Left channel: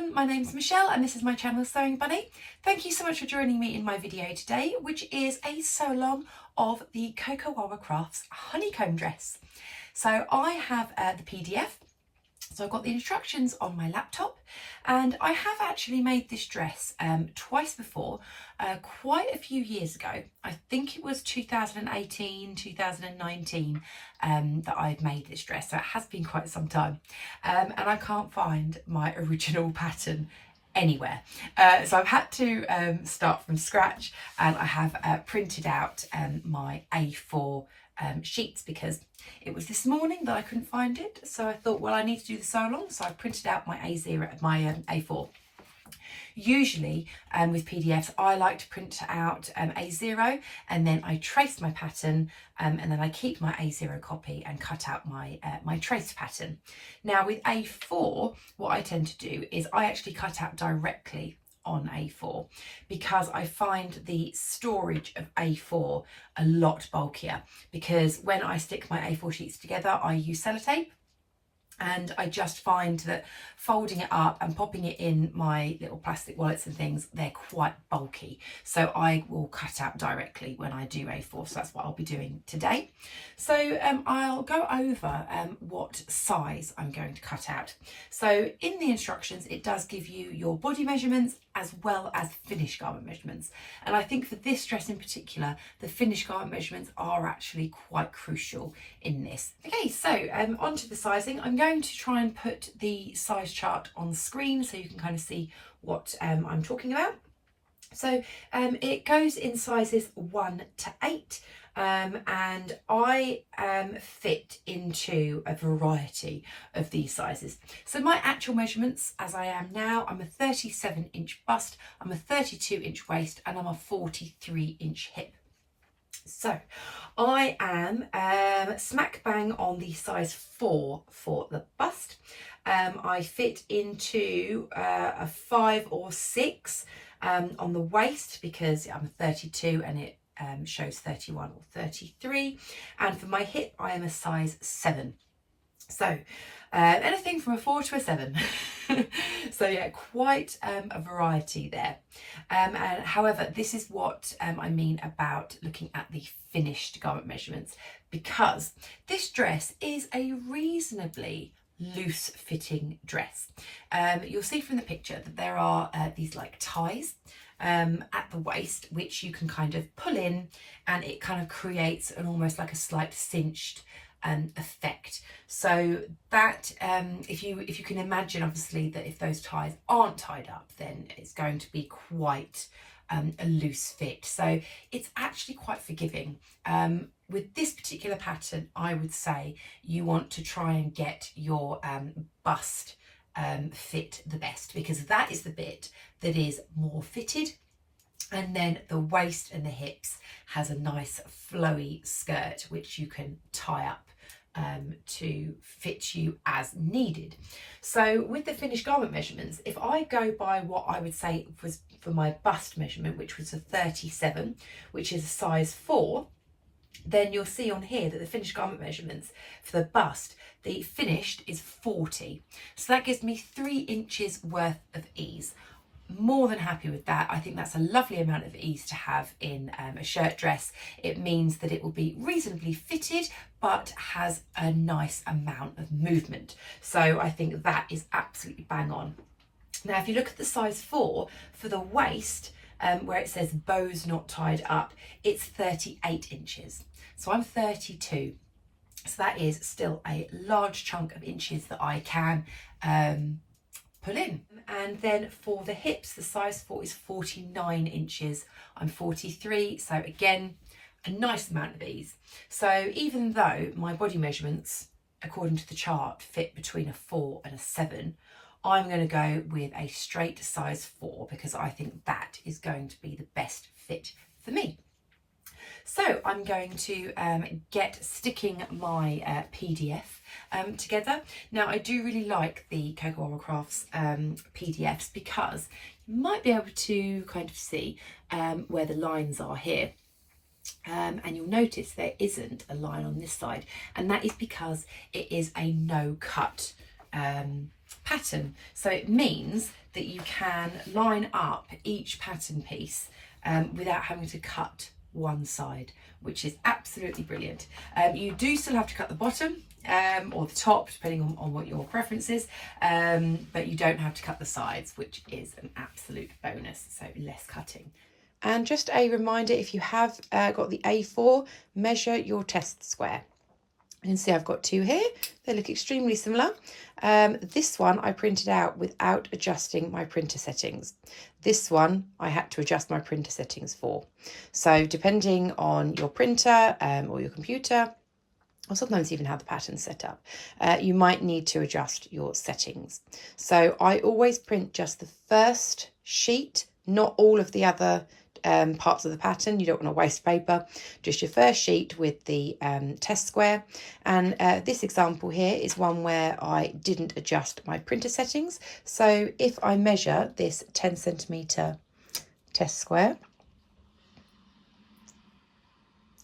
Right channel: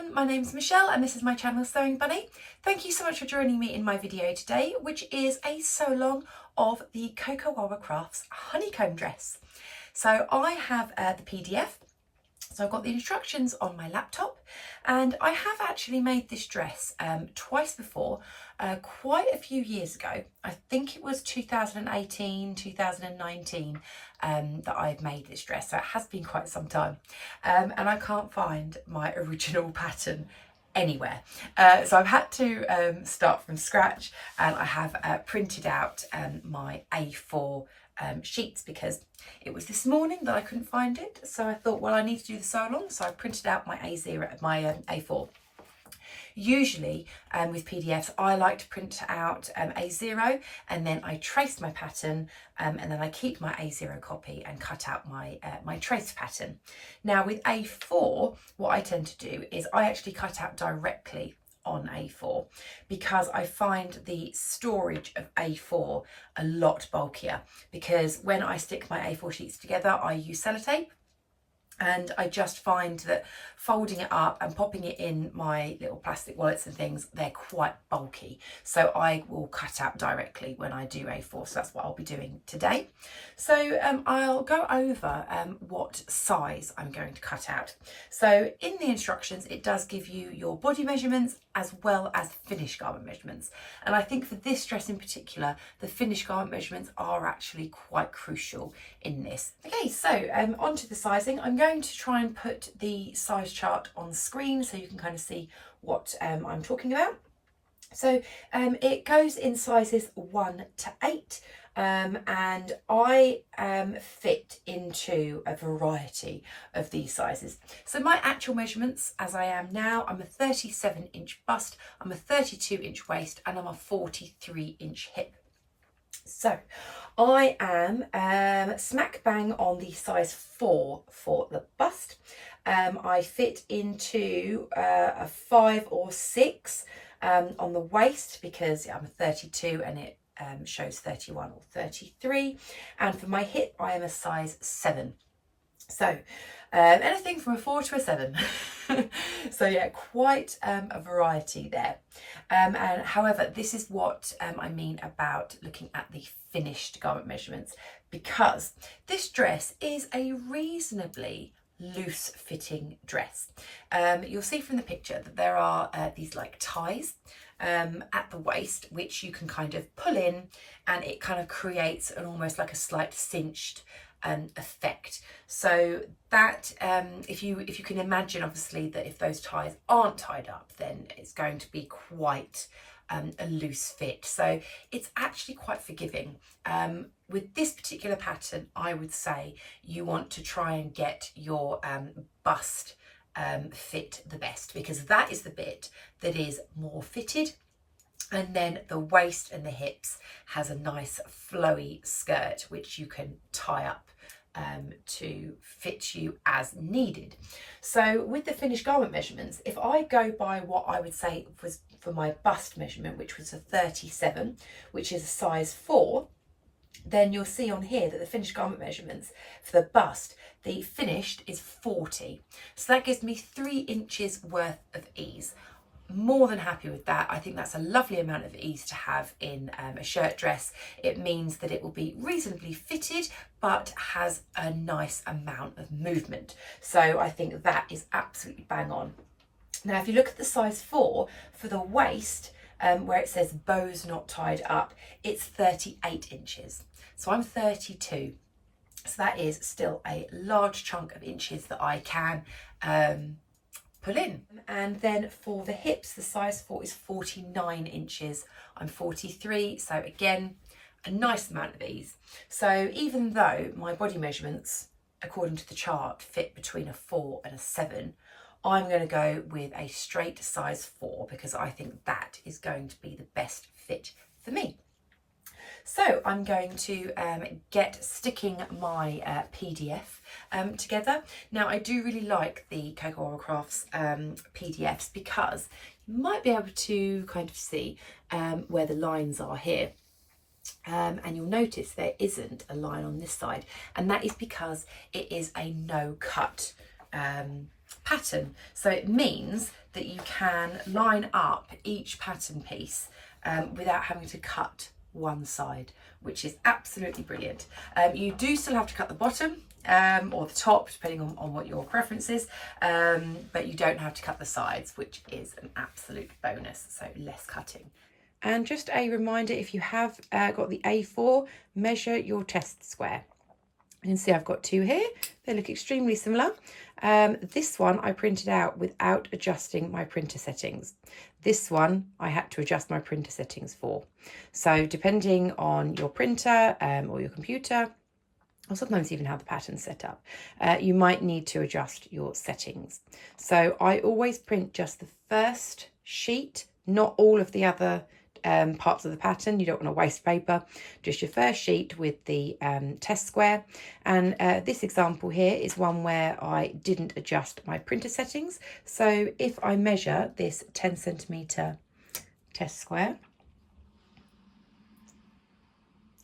everyone, my name's Michelle and this is my channel Sewing Bunny. Thank you so much for joining me in my video today, which is a sew along of the Coco Wawa Crafts honeycomb dress. So I have the PDF, so I've got the instructions on my laptop, and I have actually made this dress twice before, quite a few years ago. I think it was 2018, 2019 that I've made this dress, so it has been quite some time, and I can't find my original pattern anywhere, so I've had to start from scratch, and I have printed out my A4 sheets because it was this morning that I couldn't find it, so I thought, well, I need to do the sew along, so I printed out my A4. Usually with PDFs I like to print out A0 and then I trace my pattern, and then I keep my A0 copy and cut out my my trace pattern. Now with A4, what I tend to do is I actually cut out directly on A4 because I find the storage of A4 a lot bulkier, because when I stick my A4 sheets together I use sellotape, and I just find that folding it up and popping it in my little plastic wallets and things, they're quite bulky. So I will cut out directly when I do A4. So that's what I'll be doing today. So I'll go over what size I'm going to cut out. So in the instructions, it does give you your body measurements as well as finished garment measurements. And I think for this dress in particular, the finished garment measurements are actually quite crucial in this. Okay, so onto the sizing. I'm going to try and put the size chart on screen so you can kind of see what I'm talking about. So it goes in sizes 1 to 8. And I fit into a variety of these sizes. So my actual measurements as I am now, I'm a 37-inch bust, I'm a 32-inch waist, and I'm a 43-inch hip. So I am smack bang on the size 4 for the bust. I fit into a 5 or 6 on the waist because I'm a 32 and it shows 31 or 33, and for my hip I am a size 7. So anything from a 4 to a 7. So yeah, quite a variety there. And however, this is what I mean about looking at the finished garment measurements, because this dress is a reasonably loose fitting dress. You'll see from the picture that there are these like ties at the waist, which you can kind of pull in, and it kind of creates an almost like a slight cinched effect. So that if you can imagine, obviously, that if those ties aren't tied up, then it's going to be quite a loose fit. So it's actually quite forgiving. With this particular pattern, I would say you want to try and get your bust fit the best, because that is the bit that is more fitted, and then the waist and the hips has a nice flowy skirt which you can tie up to fit you as needed. So with the finished garment measurements, if I go by what I would say was for my bust measurement, which was a 37, which is a size 4, then you'll see on here that the finished garment measurements for the bust, the finished is 40. So that gives me 3 inches worth of ease. More than happy with that. I think that's a lovely amount of ease to have in a shirt dress. It means that it will be reasonably fitted but has a nice amount of movement. So I think that is absolutely bang on. Now if you look at the size 4 for the waist, where it says bows not tied up, it's 38 inches. So I'm 32. So that is still a large chunk of inches that I can pull in. And then for the hips, the size 4 is 49 inches. I'm 43, so again, a nice amount of ease. So even though my body measurements, according to the chart, fit between a 4 and a 7, I'm going to go with a straight size 4 because I think that is going to be the best fit for me. So I'm going to get sticking my PDF together. Now I do really like the Coco Wawa Crafts PDFs because you might be able to kind of see where the lines are here. And you'll notice there isn't a line on this side, and that is because it is a no cut pattern. So it means that you can line up each pattern piece without having to cut one side, which is absolutely brilliant. You do still have to cut the bottom or the top, depending on what your preference is, but you don't have to cut the sides, which is an absolute bonus, so less cutting. And just a reminder, if you have got the A4, measure your test square. You can see I've got two here. They look extremely similar. This one I printed out without adjusting my printer settings. This one I had to adjust my printer settings for. So depending on your printer or your computer, or sometimes even how the pattern's set up, you might need to adjust your settings. So I always print just the first sheet, not all of the other parts of the pattern. You don't want to waste paper, just your first sheet with the test square. And this example here is one where I didn't adjust my printer settings. So if I measure this 10 centimeter test square,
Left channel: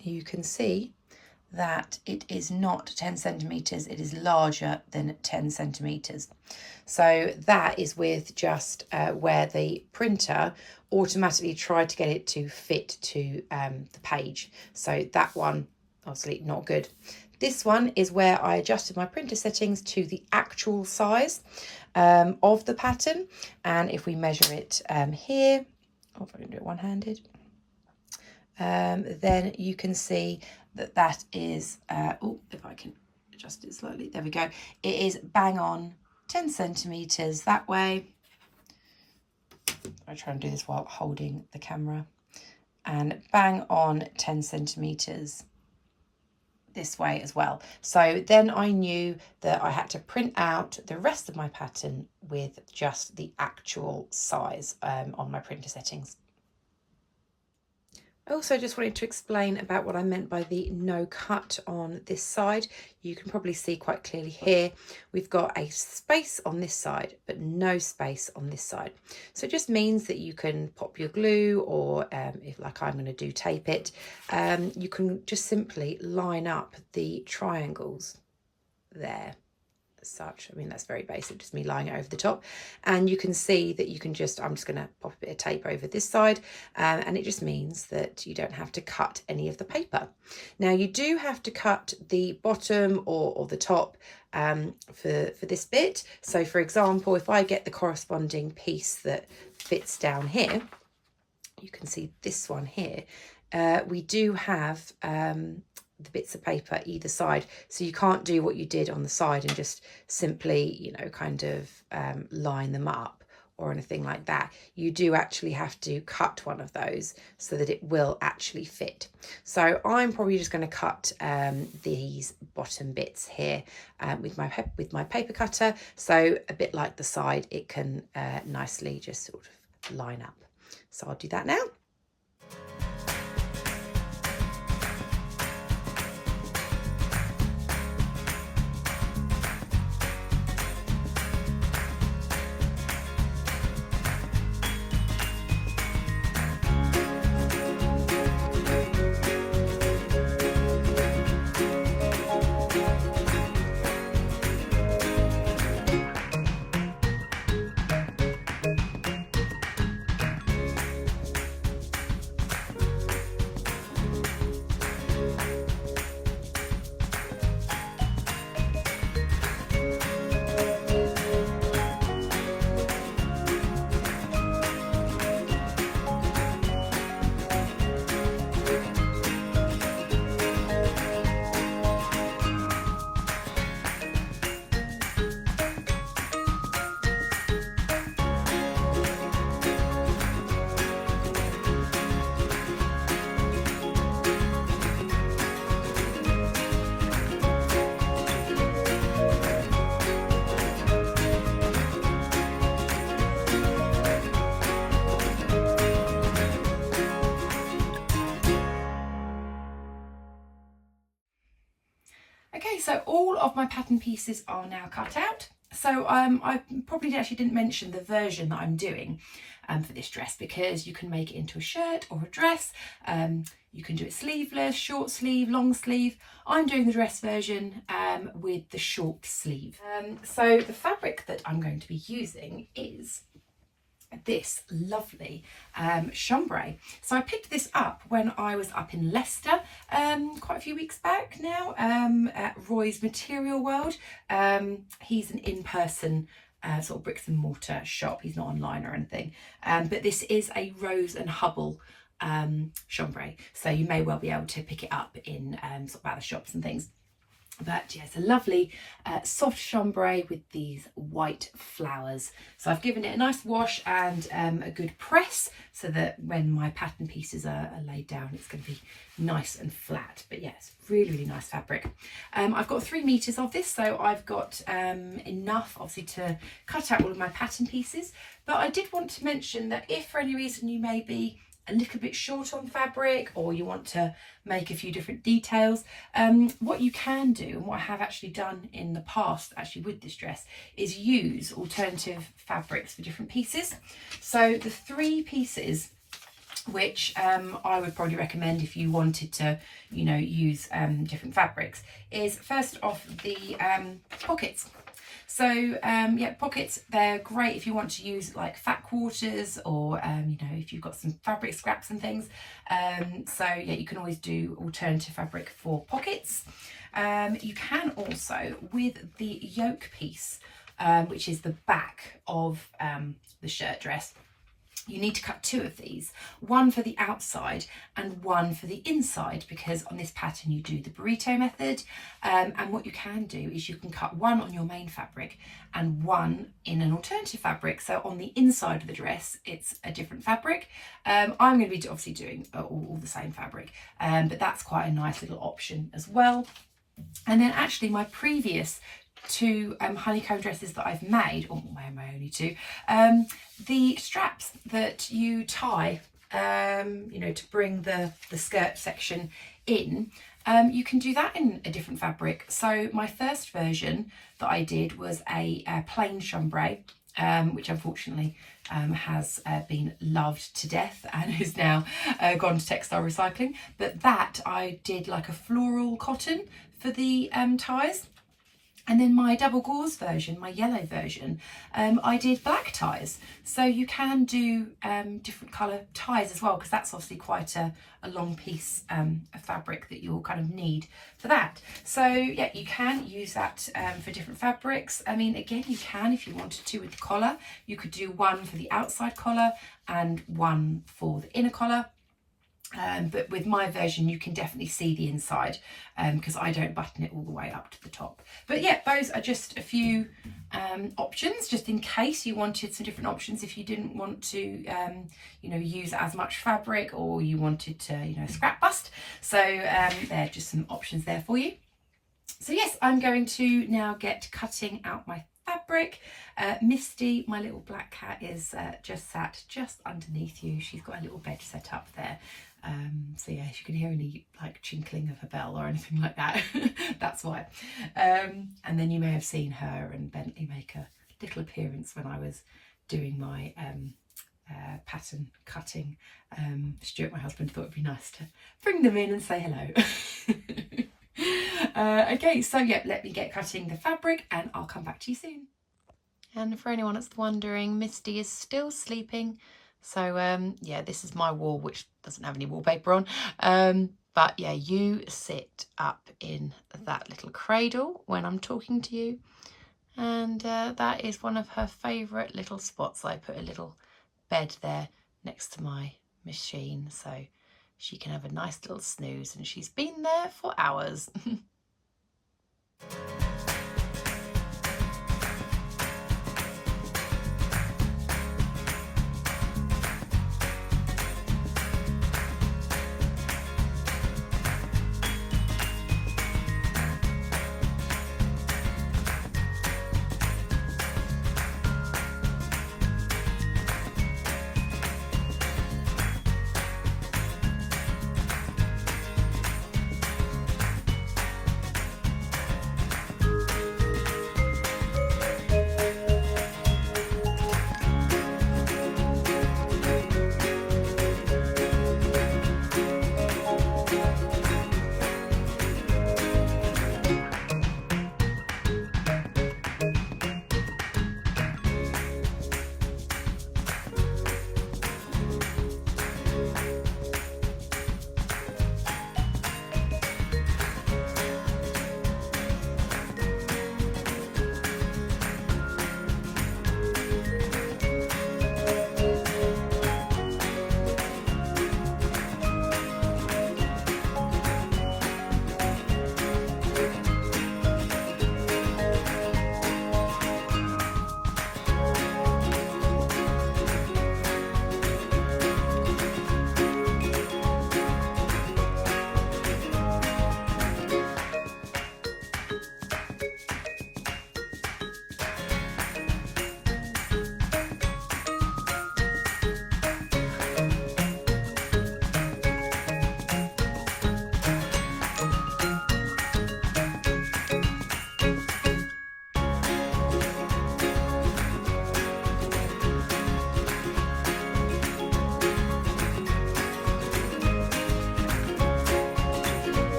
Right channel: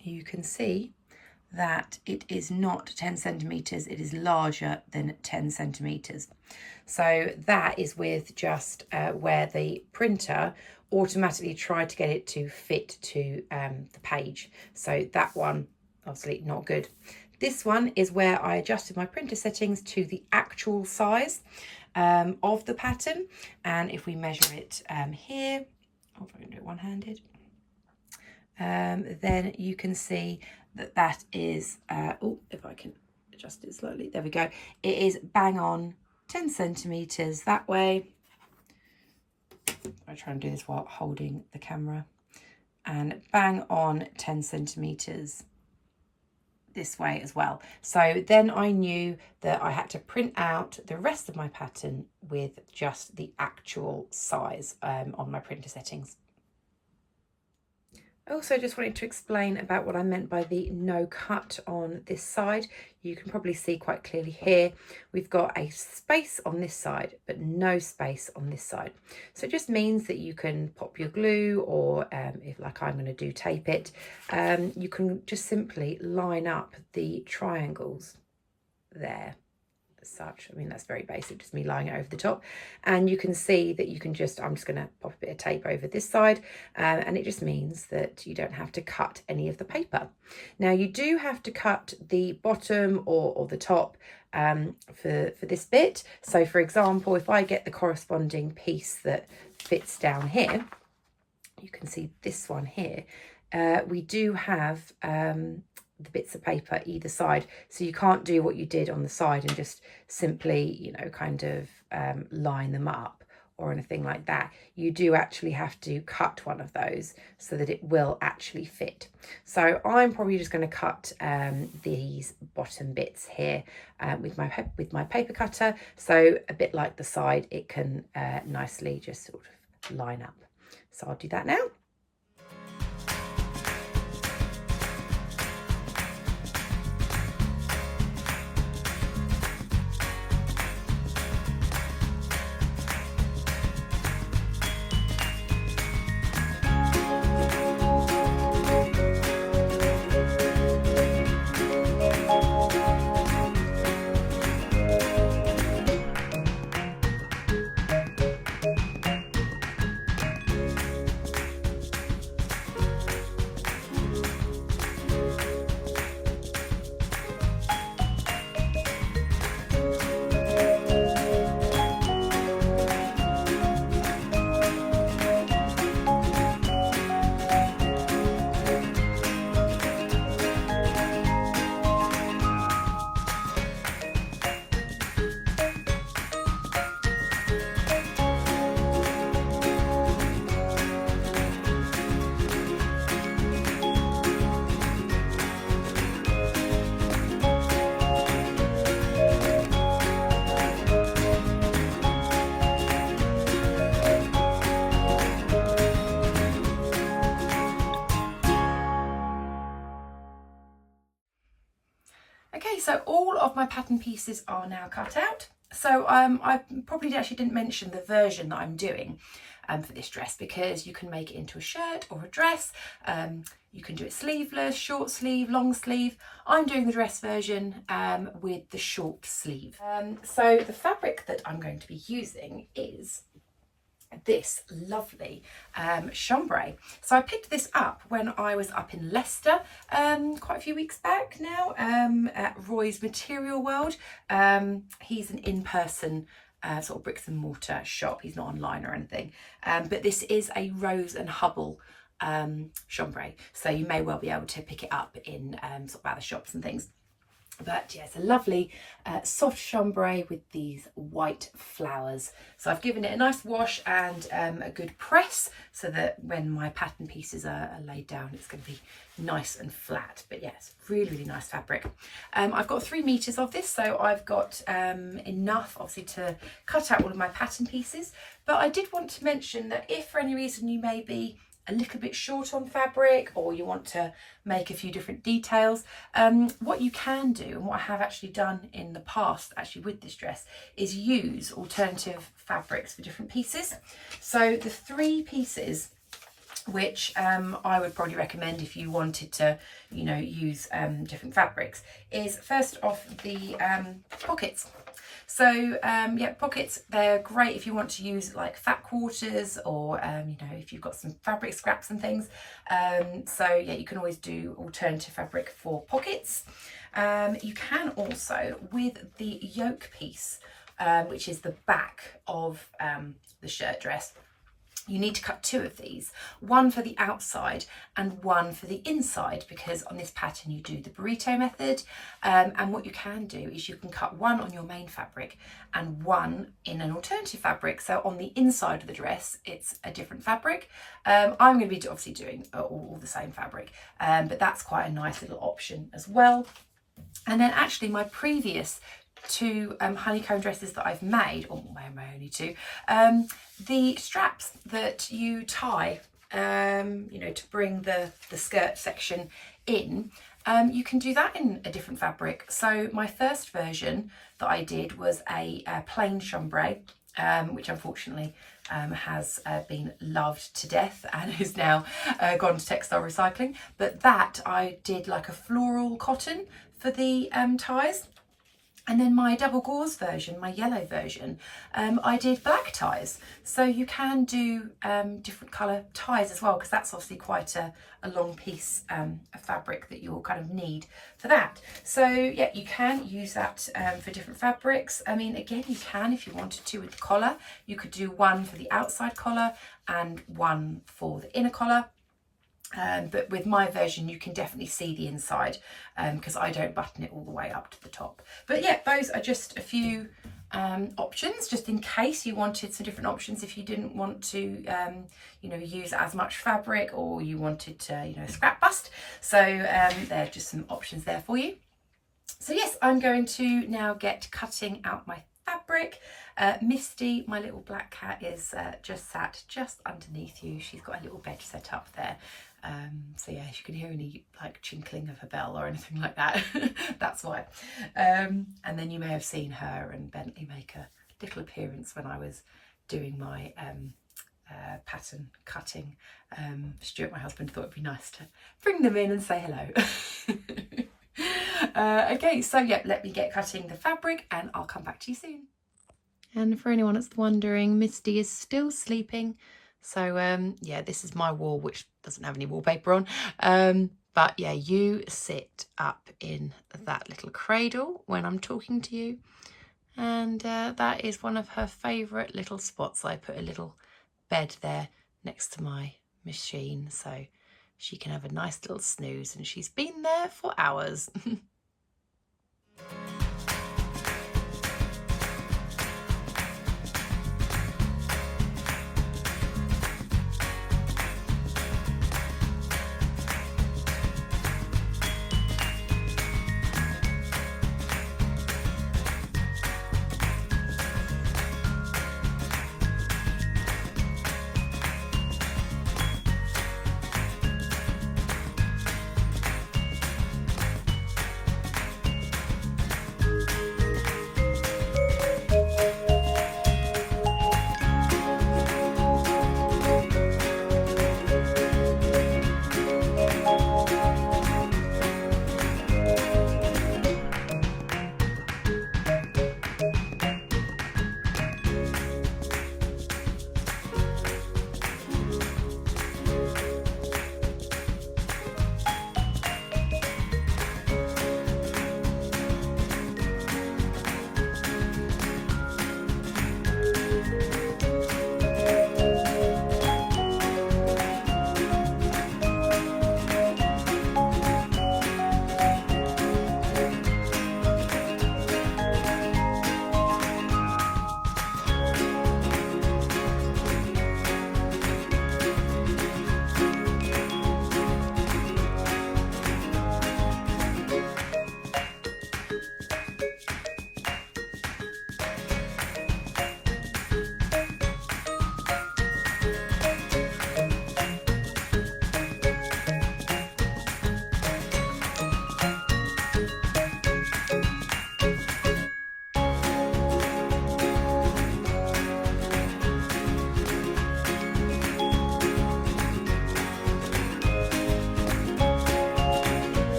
you can see that it is not 10 centimeters, it is larger than 10 centimeters. So that is with just where the printer automatically tried to get it to fit to the page. So that one, obviously not good. This one is where I adjusted my printer settings to the actual size of the pattern. And if we measure it here, if I can do it one-handed, then you can see that that is, if I can adjust it slightly, there we go. It is bang on 10 centimeters that way. I try and do this while holding the camera, and bang on 10 centimeters this way as well. So then I knew that I had to print out the rest of my pattern with just the actual size on my printer settings. I also just wanted to explain about what I meant by the no cut on this side. You can probably see quite clearly here, we've got a space on this side, but no space on this side. So it just means that you can pop your glue, or if like I'm going to do, tape it, you can just simply line up the triangles there. Such, I mean, that's very basic, just me lying it over the top, and you can see that you can just, I'm just going to pop a bit of tape over this side, and it just means that you don't have to cut any of the paper. Now you do have to cut the bottom or the top for this bit. So for example, if I get the corresponding piece that fits down here, you can see this one here, we do have the bits of paper either side, so you can't do what you did on the side and just simply, you know, kind of line them up or anything like that. You do actually have to cut one of those so that it will actually fit. So I'm probably just going to cut these bottom bits here with my paper cutter, so a bit like the side, it can nicely just sort of line up. So I'll do that now. Okay, so all of my pattern pieces are now cut out. So I probably actually didn't mention the version that I'm doing. for this dress, because you can make it into a shirt or a dress. You can do it sleeveless, short sleeve, long sleeve. I'm doing the dress version with the short sleeve. So the fabric that I'm going to be using is this lovely chambray. So I picked this up when I was up in Leicester quite a few weeks back now, at Roy's Material World. He's an in-person sort of bricks and mortar shop. He's not online or anything, but this is a Rose and Hubble chambray, so you may well be able to pick it up in sort of other shops and things. But yeah, it's a lovely soft chambray with these white flowers. So I've given it a nice wash and a good press, so that when my pattern pieces are laid down, it's going to be nice and flat. But yeah, it's really, really nice fabric. I've got 3 meters of this, so I've got enough obviously to cut out all of my pattern pieces. But I did want to mention that if for any reason you may be a little bit short on fabric, or you want to make a few different details, what you can do, and what I have actually done in the past actually with this dress, is use alternative fabrics for different pieces. So the 3 pieces which I would probably recommend if you wanted to, you know, use different fabrics, is first off the pockets. So yeah, pockets, they're great if you want to use like fat quarters, or you know, if you've got some fabric scraps and things. So yeah, you can always do alternative fabric for pockets. You can also, with the yoke piece, which is the back of the shirt dress, you need to cut 2 of these, one for the outside and one for the inside, because on this pattern you do the burrito method. And what you can do is you can cut one on your main fabric and one in an alternative fabric. So on the inside of the dress, it's a different fabric. I'm going to be obviously doing all the same fabric, but that's quite a nice little option as well. And then actually my previous 2 honeycomb dresses that I've made, or my only 2, the straps that you tie, you know, to bring the skirt section in, you can do that in a different fabric. So my first version that I did was a plain chambray, which unfortunately has been loved to death and is now gone to textile recycling. But that I did like a floral cotton for the ties. And then my double gauze version, my yellow version, I did black ties. So you can do different colour ties as well, because that's obviously quite a long piece of fabric that you'll kind of need for that. So yeah, you can use that for different fabrics. I mean, again, you can, if you wanted to, with the collar, you could do one for the outside collar and one for the inner collar. But with my version, you can definitely see the inside, because I don't button it all the way up to the top. But yeah, those are just a few options, just in case you wanted some different options if you didn't want to, you know, use as much fabric, or you wanted to, you know, scrap bust. So there are just some options there for you. So yes, I'm going to now get cutting out my fabric. Misty, my little black cat, is just sat just underneath you. She's got a little bed set up there. So yeah, if you can hear any like chinkling of a bell or anything like that, that's why. And then you may have seen her and Bentley make a little appearance when I was doing my pattern cutting. Stuart, my husband, thought it'd be nice to bring them in and say hello. Okay, so yeah, let me get cutting the fabric and I'll come back to you soon. And for anyone that's wondering, Misty is still sleeping. So yeah, this is my wall, which doesn't have any wallpaper on. But yeah, you sit up in that little cradle when I'm talking to you. And that is one of her favourite little spots. I put a little bed there next to my machine, so she can have a nice little snooze, and she's been there for hours.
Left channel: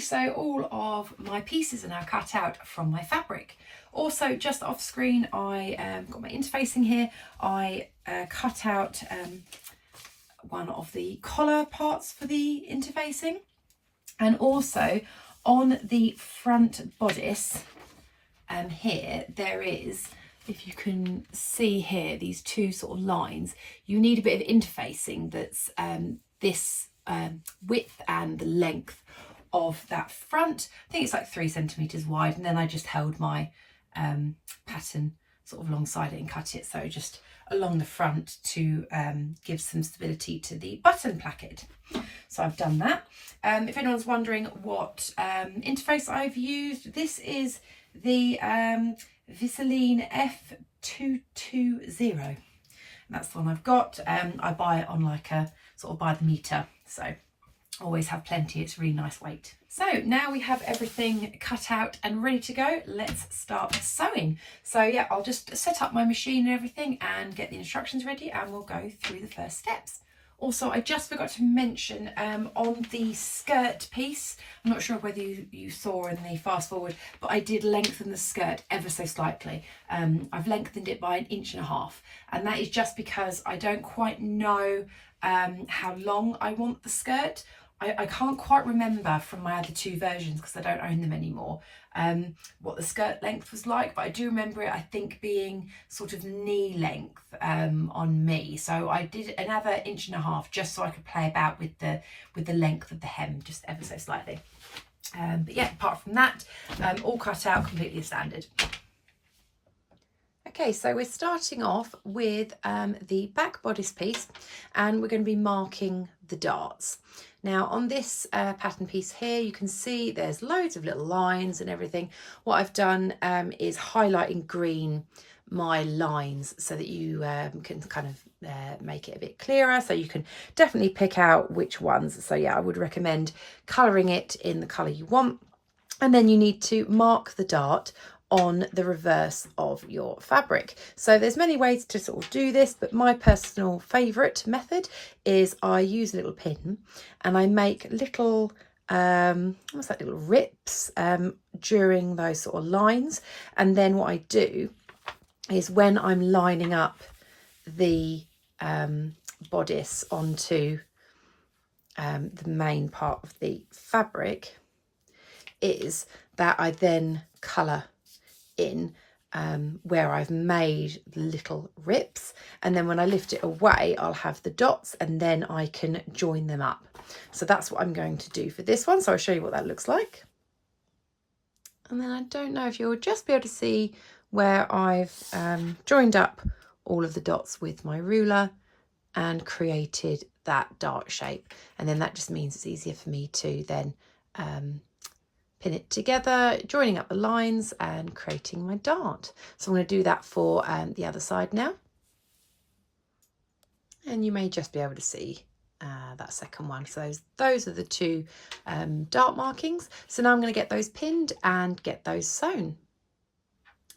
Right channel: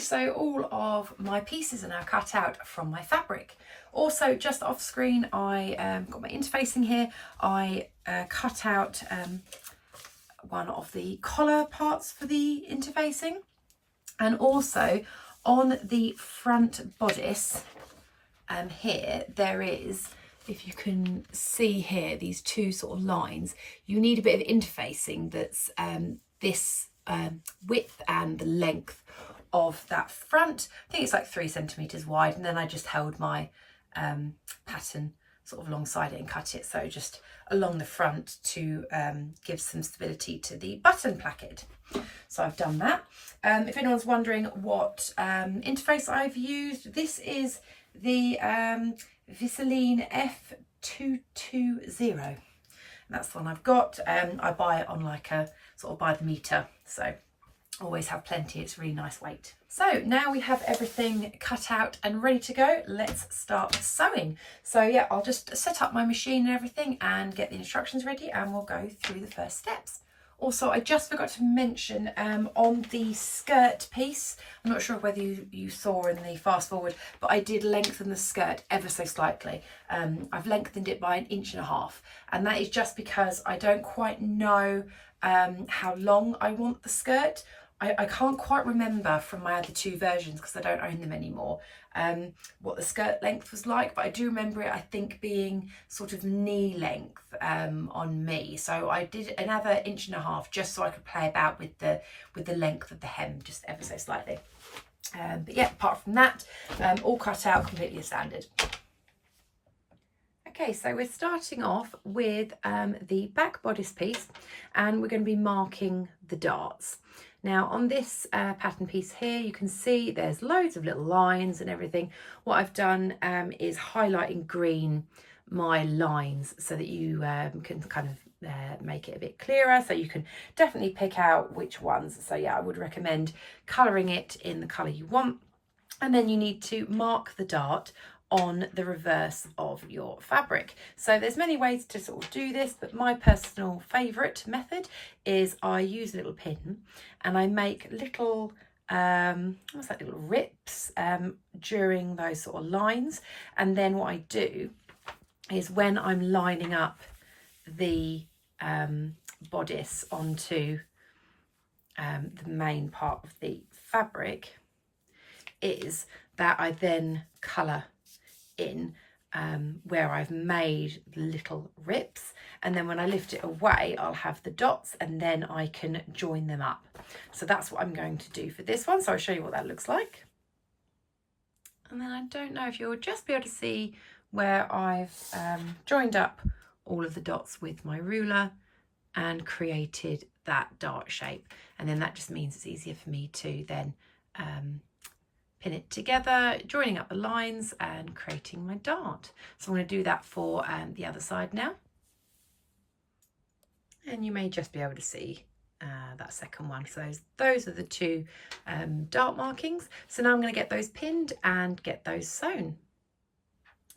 so all of my pieces are now cut out from my fabric. Also, just off screen, I got my interfacing here. I cut out one of the collar parts for the interfacing, and also on the front bodice here there is, if you can see here, these two sort of lines. You need a bit of interfacing that's this width and the length of that front. I think it's like 3 centimeters wide, and then I just held my pattern sort of alongside it and cut it so just along the front to give some stability to the button placket. So I've done that. If anyone's wondering what interface I've used, this is the Finalizing F220. That's the one I've got. I buy it on like a sort of by the meter, so always have plenty. It's really nice weight. So now we have everything cut out and ready to go. Let's start sewing. So yeah, I'll just set up my machine and everything and get the instructions ready, and we'll go through the first steps. Also, I just forgot to mention on the skirt piece, I'm not sure whether you saw in the fast forward, but I did lengthen the skirt ever so slightly. I've lengthened it by 1.5 inches, and that is just because I don't quite know how long I want the skirt. I can't quite remember from my other 2 versions, because I don't own them anymore, what the skirt length was like, but I do remember it, I think, being sort of knee length on me. So I did another 1.5 inches just so I could play about with the length of the hem just ever so slightly. But yeah, apart from that, all cut out completely standard. Okay, so we're starting off with the back bodice piece, and we're going to be marking the darts. Now on this pattern piece here, you can see there's loads of little lines and everything. What I've done is highlight in green my lines so that you can kind of make it a bit clearer, so you can definitely pick out which ones. So yeah, I would recommend colouring it in the colour you want, and then you need to mark the dart on the reverse of your fabric. So there's many ways to sort of do this, but my personal favourite method is I use a little pin and I make little what's that, little rips during those sort of lines. And then what I do is when I'm lining up the bodice onto the main part of the fabric, is that I then colour in where I've made the little rips, and then when I lift it away I'll have the dots, and then I can join them up. So that's what I'm going to do for this one, so I'll show you what that looks like. And then I don't know if you'll just be able to see where I've joined up all of the dots with my ruler and created that dart shape, and then that just means it's easier for me to then pin it together, joining up the lines and creating my dart. So I'm going to do that for the other side now. And you may just be able to see that second one. So those are the 2 dart markings. So now I'm going to get those pinned and get those sewn.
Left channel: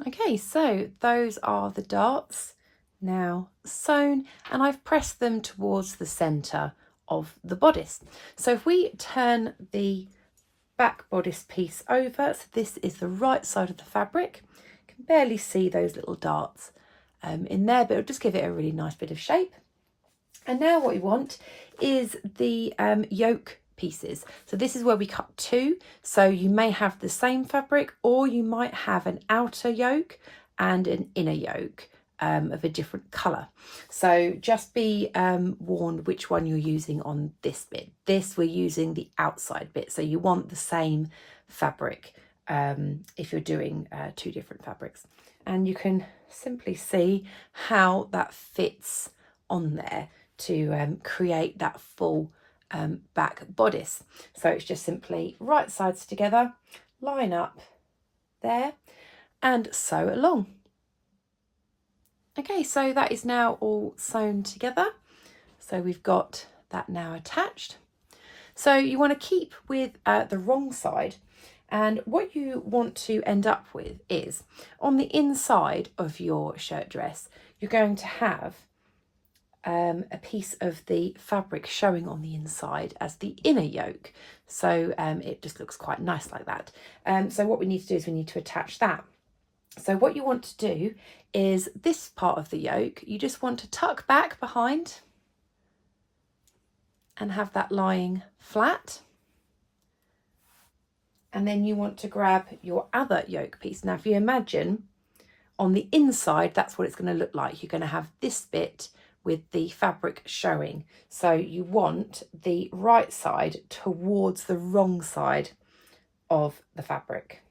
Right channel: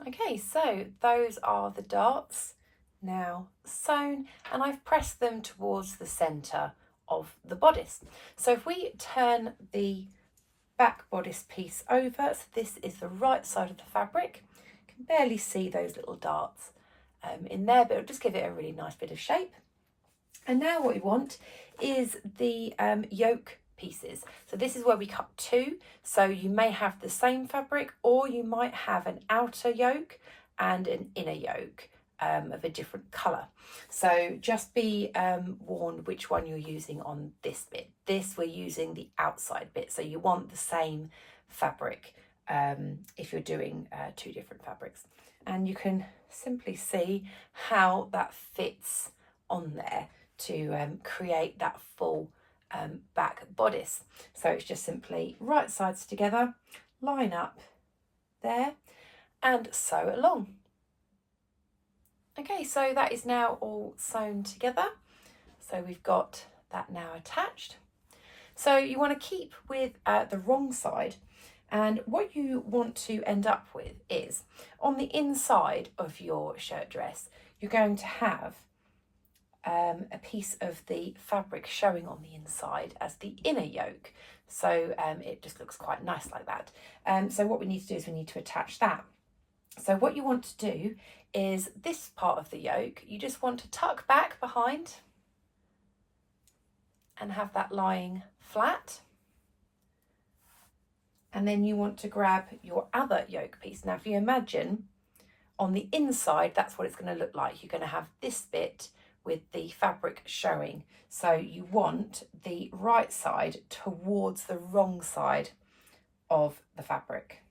Okay, so those are the darts now sewn, and I've pressed them towards the centre of the bodice. So if we turn the back bodice piece over, so this is the right side of the fabric, you can barely see those little darts in there, but it'll just give it a really nice bit of shape. And now what we want is the yoke pieces. So this is where we cut 2. So you may have the same fabric, or you might have an outer yoke and an inner yoke of a different colour. So just be warned which one you're using on this bit. This, we're using the outside bit, so you want the same fabric if you're doing 2 different fabrics. And you can simply see how that fits on there to create that full back bodice. So it's just simply right sides together, line up there and sew along. Okay, so that is now all sewn together. So we've got that now attached. So you want to keep with the wrong side, and what you want to end up with is on the inside of your shirt dress, you're going to have a piece of the fabric showing on the inside as the inner yoke, so it just looks quite nice like that. So what we need to do is we need to attach that. So what you want to do is this part of the yoke, you just want to tuck back behind and have that lying flat. And then you want to grab your other yoke piece. Now, if you imagine on the inside, that's what it's going to look like. You're going to have this bit with the fabric showing. So you want the right side towards the wrong side of the fabric,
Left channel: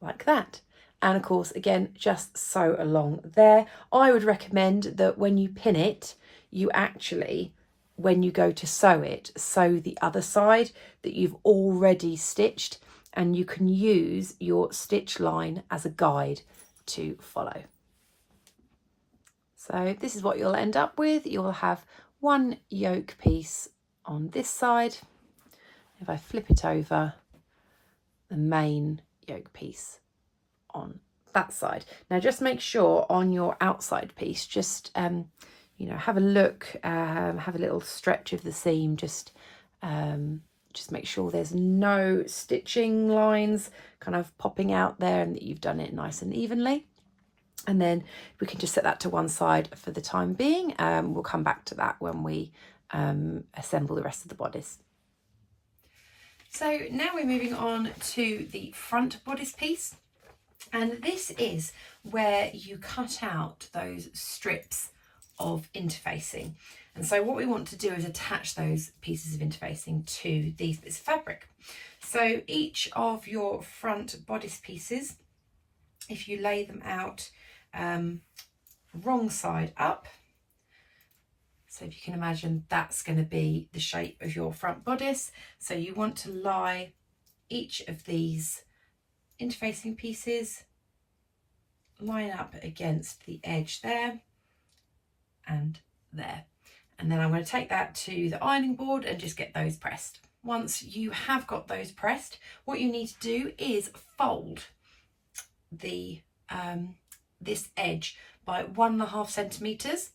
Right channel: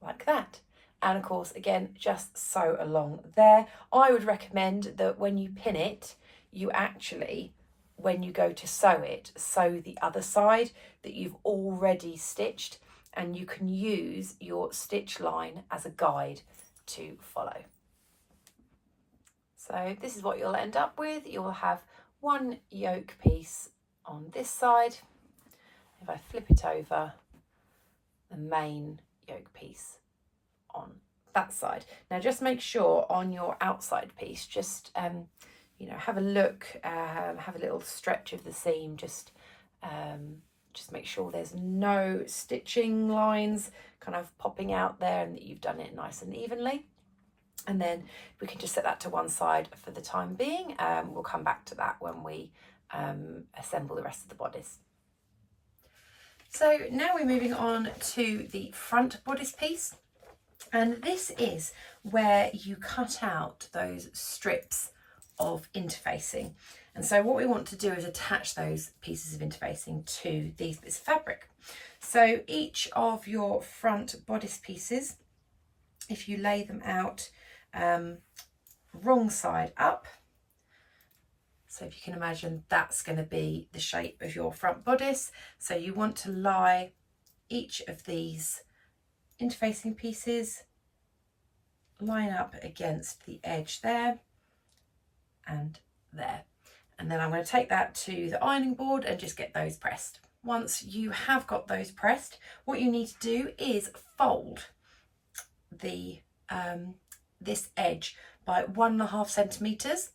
like that. And of course, again, just sew along there. I would recommend that when you pin it, you actually, when you go to sew it, sew the other side that you've already stitched, and you can use your stitch line as a guide to follow. So this is what you'll end up with. You'll have one yoke piece on this side. If I flip it over, the main yoke piece on that side. Now just make sure on your outside piece, just you know, have a look, have a little stretch of the seam, just make sure there's no stitching lines kind of popping out there, and that you've done it nice and evenly. And then we can just set that to one side for the time being. We'll come back to that when we assemble the rest of the bodice. So now we're moving on to the front bodice piece, and this is where you cut out those strips of interfacing. And so what we want to do is attach those pieces of interfacing to these bits of fabric. So each of your front bodice pieces, if you lay them out wrong side up, so if you can imagine, that's going to be the shape of your front bodice. So you want to lie each of these interfacing pieces, line up against the edge there and there. And then I'm going to take that to the ironing board and just get those pressed. Once you have got those pressed, what you need to do is fold the this edge by 1.5 centimeters,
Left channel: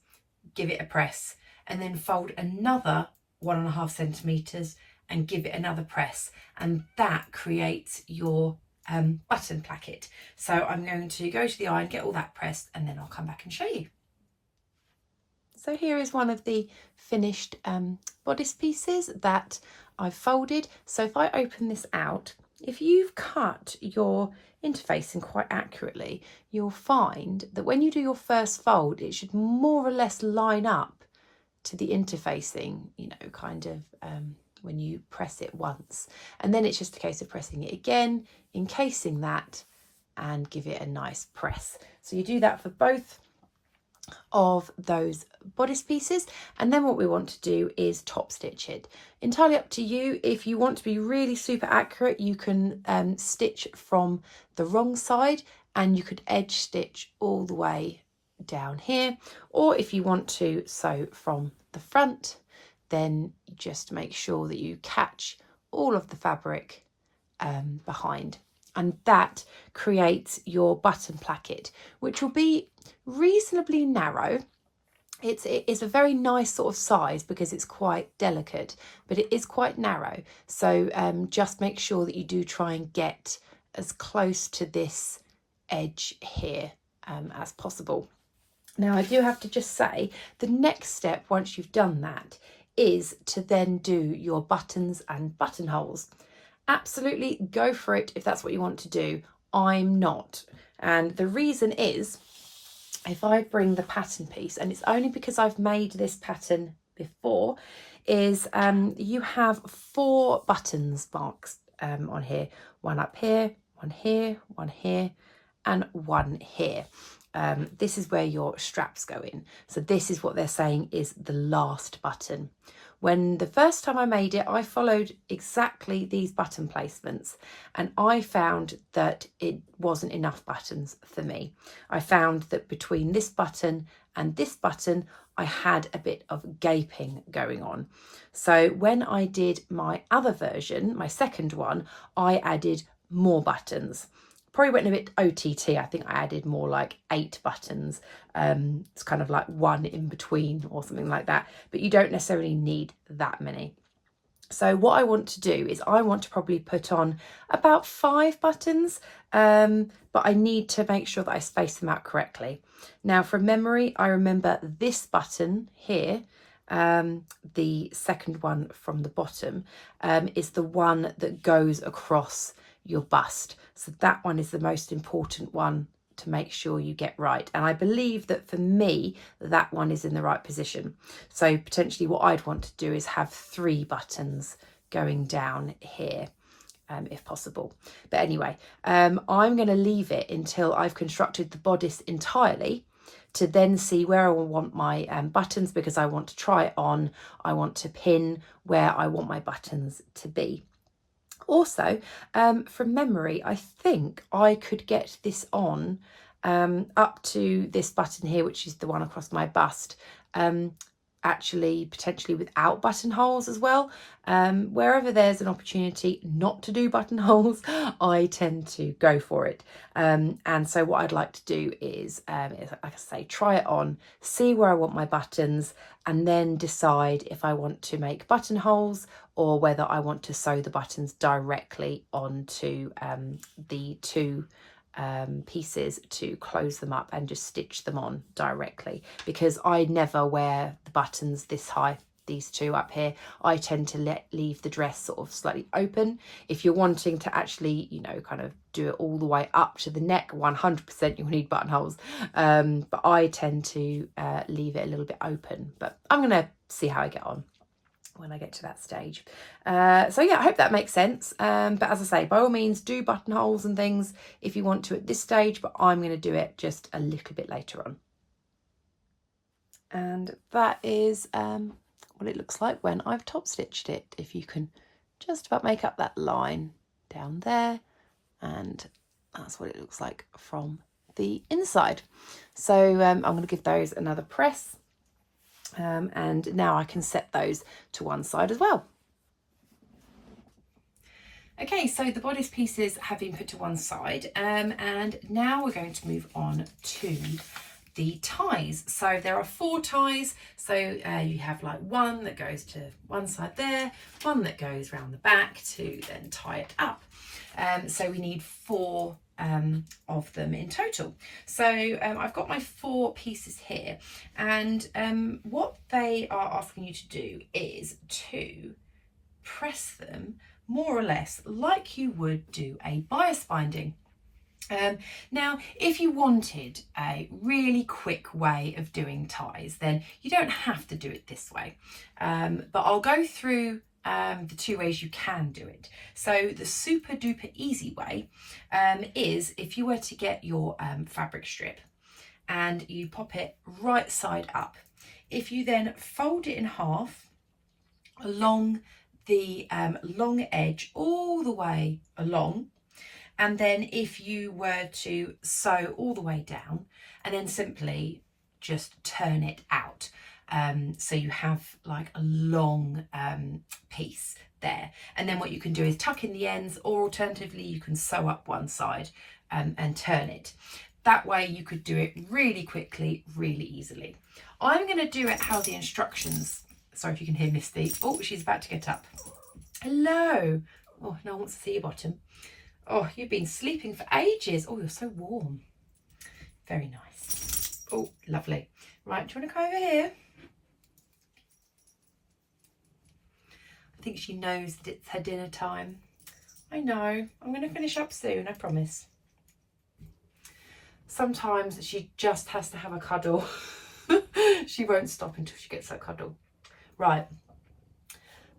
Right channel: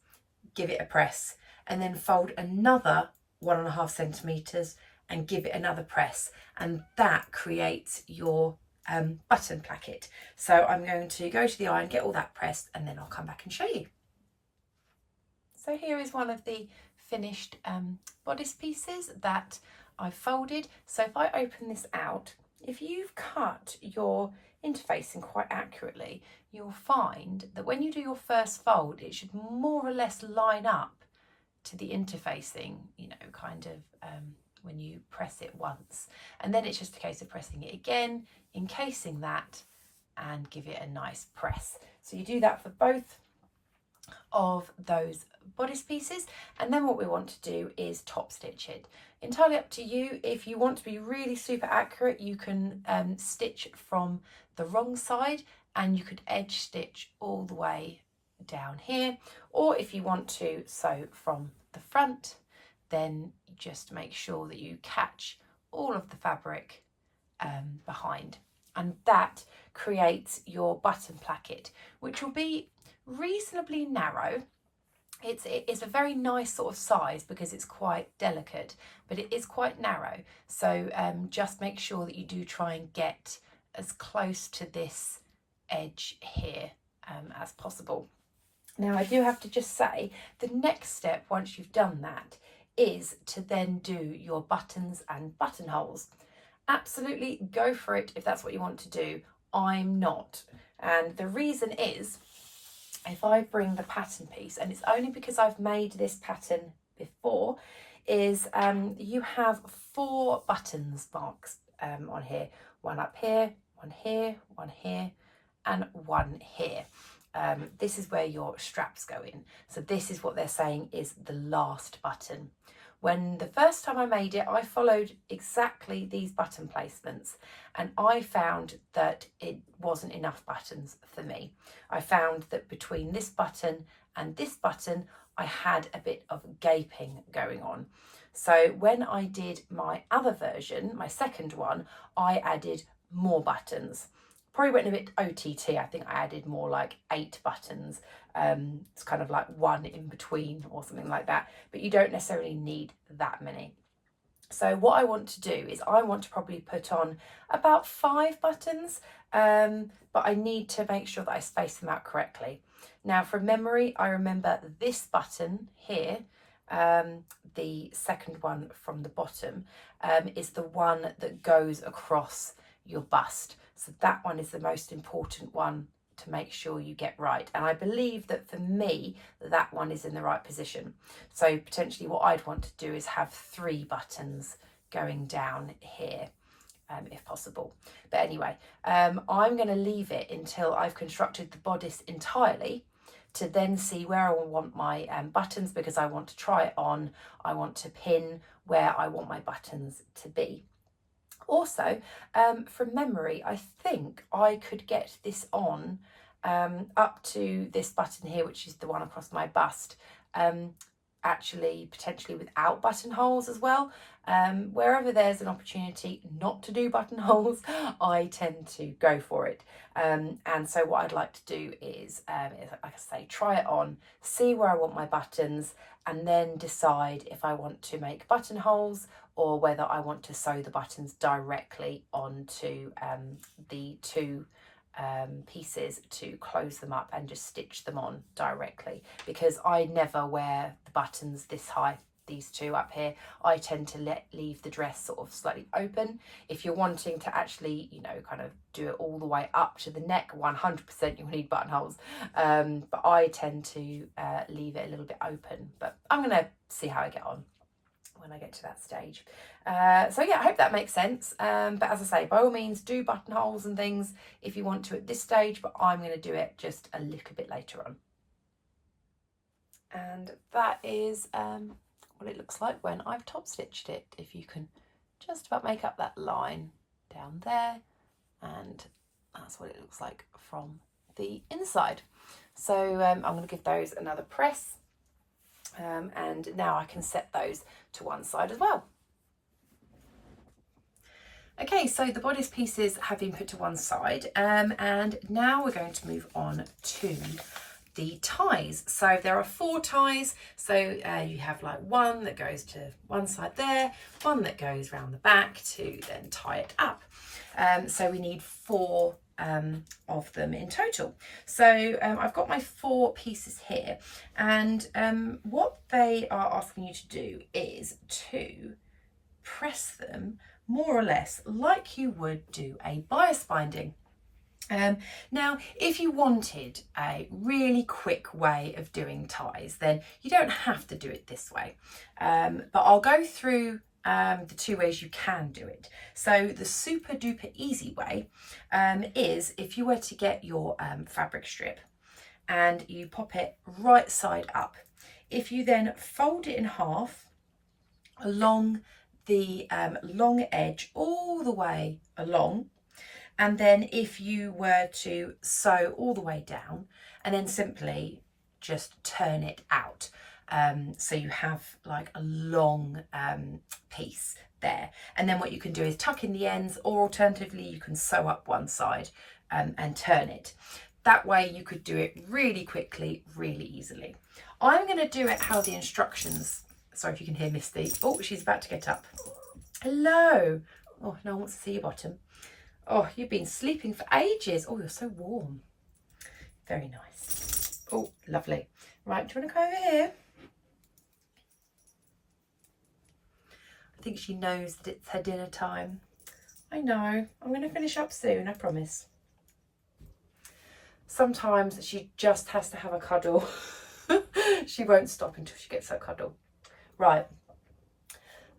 give it a press, and then fold another 1.5 centimeters and give it another press, and that creates your button placket. So I'm going to go to the iron, get all that pressed, and then I'll come back and show you. So here is one of the finished bodice pieces that I've folded. So if I open this out, if you've cut your interfacing quite accurately, you'll find that when you do your first fold, it should more or less line up to the interfacing, you know, kind of when you press it once. And then it's just a case of pressing it again, encasing that, and give it a nice press. So you do that for both of those bodice pieces, and then what we want to do is top stitch it. Entirely up to you. If you want to be really super accurate, you can stitch from the wrong side, and you could edge stitch all the way down here, or if you want to sew from the front, then just make sure that you catch all of the fabric behind, and that creates your button placket, which will be reasonably narrow. It is a very nice sort of size because it's quite delicate, but it is quite narrow. So just make sure that you do try and get as close to this edge here as possible. Now I do have to just say, the next step once you've done that is to then do your buttons and buttonholes. Absolutely go for it if that's what you want to do. I'm not, and the reason is, if I bring the pattern piece, and it's only because I've made this pattern before, is you have 4 buttons marks on here. One up here, one here, one here, and one here. This is where your straps go in. So this is what they're saying is the last button. When the first time I made it, I followed exactly these button placements, and I found that it wasn't enough buttons for me. I found that between this button and this button, I had a bit of gaping going on. So when I did my other version, my second one, I added more buttons. Probably went a bit OTT. I think I added more like 8 buttons it's kind of like one in between or something like that, but you don't necessarily need that many. So what I want to do is I want to probably put on about 5 buttons, but I need to make sure that I space them out correctly. Now from memory, I remember this button here, the second one from the bottom, is the one that goes across your bust. So that one is the most important one to make sure you get right. And I believe that for me, that one is in the right position. So potentially what I'd want to do is have 3 buttons going down here, if possible. But anyway, I'm going to leave it until I've constructed the bodice entirely to then see where I want my buttons, because I want to try it on. I want to pin where I want my buttons to be. Also, from memory, I think I could get this on up to this button here, which is the one across my bust, actually potentially without buttonholes as well. Wherever there's an opportunity not to do buttonholes, I tend to go for it. And so what I'd like to do is, like I say, try it on, see where I want my buttons, and then decide if I want to make buttonholes or whether I want to sew the buttons directly onto the 2 pieces to close them up and just stitch them on directly, because I never wear the buttons this high, these 2 up here. I tend to leave the dress sort of slightly open. If you're wanting to actually, you know, kind of do it all the way up to the neck, 100% you'll need buttonholes, but I tend to leave it a little bit open. But I'm gonna see how I get on when I get to that stage. So yeah, I hope that makes sense. But as I say, by all means do buttonholes and things if you want to at this stage, but I'm going to do it just a little bit later on. And that is what it looks like when I've top stitched it. If you can just about make up that line down there, and that's what it looks like from the inside. So I'm going to give those another press. And now I can set those to one side as well. Okay, so the bodice pieces have been put to one side, and now we're going to move on to the ties. So there are 4 ties. So you have like one that goes to one side there, one that goes around the back to then tie it up. So we need 4 of them in total. So I've got my 4 pieces here, and what they are asking you to do is to press them more or less like you would do a bias binding. Now, if you wanted a really quick way of doing ties, then you don't have to do it this way, but I'll go through the 2 ways you can do it. So the super duper easy way is if you were to get your fabric strip and you pop it right side up. If you then fold it in half along the long edge all the way along, and then if you were to sew all the way down and then simply just turn it out, so you have like a long piece there, and then what you can do is tuck in the ends, or alternatively you can sew up one side and turn it. That way you could do it really quickly, really easily. I'm going to do it how the instructions, sorry if you can hear Misty, oh she's about to get up. Hello. Oh, no one wants to see your bottom. Oh, you've been sleeping for ages. Oh, you're so warm. Very nice. Oh, lovely. Right, do you want to come over here? I think she knows that it's her dinner time. I know. I'm going to finish up soon, I promise. Sometimes she just has to have a cuddle. She won't stop until she gets her cuddle. Right.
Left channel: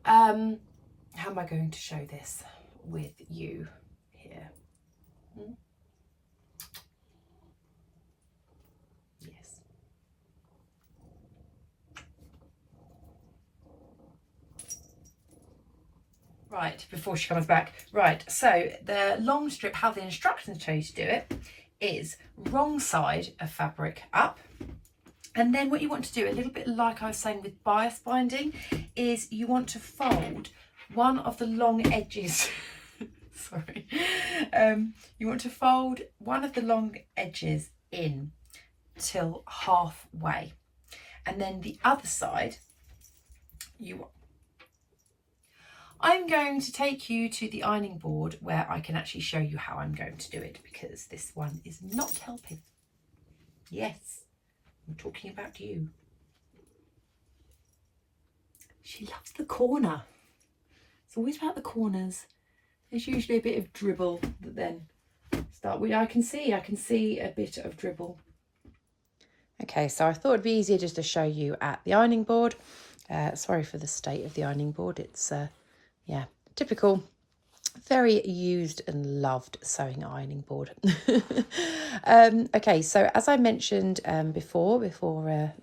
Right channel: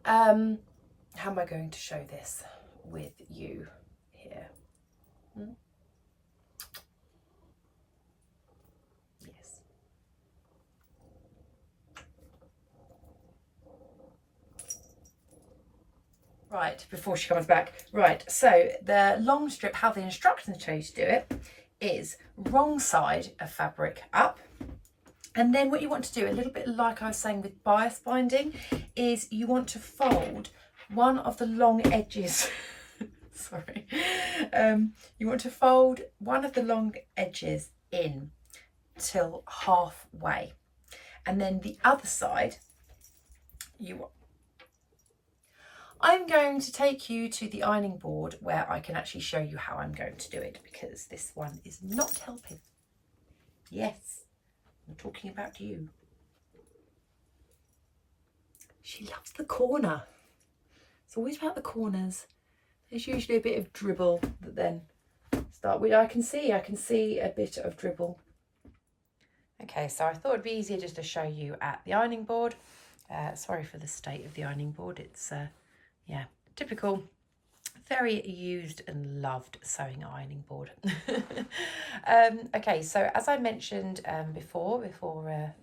How am I going to show this with you here? Yes. Right, before she comes back. Right, so the long strip, how the instructions tell you to do it, is wrong side of fabric up. And then what you want to do, a little bit like I was saying with bias binding, is you want to fold one of the long edges. Sorry. You want to fold one of the long edges in till halfway, and then the other side I'm going to take you to the ironing board where I can actually show you how I'm going to do it, because this one is not helping. Yes, I'm talking about you. She loves the corner. It's always about the corners. There's usually a bit of dribble that then start with. I can see a bit of dribble. Okay, so I thought it'd be easier just to show you at the ironing board. Sorry for the state of the ironing board. It's yeah, typical, very used and loved sewing ironing board. Okay, so as I mentioned before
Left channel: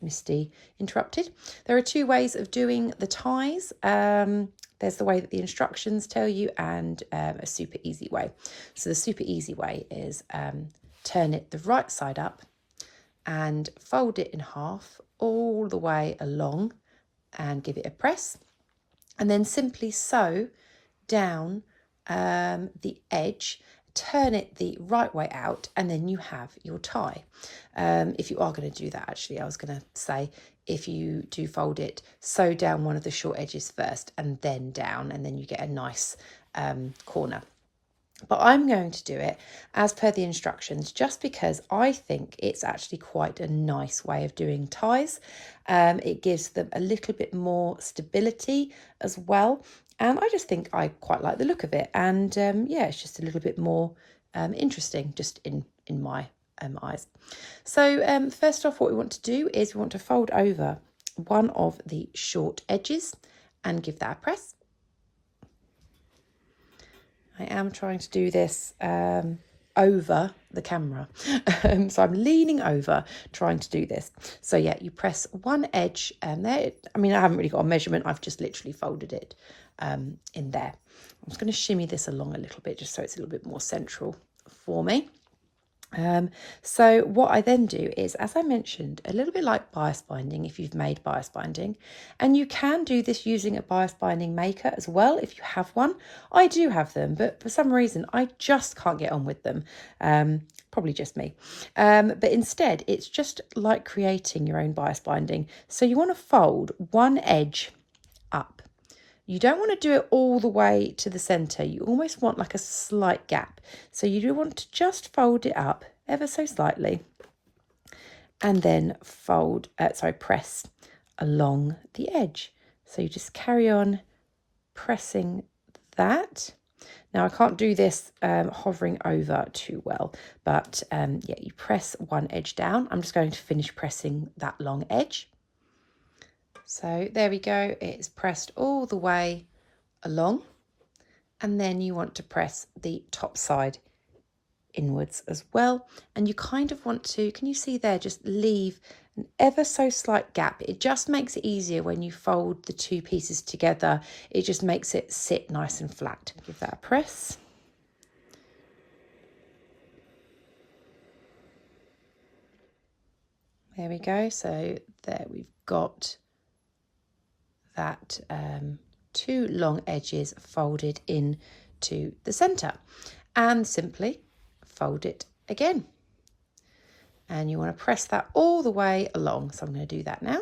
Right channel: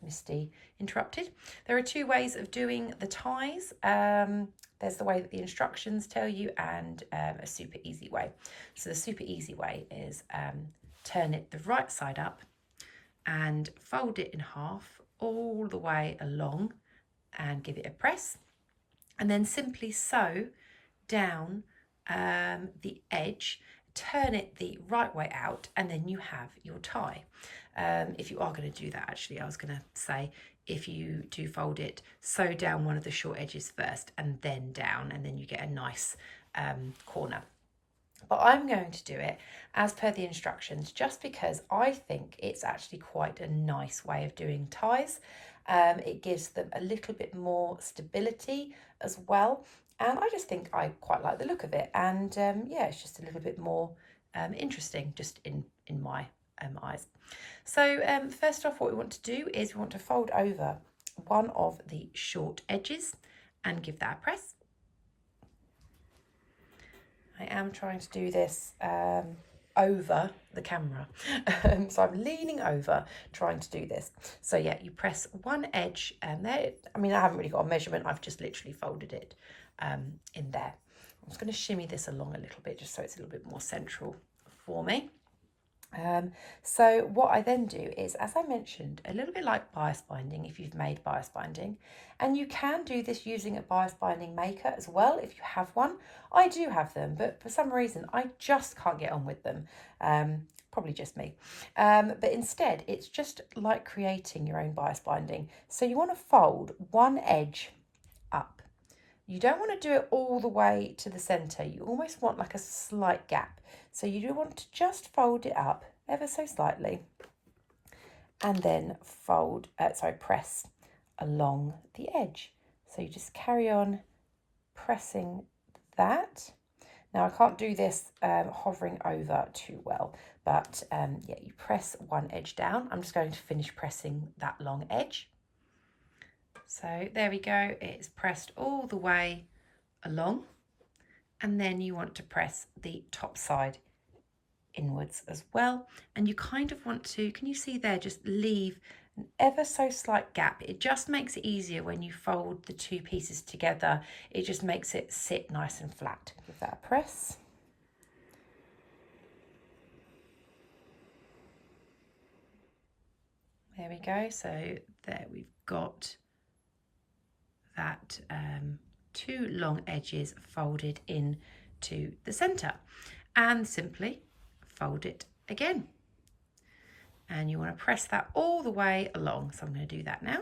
Misty interrupted, there are two ways of doing the ties. There's the way that the instructions tell you, and a super easy way. So the super easy way is turn it the right side up and fold it in half all the way along and give it a press, and then simply sew down the edge, turn it the right way out, and then you have your tie. If you are going to do that, actually, I was going to say, if you do fold it, sew down one of the short edges first and then down, and then you get a nice corner. But I'm going to do it as per the instructions, just because I think it's actually quite a nice way of doing ties. It gives them a little bit more stability as well, and I just think I quite like the look of it. And yeah, it's just a little bit more interesting, just in my eyes. So first off, what we want to do is we want to fold over one of the short edges and give that a press. I am trying to do this over the camera, so I'm leaning over trying to do this. So yeah, you press one edge there. I mean, I haven't really got a measurement, I've just literally folded it in there. I'm just going to shimmy this along a little bit just so it's a little bit more central for me. So what I then do is, as I mentioned, a little bit like bias binding, if you've made bias binding, and you can do this using a bias binding maker as well if you have one. I do have them, but for some reason I just can't get on with them. Probably just me. But instead, it's just like creating your own bias binding. So you want to fold one edge up. You don't want to do it all the way to the centre. You almost want like a slight gap. So you do want to just fold it up ever so slightly, and then press along the edge. So you just carry on pressing that. Now I can't do this hovering over too well, but yeah, you press one edge down. I'm just going to finish pressing that long edge. So there we go, it's pressed all the way along, and then you want to press the top side inwards as well, and you kind of want to, can you see there, just leave an ever so slight gap. It just makes it easier when you fold the two pieces together. It just makes it sit nice and flat. Give that a press. There we go, so there we've got that two long edges folded into the center, and simply fold it again, and you want to press that all the way along. So I'm going to do that now.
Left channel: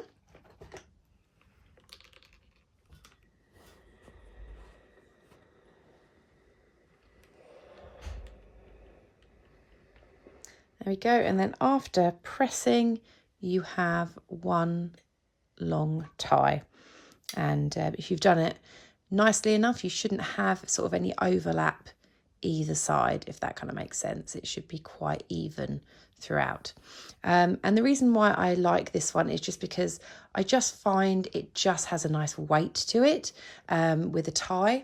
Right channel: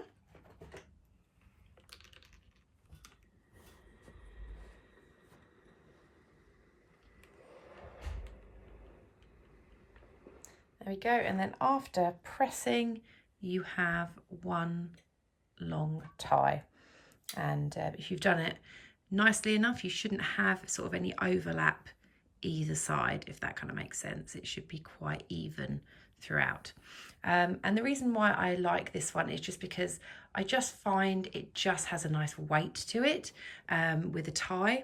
There we go, and then after pressing you have one long tie, and if you've done it nicely enough, you shouldn't have sort of any overlap either side, if that kind of makes sense. It should be quite even throughout. And the reason why I like this one is just because I just find it just has a nice weight to it with a tie.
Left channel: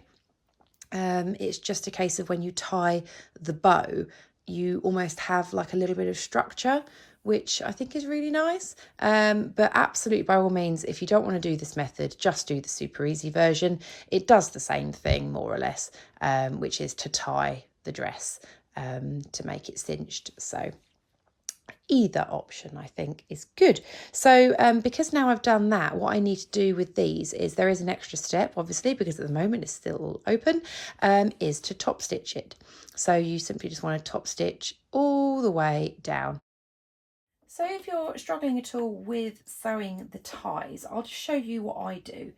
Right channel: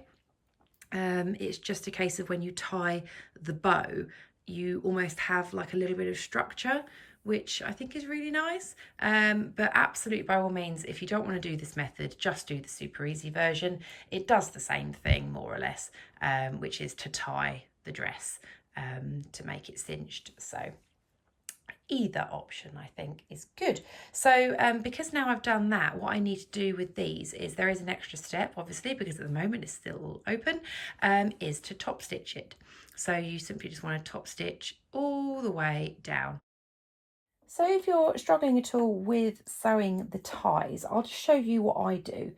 It's just a case of when you tie the bow, you almost have like a little bit of structure, which I think is really nice. But absolutely, by all means, if you don't want to do this method, just do the super easy version. It does the same thing more or less, which is to tie the dress to make it cinched. So either option I think is good. So because now I've done that, what I need to do with these is, there is an extra step obviously because at the moment it's still open, is to top stitch it. So you simply just want to top stitch all the way down. So if you're struggling at all with sewing the ties, I'll just show you what I do.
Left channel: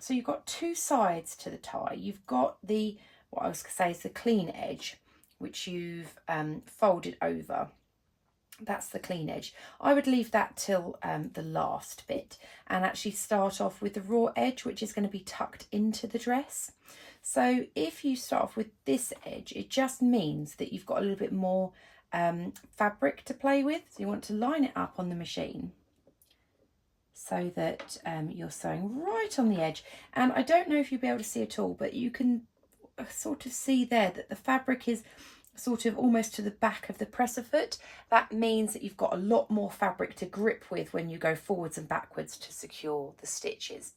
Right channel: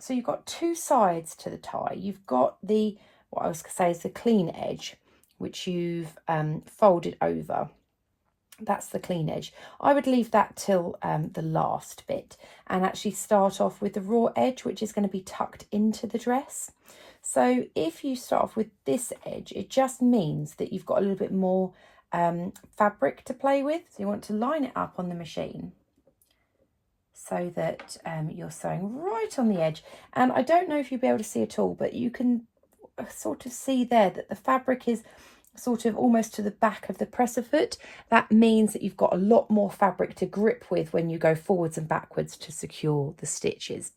So you've got two sides to the tie. You've got the, what I was going to say is the clean edge, which you've folded over. That's the clean edge. I would leave that till the last bit and actually start off with the raw edge, which is going to be tucked into the dress. So if you start off with this edge, it just means that you've got a little bit more fabric to play with. So you want to line it up on the machine so that you're sewing right on the edge. And I don't know if you'll be able to see it all, but you can sort of see there that the fabric is sort of almost to the back of the presser foot. That means that you've got a lot more fabric to grip with when you go forwards and backwards to secure the stitches.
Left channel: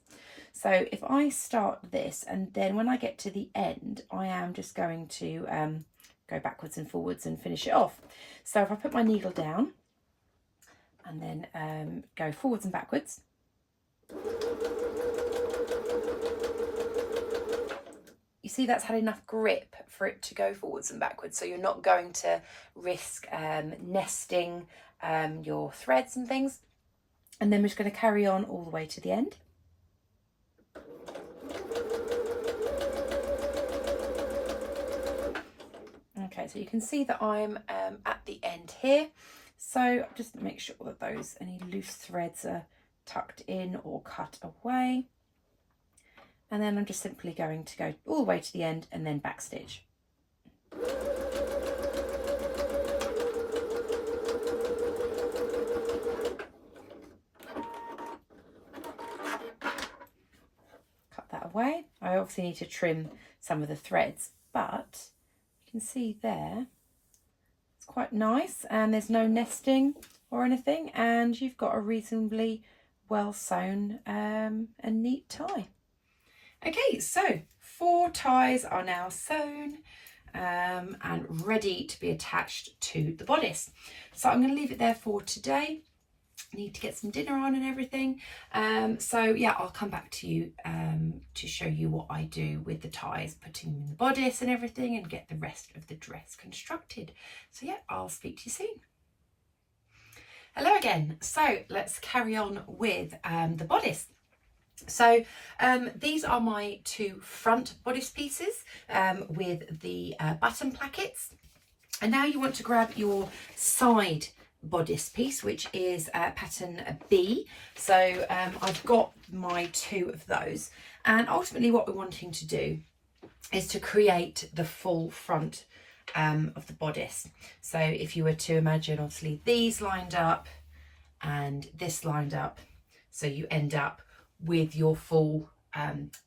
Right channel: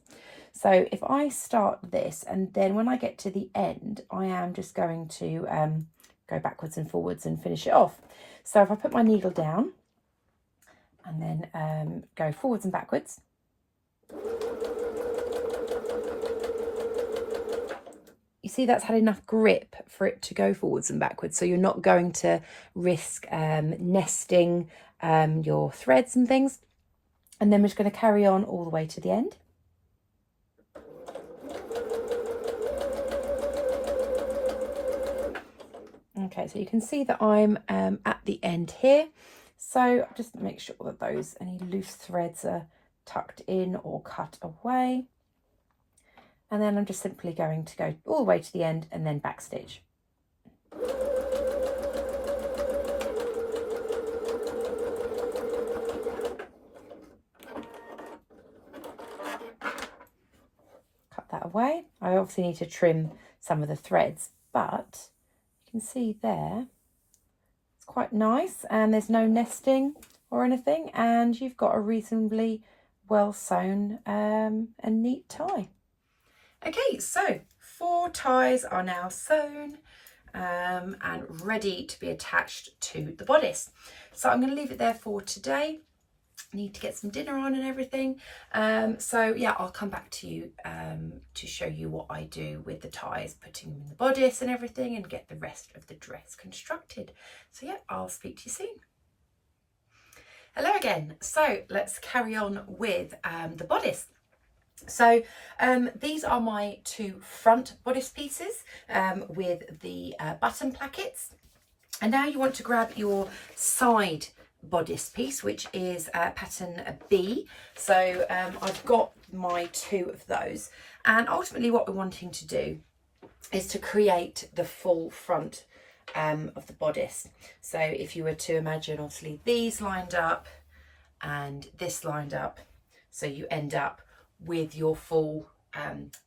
So if I start this, and then when I get to the end, I am just going to go backwards and forwards and finish it off. So if I put my needle down and then go forwards and backwards, you see that's had enough grip for it to go forwards and backwards, so you're not going to risk nesting your threads and things. And then we're just going to carry on all the way to the end. Okay, so you can see that I'm at the end here. So just make sure that any loose threads are tucked in or cut away. And then I'm just simply going to go all the way to the end and then back stitch. Cut that away. I obviously need to trim some of the threads, but you can see there, it's quite nice and there's no nesting or anything, and you've got a reasonably well sewn and neat tie. Okay, so 4 ties are now sewn and ready to be attached to the bodice. So I'm going to leave it there for today. I need to get some dinner on and everything. So yeah, I'll come back to you to show you what I do with the ties, putting them in the bodice and everything, and get the rest of the dress constructed. So yeah, I'll speak to you soon. Hello again. So let's carry on with the bodice. So these are my 2 front bodice pieces with the button plackets. And now you want to grab your side bodice piece, which is pattern B. So I've got my 2 of those. And ultimately what we're wanting to do is to create the full front of the bodice. So if you were to imagine obviously these lined up and this lined up, so you end up with your full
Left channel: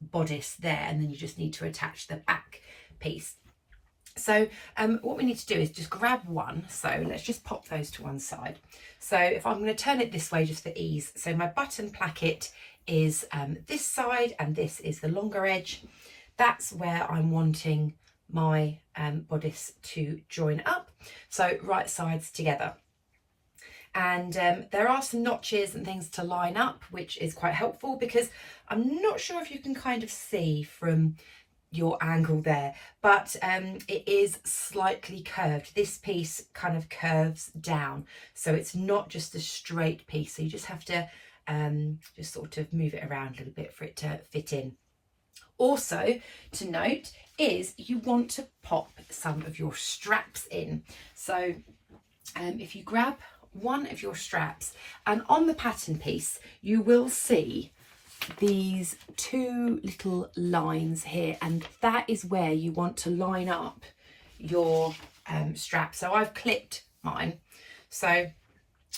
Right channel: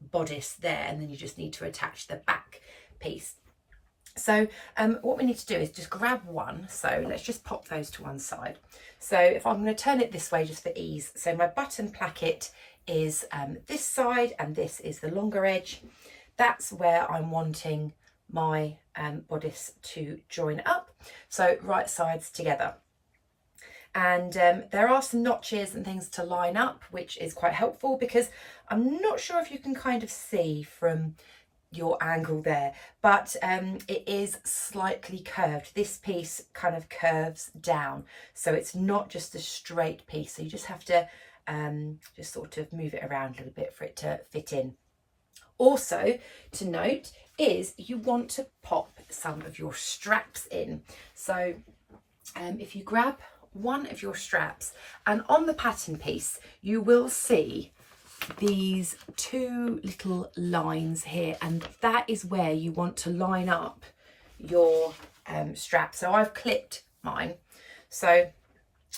bodice there, and then you just need to attach the back piece. So what we need to do is just grab one. So let's just pop those to one side. So if I'm going to turn it this way just for ease, so my button placket is this side and this is the longer edge. That's where I'm wanting my bodice to join up, so right sides together. And there are some notches and things to line up, which is quite helpful, because I'm not sure if you can kind of see from your angle there, but it is slightly curved. This piece kind of curves down, so it's not just a straight piece, so you just have to just sort of move it around a little bit for it to fit in. Also to note is you want to pop some of your straps in. So if you grab one of your straps, and on the pattern piece you will see these 2 little lines here, and that is where you want to line up your strap. So I've clipped mine, so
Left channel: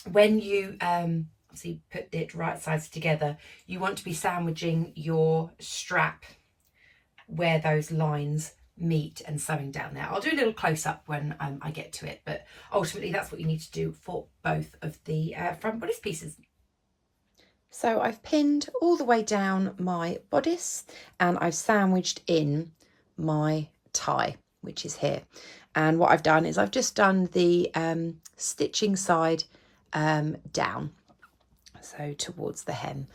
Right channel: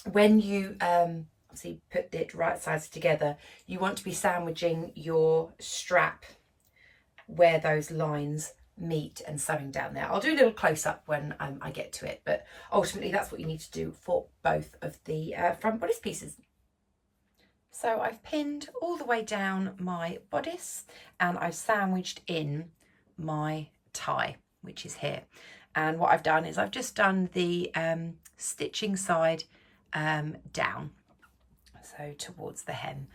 when you obviously put it right sides together, you want to be sandwiching your strap where those lines meet and sewing down there. I'll do a little close-up when I get to it, but ultimately that's what you need to do for both of the front bodice pieces. So I've pinned all the way down my bodice and I've sandwiched in my tie, which is here. And what I've done is I've just done the stitching side down, so towards the hem,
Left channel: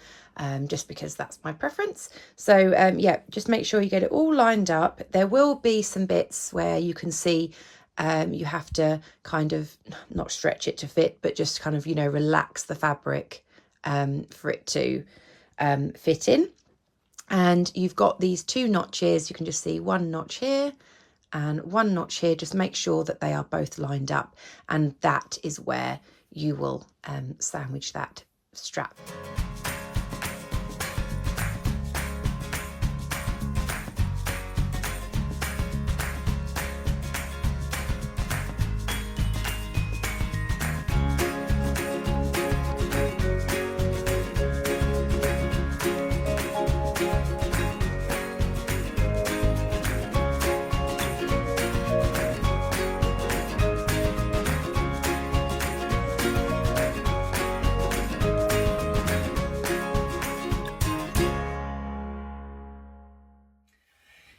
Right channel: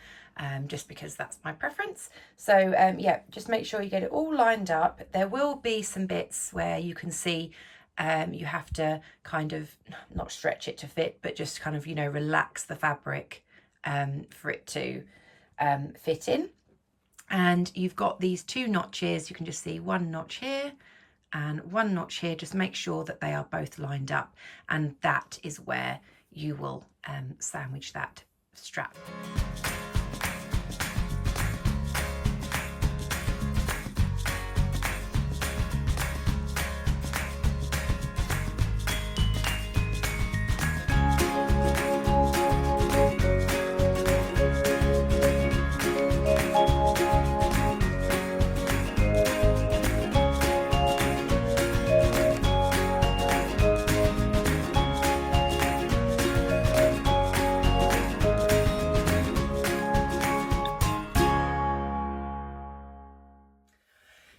just because that's my preference. So yeah, just make sure you get it all lined up. There will be some bits where you can see you have to kind of not stretch it to fit, but just kind of, you know, relax the fabric for it to fit in. And you've got these 2 notches. You can just see 1 notch here and 1 notch here. Just make sure that they are both lined up, and that is where you will sandwich that strap.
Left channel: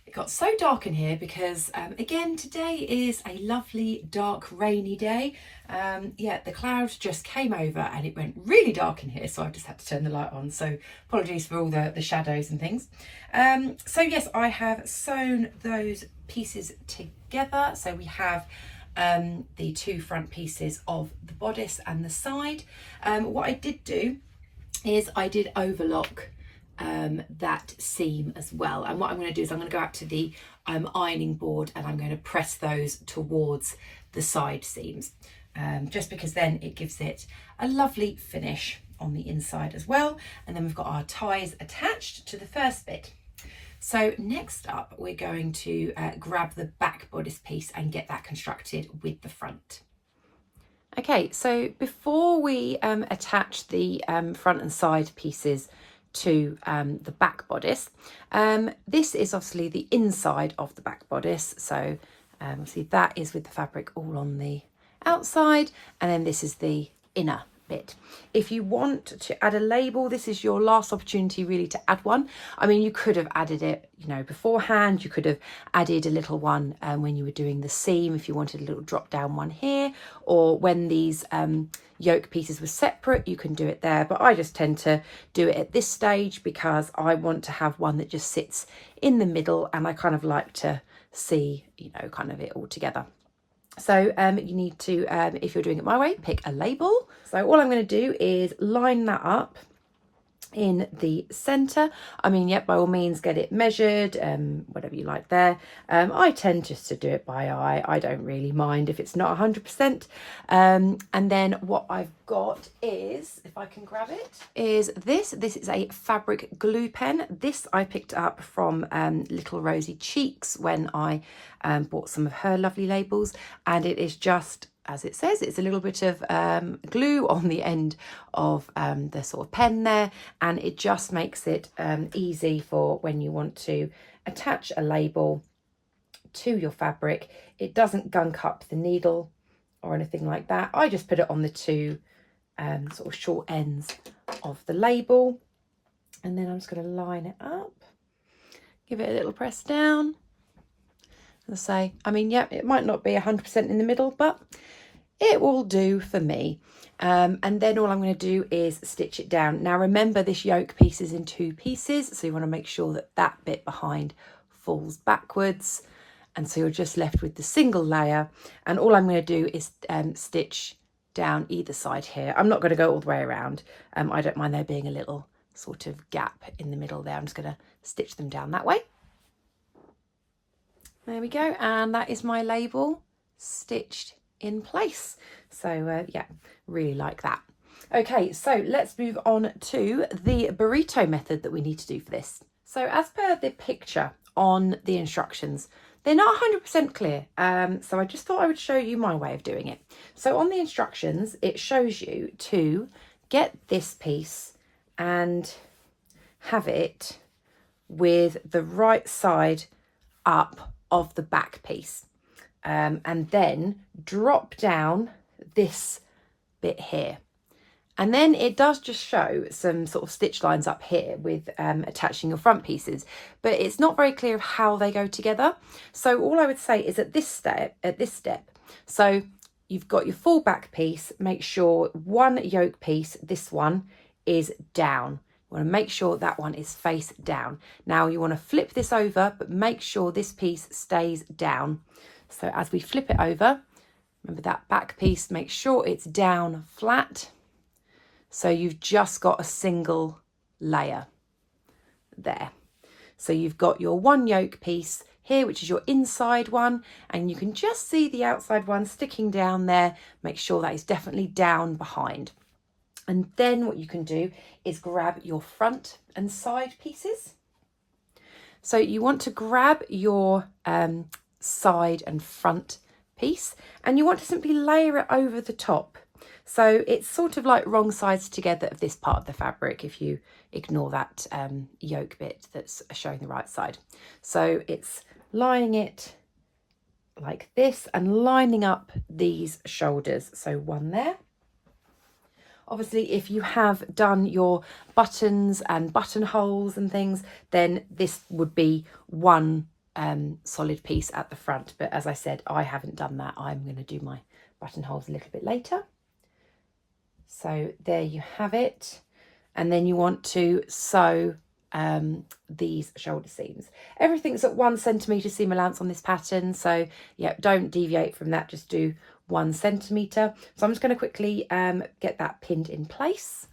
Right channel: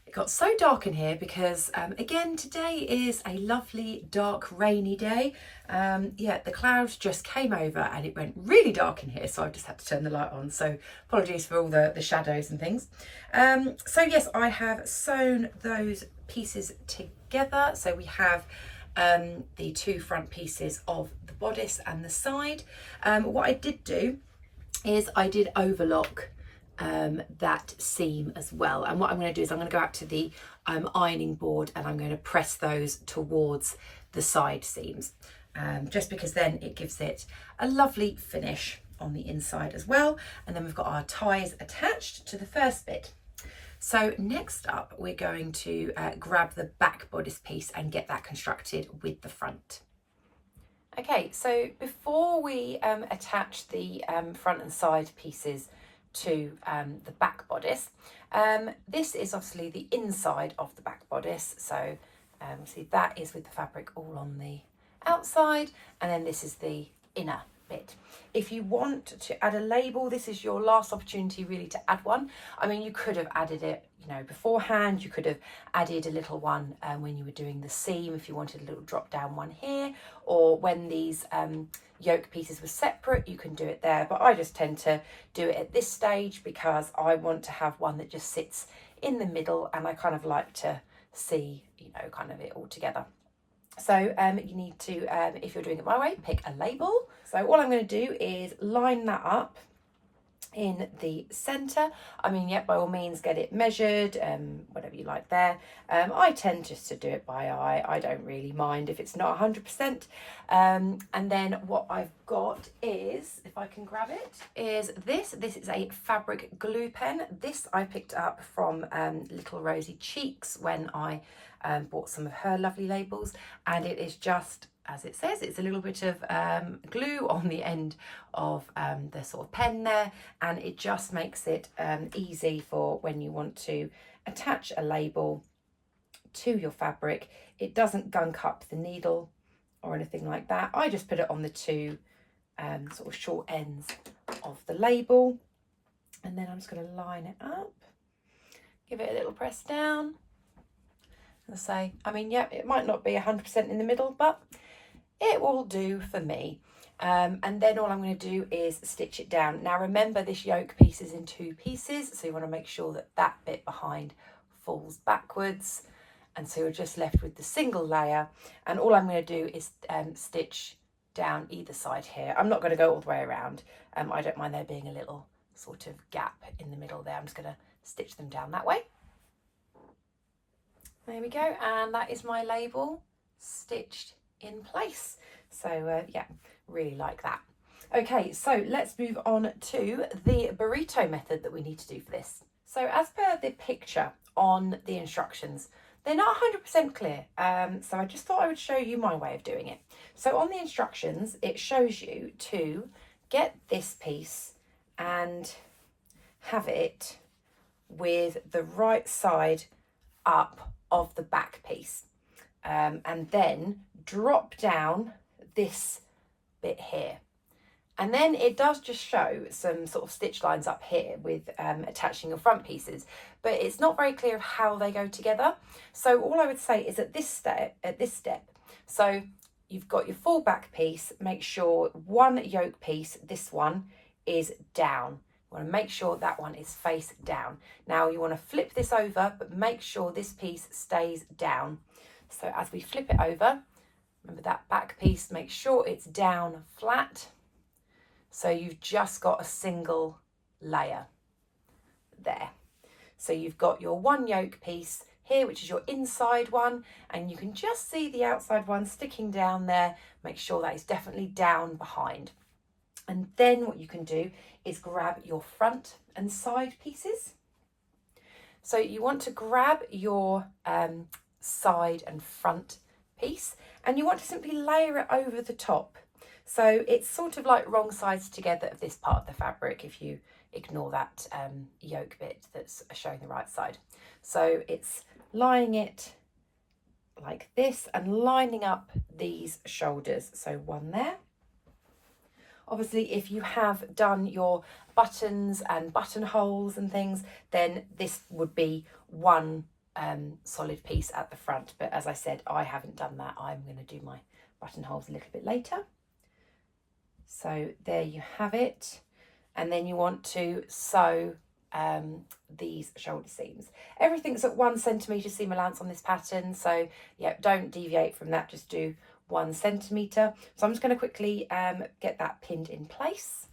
It got so dark in here because again, today is a lovely dark rainy day. Yeah, the clouds just came over and it went really dark in here, so I just had to turn the light on, so apologies for all the shadows and things. So yes, I have sewn those pieces together. So we have the 2 front pieces of the bodice and the side. What I did do is I did overlock that seam as well, and what I'm going to do is I'm going to go out to the ironing board and I'm going to press those towards the side seams, just because then it gives it a lovely finish on the inside as well. And then we've got our ties attached to the first bit. So next up we're going to grab the back bodice piece and get that constructed with the front. Okay, so before we attach the front and side pieces to the back bodice, this is obviously the inside of the back bodice, so see that is with the fabric all on the outside, and then this is the inner bit. If you want to add a label, this is your last opportunity really to add one. I mean, you could have added it, you know, beforehand. You could have added a little one when you were doing the seam, if you wanted a little drop down one here, or when these yoke pieces were separate, you can do it there. But I just tend to do it at this stage because I want to have one that just sits in the middle, and I kind of like to see, you know, kind of it all together. So you need to, if you're doing it my way, pick a label. So all I'm going to do is line that up in the center. I mean, yeah, by all means get it measured, whatever you like there. I tend just to do it by eye. I don't really mind if it's not 100%. And then what I've got is, if I can grab it, is this. This is a fabric glue pen. This I picked up from Little Rosy Cheeks when I bought some of her lovely labels, and it is just, as it says, it's a little bit of glue on the end of the sort of pen there, and it just makes it easy for when you want to attach a label to your fabric. It doesn't gunk up the needle or anything like that. I just put it on the 2 sort of short ends of the label, and then I'm just going to line it up, give it a little press down. As I say, I mean, yeah, it might not be 100% in the middle, but it will do for me. And then all I'm going to do is stitch it down. Now remember, this yoke piece is in 2 pieces, so you want to make sure that that bit behind falls backwards, and so you're just left with the single layer. And all I'm going to do is stitch down either side here. I'm not going to go all the way around. I don't mind there being a little sort of gap in the middle there. I'm just going to stitch them down that way. There we go, and that is my label stitched in place. So yeah, really like that. Okay, so let's move on to the burrito method that we need to do for this. So as per the picture on the instructions, they're not 100% clear, so I just thought I would show you my way of doing it. So on the instructions, it shows you to get this piece and have it with the right side up of the back piece, and then drop down this bit here, and then it does just show some sort of stitch lines up here with attaching your front pieces, but it's not very clear of how they go together. So all I would say is at this step, so you've got your full back piece, make sure one yoke piece, this one, is down. You want to make sure that one is face down. Now you want to flip this over, but make sure this piece stays down. So as we flip it over, remember that back piece, make sure it's down flat. So you've just got a single layer there. So you've got your one yoke piece here, which is your inside one, and you can just see the outside one sticking down there. Make sure that is definitely down behind. And then what you can do is grab your front and side pieces. So you want to grab your side and front piece, and you want to simply layer it over the top. So it's sort of like wrong sides together of this part of the fabric if you ignore that yoke bit that's showing the right side. So it's lying it like this and lining up these shoulders. So one there. Obviously, if you have done your buttons and buttonholes and things, then this would be one solid piece at the front. But as I said, I haven't done that. I'm going to do my buttonholes a little bit later. So there you have it. And then you want to sew these shoulder seams. Everything's at 1 centimetre seam allowance on this pattern. So yeah, don't deviate from that. Just do 1 centimetre. So I'm just going to quickly get that pinned in place.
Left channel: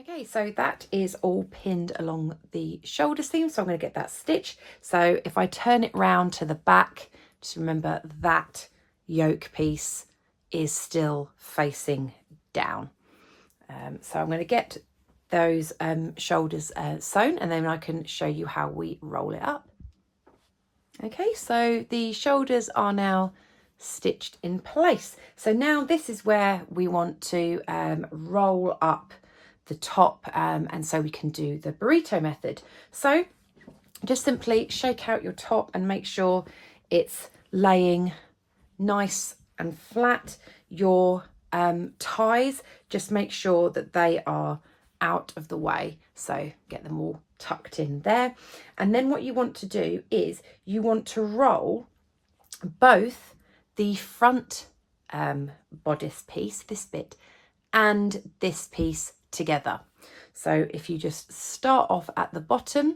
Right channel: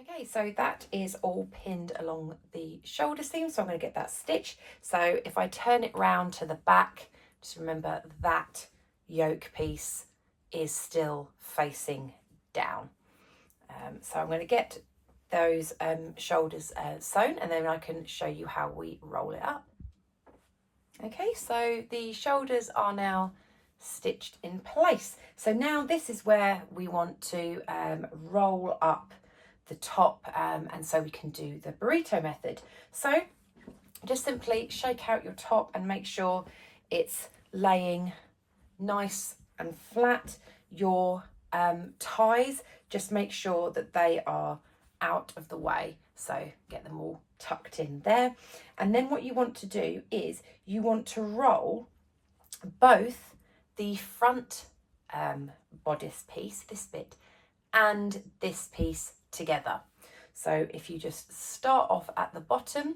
Okay, so that is all pinned along the shoulder seam. So I'm going to get that stitched. So if I turn it round to the back, just remember that yoke piece is still facing down. So I'm going to get those shoulders sewn, and then I can show you how we roll it up. Okay, so the shoulders are now stitched in place. So now this is where we want to roll up the top, and so we can do the burrito method. So just simply shake out your top and make sure it's laying nice and flat. Your ties, just make sure that they are out of the way, so get them all tucked in there. And then what you want to do is you want to roll both the front bodice piece, this bit, and this piece together. So if you just start off at the bottom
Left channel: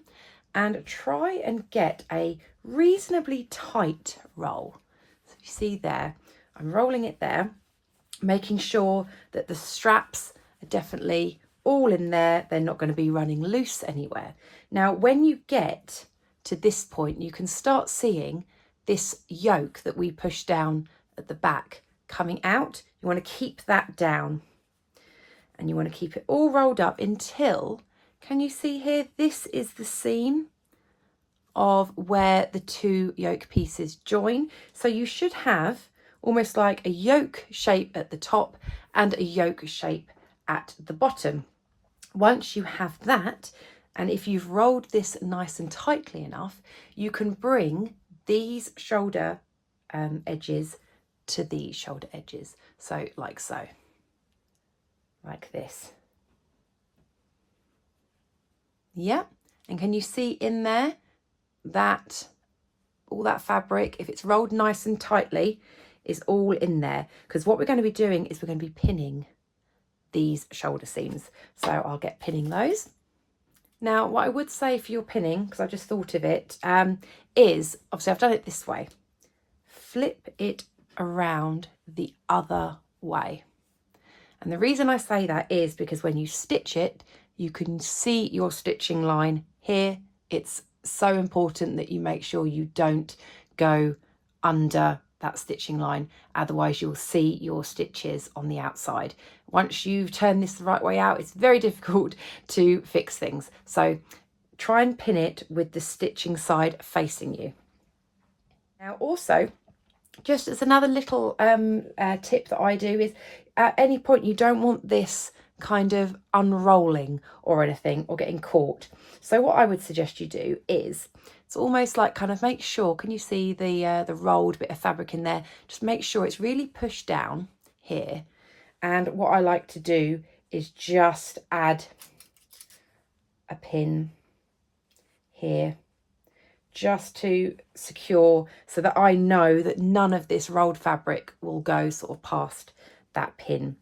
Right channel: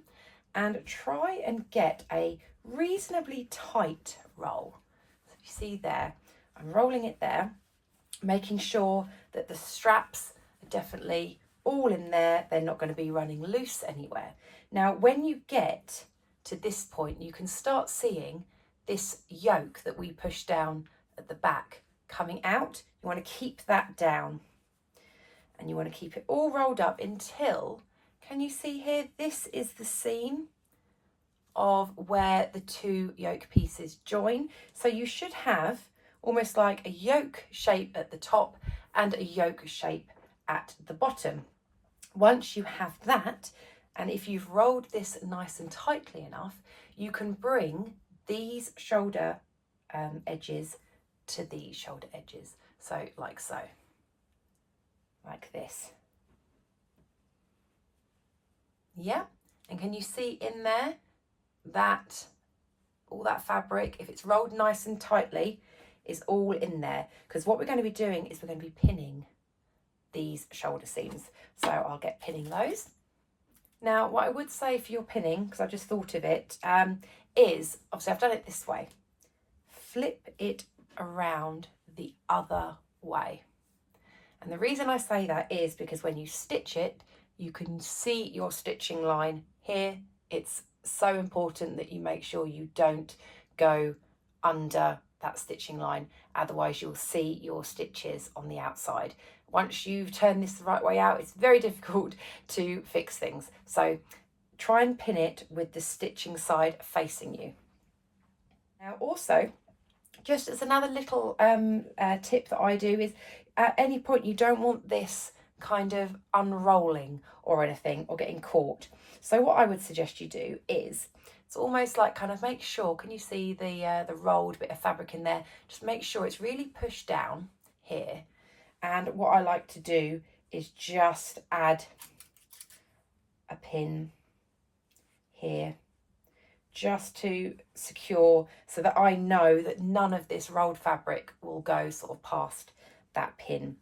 and try and get a reasonably tight roll. So you see there, I'm rolling it there, making sure that the straps are definitely all in there. They're not going to be running loose anywhere. Now, when you get to this point, you can start seeing this yoke that we push down at the back coming out. You want to keep that down, and you want to keep it all rolled up until, can you see here, this is the seam of where the two yoke pieces join. So you should have almost like a yoke shape at the top and a yoke shape at the bottom. Once you have that, and if you've rolled this nice and tightly enough, you can bring these shoulder edges to these shoulder edges. So like so, like this. Yeah, and can you see in there that all that fabric, if it's rolled nice and tightly, is all in there? Because what we're going to be doing is we're going to be pinning these shoulder seams. So I'll get pinning those. Now, what I would say for your pinning, because I just thought of it, is, obviously I've done it this way. Flip it around the other way. And the reason I say that is because when you stitch it, you can see your stitching line here. It's so important that you make sure you don't go under that stitching line, otherwise you'll see your stitches on the outside. Once you've turned this the right way out, it's very difficult to fix things. So try and pin it with the stitching side facing you. Now also, just as another little tip that I do is, at any point you don't want this kind of unrolling or anything or getting caught. So what I would suggest you do is, it's almost like kind of make sure, can you see the rolled bit of fabric in there? Just make sure it's really pushed down here. And what I like to do is just add a pin here, just to secure, so that I know that none of this rolled fabric will go sort of past that pin.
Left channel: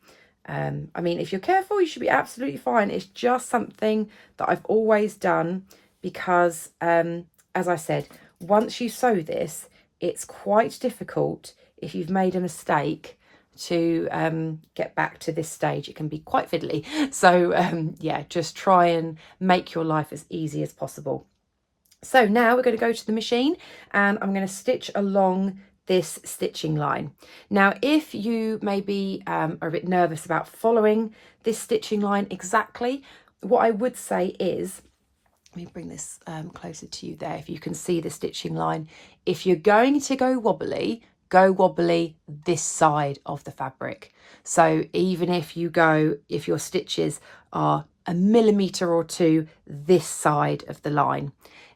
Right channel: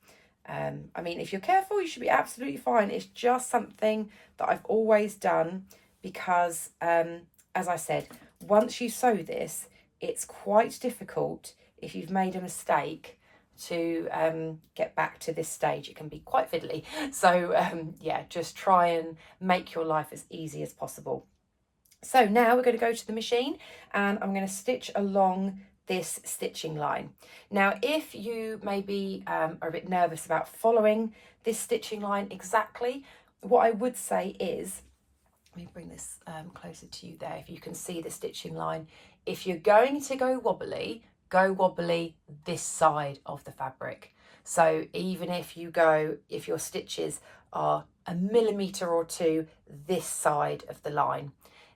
I mean, if you're careful, you should be absolutely fine. It's just something that I've always done because, as I said, once you sew this, it's quite difficult if you've made a mistake to get back to this stage. It can be quite fiddly. So yeah, just try and make your life as easy as possible. So now we're going to go to the machine and I'm going to stitch along this stitching line. Now, if you maybe are a bit nervous about following this stitching line exactly, what I would say is, let me bring this closer to you there, if you can see the stitching line. If you're going to go wobbly this side of the fabric. So even if your stitches are a millimetre or two this side of the line,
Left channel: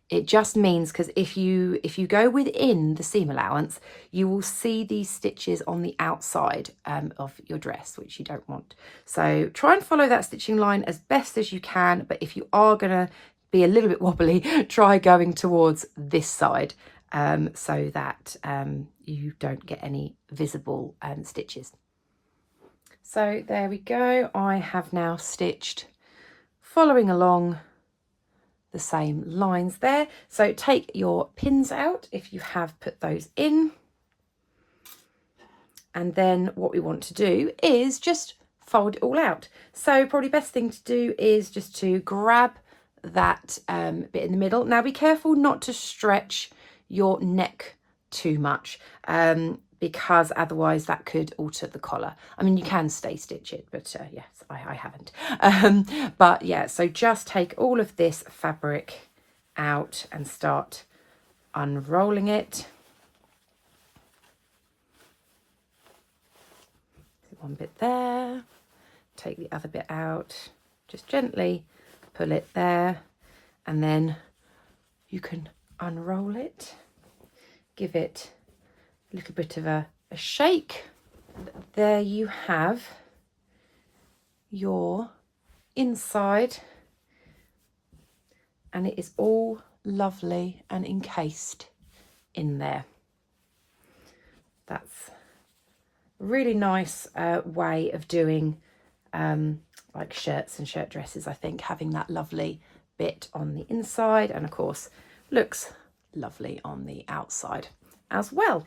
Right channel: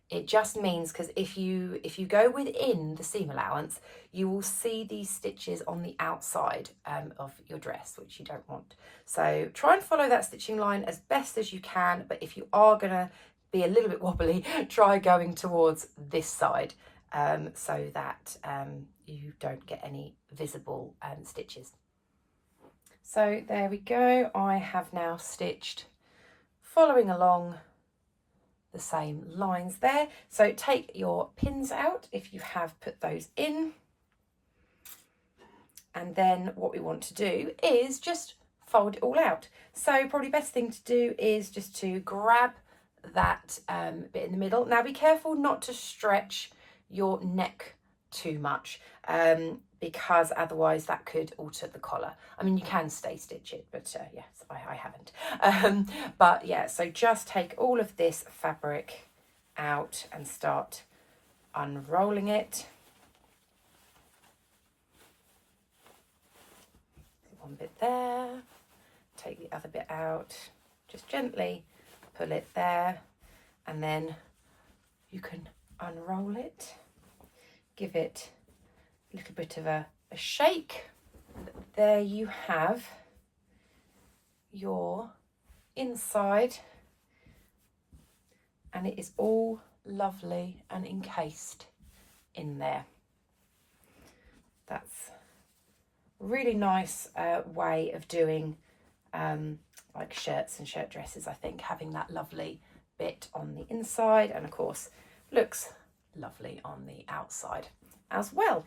it just means, because if you go within the seam allowance, you will see these stitches on the outside of your dress, which you don't want. So try and follow that stitching line as best as you can, but if you are going to be a little bit wobbly, try going towards this side so that you don't get any visible stitches. So there we go. I have now stitched following along the same lines there. So take your pins out if you have put those in. And then what we want to do is just fold it all out. So probably best thing to do is just to grab that bit in the middle. Now be careful not to stretch your neck too much because otherwise that could alter the collar. I mean, you can stay stitch it, but yes, I haven't. But yeah, so just take all of this fabric out and start unrolling it. One bit there, take the other bit out, just gently pull it there, and then you can unroll it, give it a little bit of a shake. There you have your inside, and it is all lovely and encased in there. That's a really nice way of doing like shirts and shirt dresses, I think, having that lovely bit on the inside, and of course looks lovely on the outside as well.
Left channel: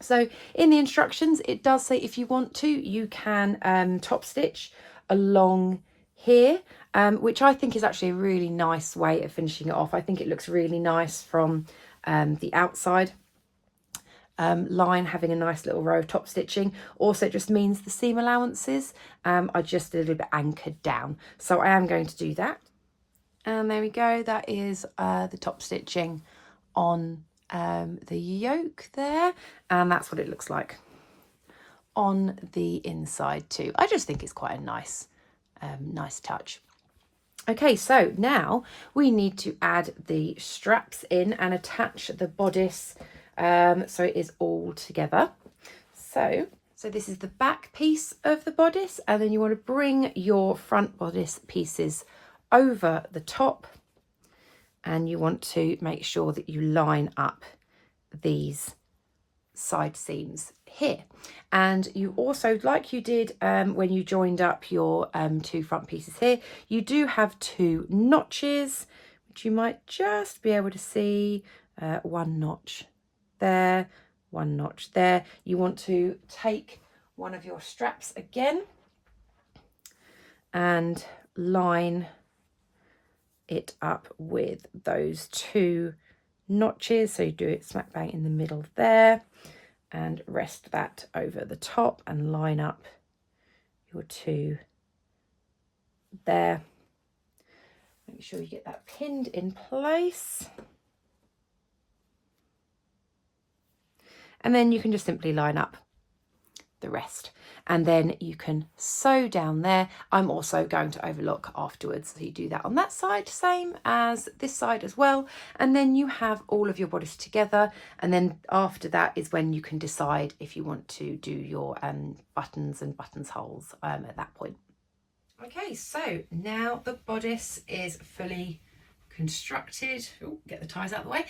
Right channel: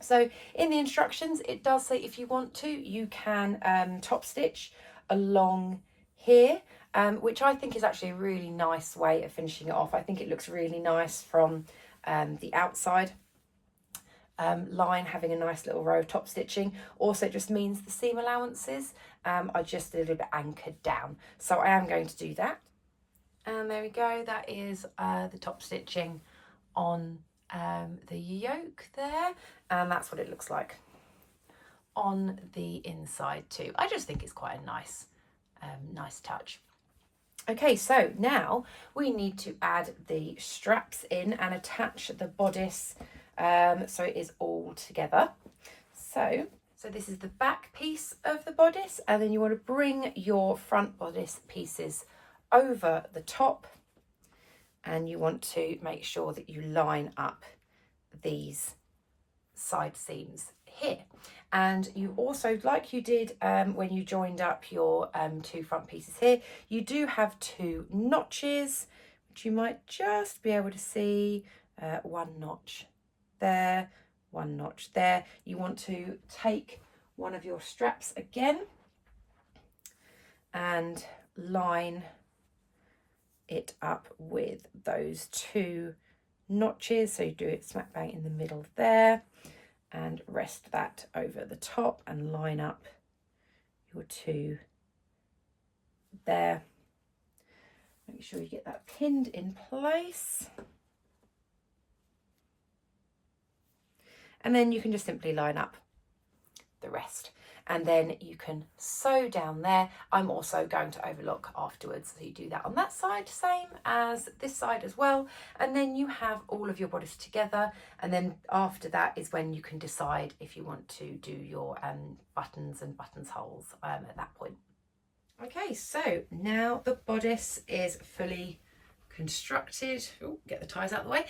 So in the instructions it does say if you want to, you can top stitch along here, which I think is actually a really nice way of finishing it off. I think it looks really nice from the outside line, having a nice little row of top stitching. Also, it just means the seam allowances are just a little bit anchored down. So I am going to do that. And there we go. That is the top stitching on the yoke there. And that's what it looks like on the inside too. I just think it's quite a nice, nice touch. Okay, so now we need to add the straps in and attach the bodice so it is all together. So this is the back piece of the bodice, and then you want to bring your front bodice pieces over the top, and you want to make sure that you line up these side seams here. And you also, like you did when you joined up your two front pieces here, you do have two notches, which you might just be able to see. One notch there, one notch there. You want to take one of your straps again and line it up with those two notches. So you do it smack bang in the middle there, and rest that over the top and line up your two there. Make sure you get that pinned in place. And then you can just simply line up the rest. And then you can sew down there. I'm also going to overlock afterwards, so you do that on that side, same as this side as well. And then you have all of your bodice together, and then after that is when you can decide if you want to do your buttons and buttonholes at that point. Okay, so now the bodice is fully constructed. Ooh, get the ties out of the way.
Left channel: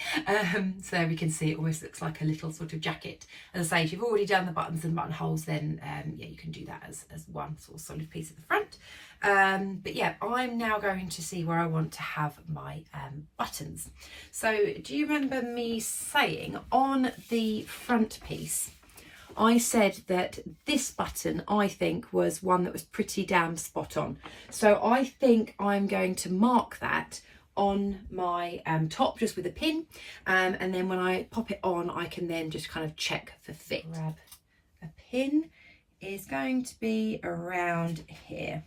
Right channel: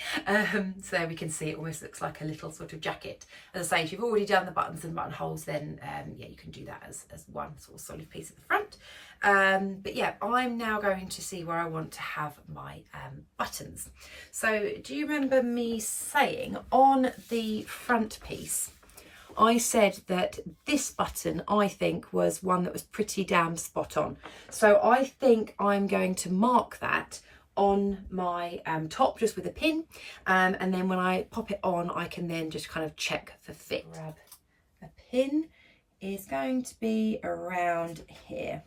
So there we can see it almost looks like a little sort of jacket. As I say, if you've already done the buttons and buttonholes, then yeah, you can do that as one sort of solid piece at the front. But yeah, I'm now going to see where I want to have my buttons. So do you remember me saying on the front piece, I said that this button, I think, was one that was pretty damn spot on. So I think I'm going to mark that on my top just with a pin, and then when I pop it on, I can then just kind of check for fit. Grab a pin, is going to be around here.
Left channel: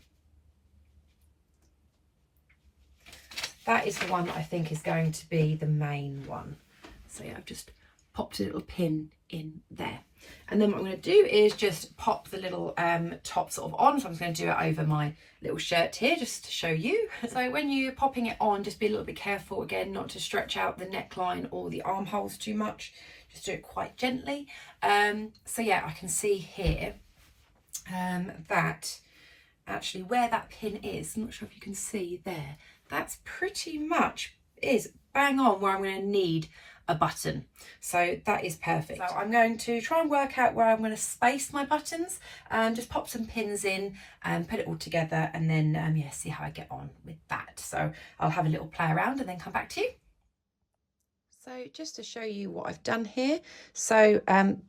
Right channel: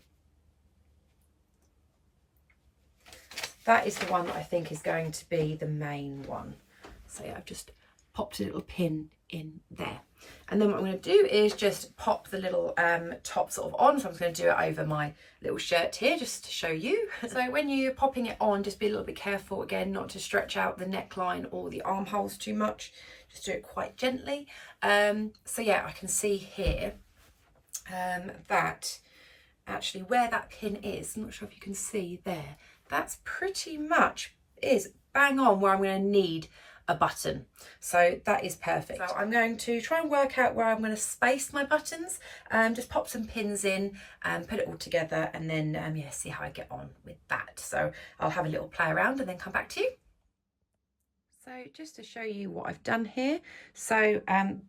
That is the one that I think is going to be the main one. So yeah, I've just popped a little pin in there. And then what I'm going to do is just pop the little top sort of on. So I'm just going to do it over my little shirt here just to show you. So when you're popping it on, just be a little bit careful again not to stretch out the neckline or the armholes too much. Just do it quite gently. So yeah, I can see here that actually where that pin is, I'm not sure if you can see there, that's pretty much is bang on where I'm going to need a button. So that is perfect. So I'm going to try and work out where I'm going to space my buttons and just pop some pins in and put it all together, and then yeah, see how I get on with that. So I'll have a little play around and then come back to you. So just to show you what I've done here, so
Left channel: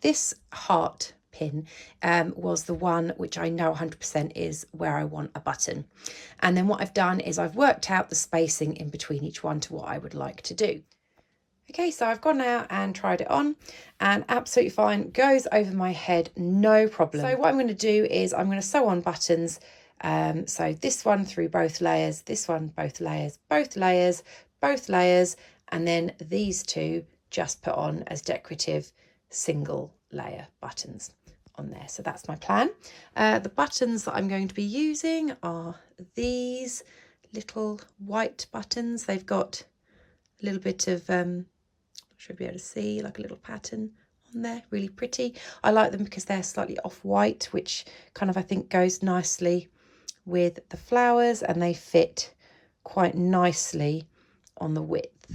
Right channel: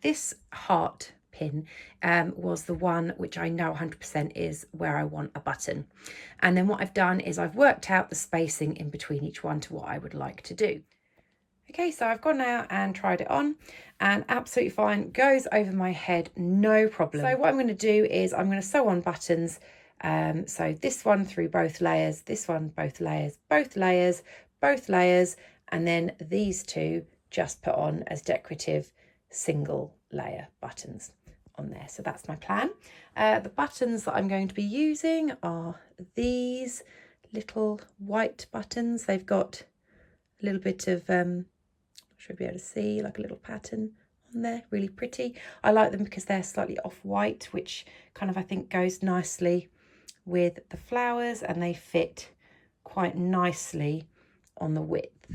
this heart pin was the one which I know 100% is where I want a button, and then what I've done is I've worked out the spacing in between each one to what I would like to do. Okay, so I've gone out and tried it on, and absolutely fine, goes over my head, no problem. So what I'm going to do is I'm going to sew on buttons, so this one through both layers, this one both layers, both layers, both layers, and then these two just put on as decorative single layer buttons on there. So that's my plan. The buttons that I'm going to be using are these little white buttons. They've got a little bit of should be able to see like a little pattern on there, really pretty. I like them because they're slightly off-white, which kind of I think goes nicely with the flowers, and they fit quite nicely on the width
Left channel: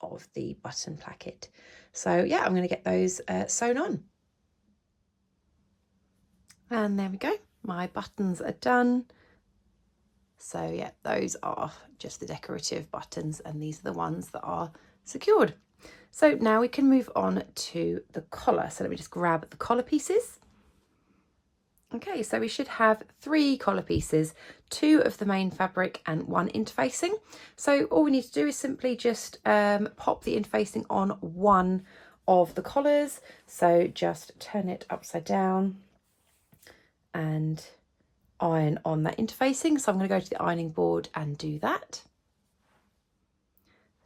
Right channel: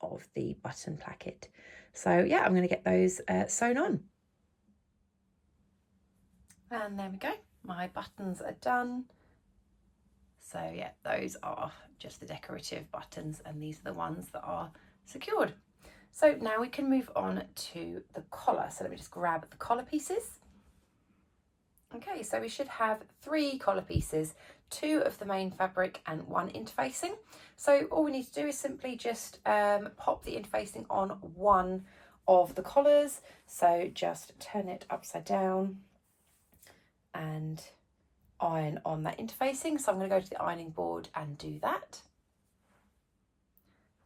of the button placket. So yeah, I'm going to get those sewn on. And there we go, my buttons are done. So yeah, those are just the decorative buttons, and these are the ones that are secured. So now we can move on to the collar. So let me just grab the collar pieces. Okay, so we should have 3 collar pieces, 2 of the main fabric and 1 interfacing. So all we need to do is simply just pop the interfacing on one of the collars. So just turn it upside down and iron on that interfacing. So I'm going to go to the ironing board and do that.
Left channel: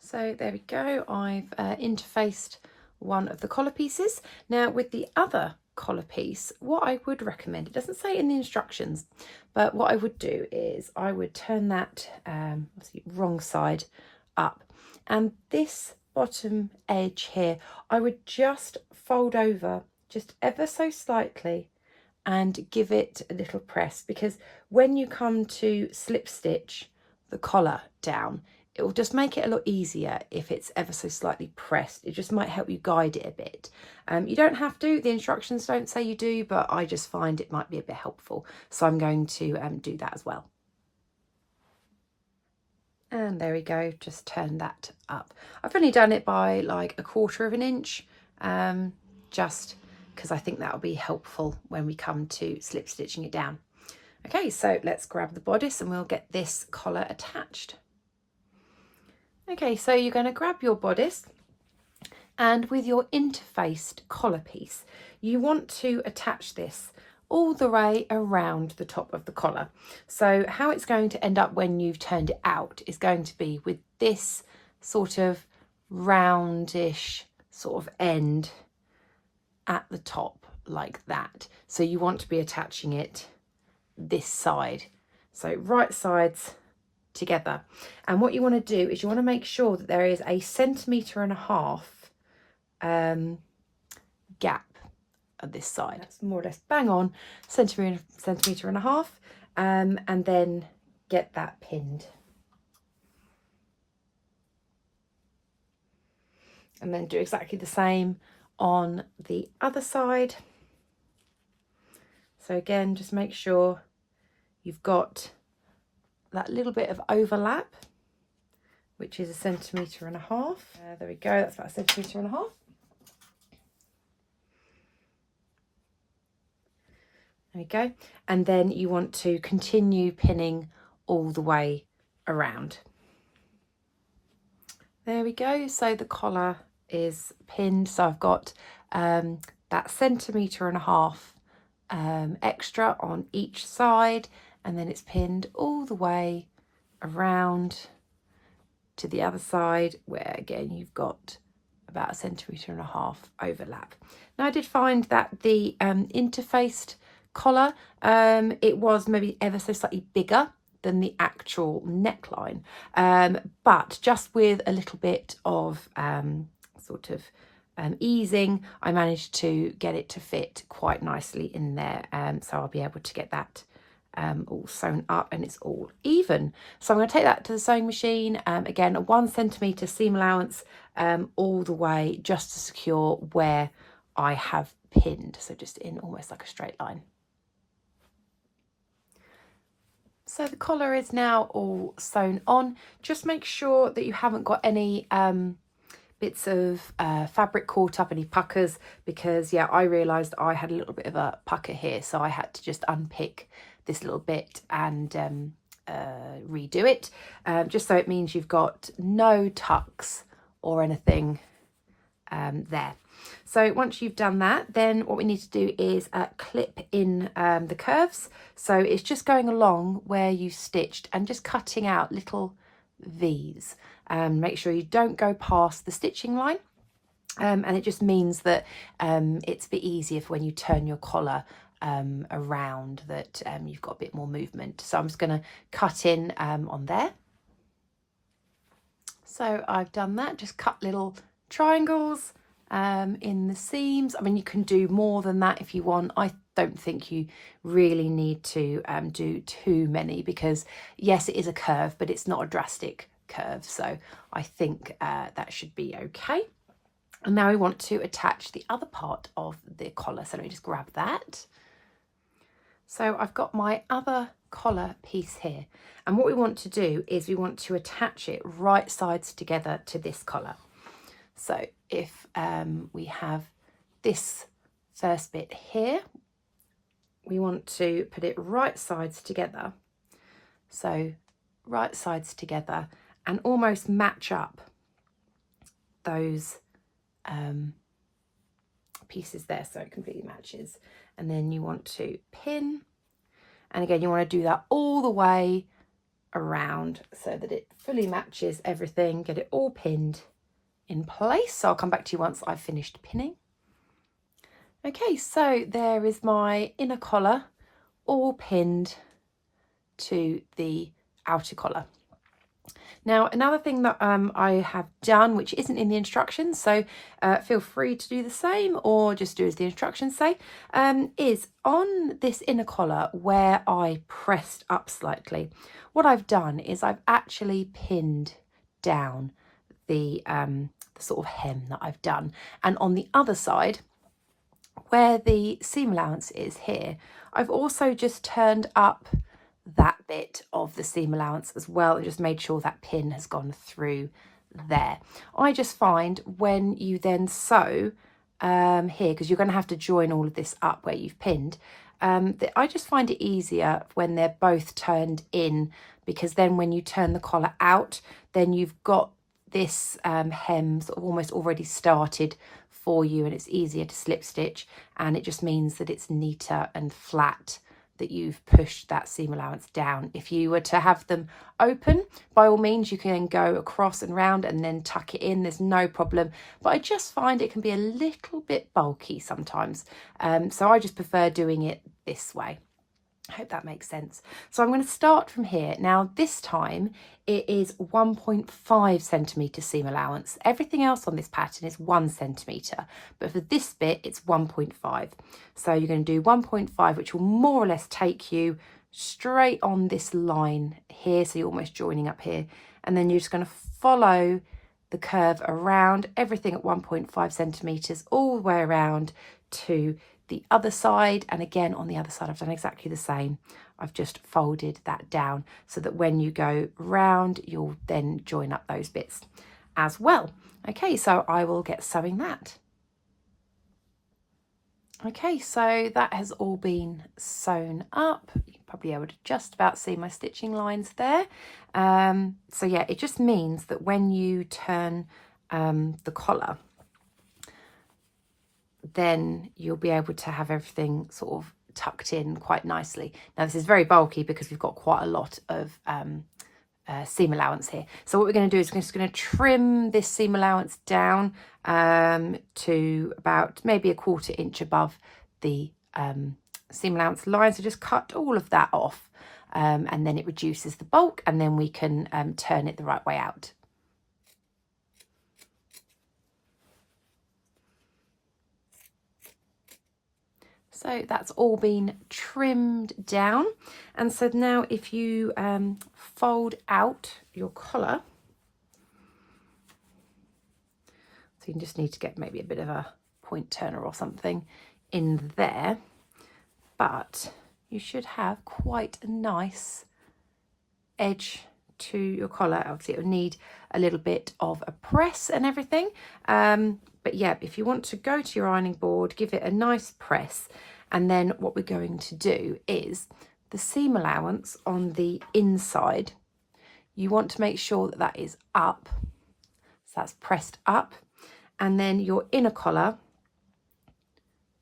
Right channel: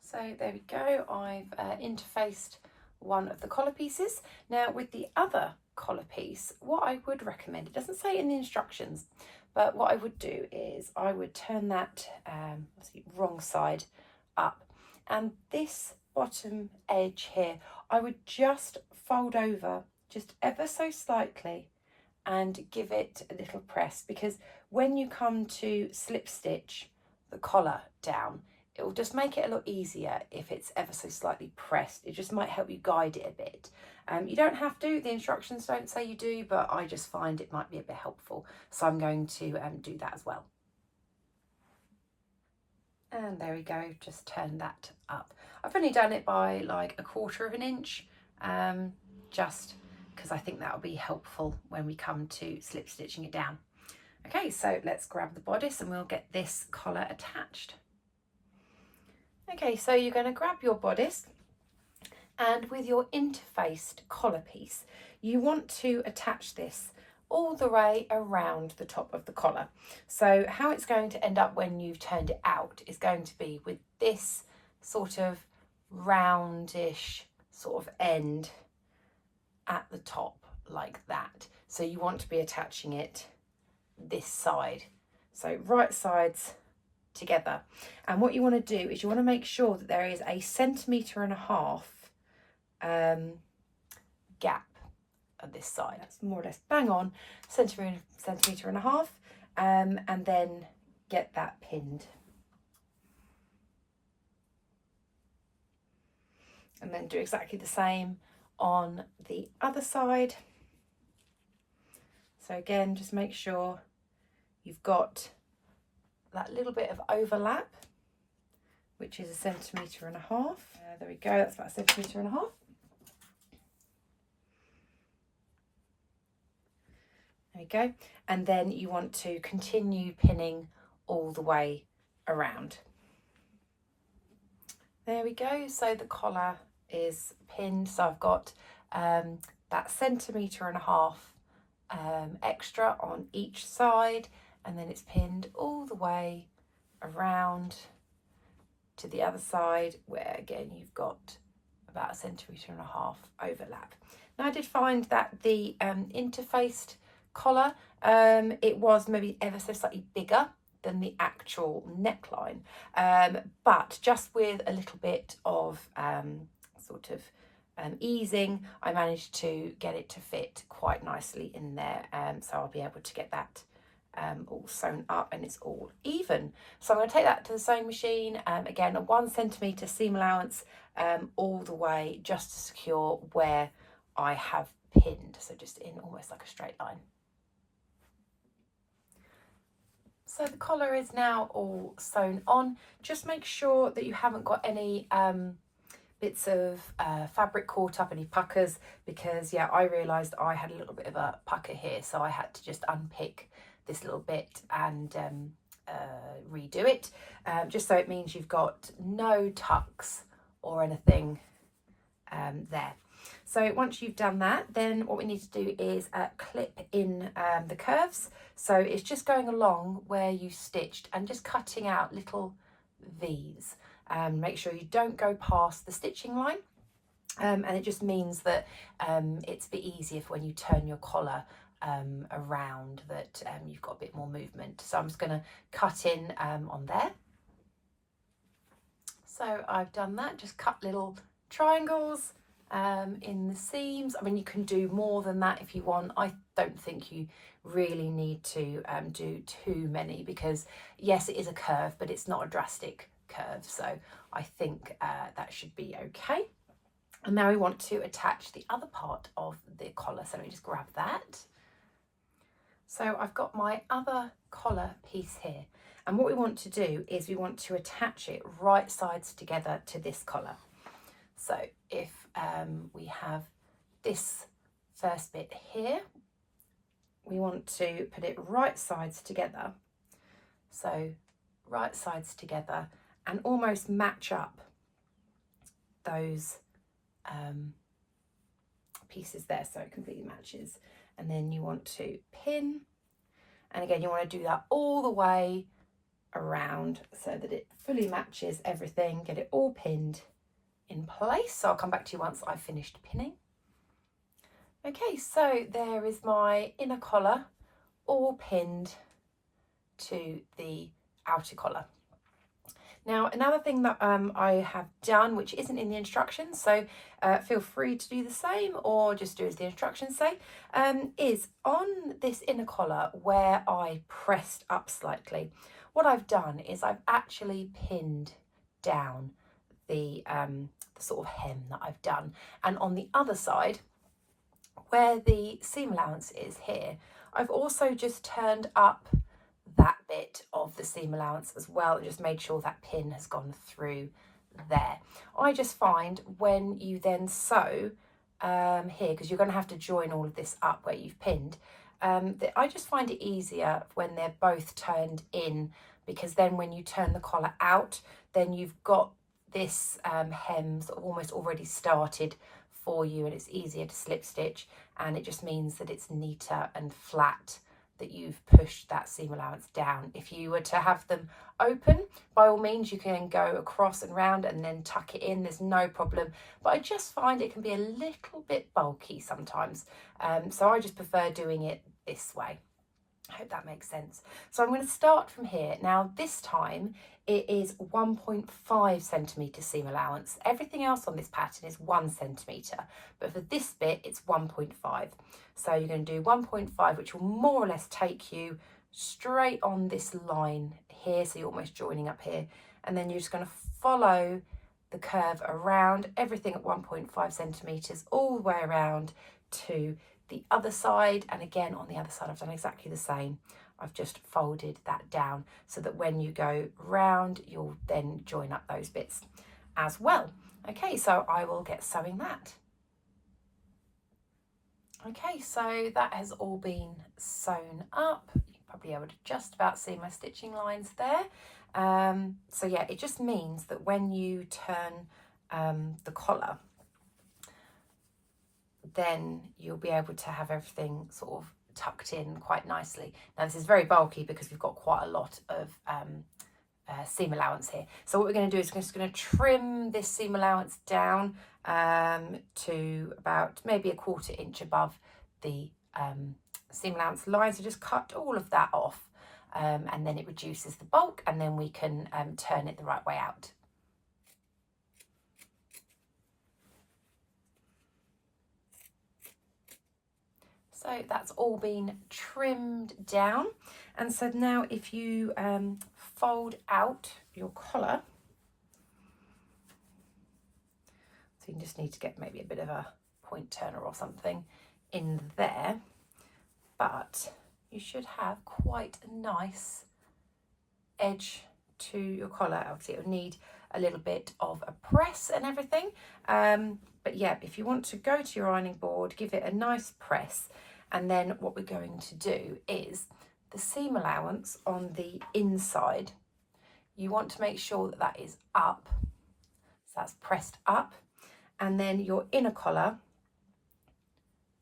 So there we go, I've interfaced one of the collar pieces. Now with the other collar piece, what I would recommend, it doesn't say in the instructions, but what I would do is I would turn that wrong side up, and this bottom edge here, I would just fold over just ever so slightly and give it a little press, because when you come to slip stitch the collar down, it will just make it a lot easier if it's ever so slightly pressed. It just might help you guide it a bit. You don't have to, the instructions don't say you do, but I just find it might be a bit helpful. So I'm going to do that as well. And there we go, just turn that up. I've only done it by like 1/4 of an inch, just because I think that'll be helpful when we come to slip stitching it down. Okay, so let's grab the bodice and we'll get this collar attached. Okay, so you're going to grab your bodice, and with your interfaced collar piece, you want to attach this all the way around the top of the collar. So how it's going to end up when you've turned it out is going to be with this sort of roundish sort of end at the top like that. So you want to be attaching it this side, so right sides together. And what you want to do is you want to make sure that there is a 1.5 cm gap at this side. That's more or less bang on, 1.5 cm, and then get that pinned. And then do exactly the same on the other side. So again, just make sure you've got that little bit of overlap, which is 1.5 centimetres. There we go, that's about 1.5 centimetres. There we go. And then you want to continue pinning all the way around. There we go. So the collar is pinned. So I've got that 1.5 centimetres extra on each side, and then it's pinned all the way around to the other side, where again you've got about 1.5 centimetres overlap. Now I did find that the interfaced collar, it was maybe ever so slightly bigger than the actual neckline, but just with a little bit of easing, I managed to get it to fit quite nicely in there, so I'll be able to get that all sewn up and it's all even. So I'm going to take that to the sewing machine, again a 1 centimetre seam allowance all the way, just to secure where I have pinned, so just in almost like a straight line. So the collar is now all sewn on. Just make sure that you haven't got any bits of fabric caught up, any puckers, because yeah, I realised I had a little bit of a pucker here, so I had to just unpick this little bit and redo it, just so it means you've got no tucks or anything there. So once you've done that, then what we need to do is clip in the curves. So it's just going along where you stitched and just cutting out little V's. Make sure you don't go past the stitching line, and it just means that it's a bit easier for when you turn your collar around, that you've got a bit more movement. So I'm just going to cut in on there. So I've done that, just cut little triangles in the seams. I mean, you can do more than that if you want. I don't think you really need to do too many, because yes, it is a curve, but it's not a drastic curve, so I think that should be okay. And now we want to attach the other part of the collar, so let me just grab that. So I've got my other collar piece here, and what we want to do is we want to attach it right sides together to this collar. So if we have this first bit here, we want to put it right sides together, so right sides together, and almost match up those pieces there, so it completely matches. And then you want to pin, and again you want to do that all the way around so that it fully matches everything, get it all pinned in place. So I'll come back to you once I've finished pinning. Okay, so there is my inner collar all pinned to the outer collar. Now, another thing that I have done, which isn't in the instructions, so feel free to do the same or just do as the instructions say, is on this inner collar where I pressed up slightly, what I've done is I've actually pinned down the sort of hem that I've done. And on the other side, where the seam allowance is here, I've also just turned up that bit of the seam allowance as well, and just made sure that pin has gone through there. I just find when you then sew here, because you're going to have to join all of this up where you've pinned, I just find it easier when they're both turned in, because then when you turn the collar out, then you've got this hem sort of almost already started for you, and it's easier to slip stitch, and it just means that it's neater and flat, that you've pushed that seam allowance down. If you were to have them open, by all means you can go across and round and then tuck it in, there's no problem, but I just find it can be a little bit bulky sometimes, so I just prefer doing it this way. I hope that makes sense. So I'm going to start from here. Now this time it is 1.5 centimetre seam allowance. Everything else on this pattern is 1 centimetre, but for this bit it's 1.5. So you're going to do 1.5, which will more or less take you straight on this line here, so you're almost joining up here, and then you're just going to follow the curve around, everything at 1.5 centimetres all the way around to the other side. And again on the other side I've done exactly the same. I've just folded that down so that when you go round, you'll then join up those bits as well. Okay, so I will get sewing that. Okay, so that has all been sewn up. You're probably able to just about see my stitching lines there. So yeah, it just means that when you turn the collar, then you'll be able to have everything sort of tucked in quite nicely. Now this is very bulky because we've got quite a lot of seam allowance here. So what we're going to do is we're just going to trim this seam allowance down to about maybe 1/4 inch above the seam allowance line. So just cut all of that off and then it reduces the bulk, and then we can turn it the right way out. So that's all been trimmed down. And so now if you fold out your collar, so you just need to get maybe a bit of a point turner or something in there, but you should have quite a nice edge to your collar. Obviously it will need a little bit of a press and everything, but yeah, if you want to go to your ironing board, give it a nice press. And then what we're going to do is the seam allowance on the inside, you want to make sure that that is up, so that's pressed up, and then your inner collar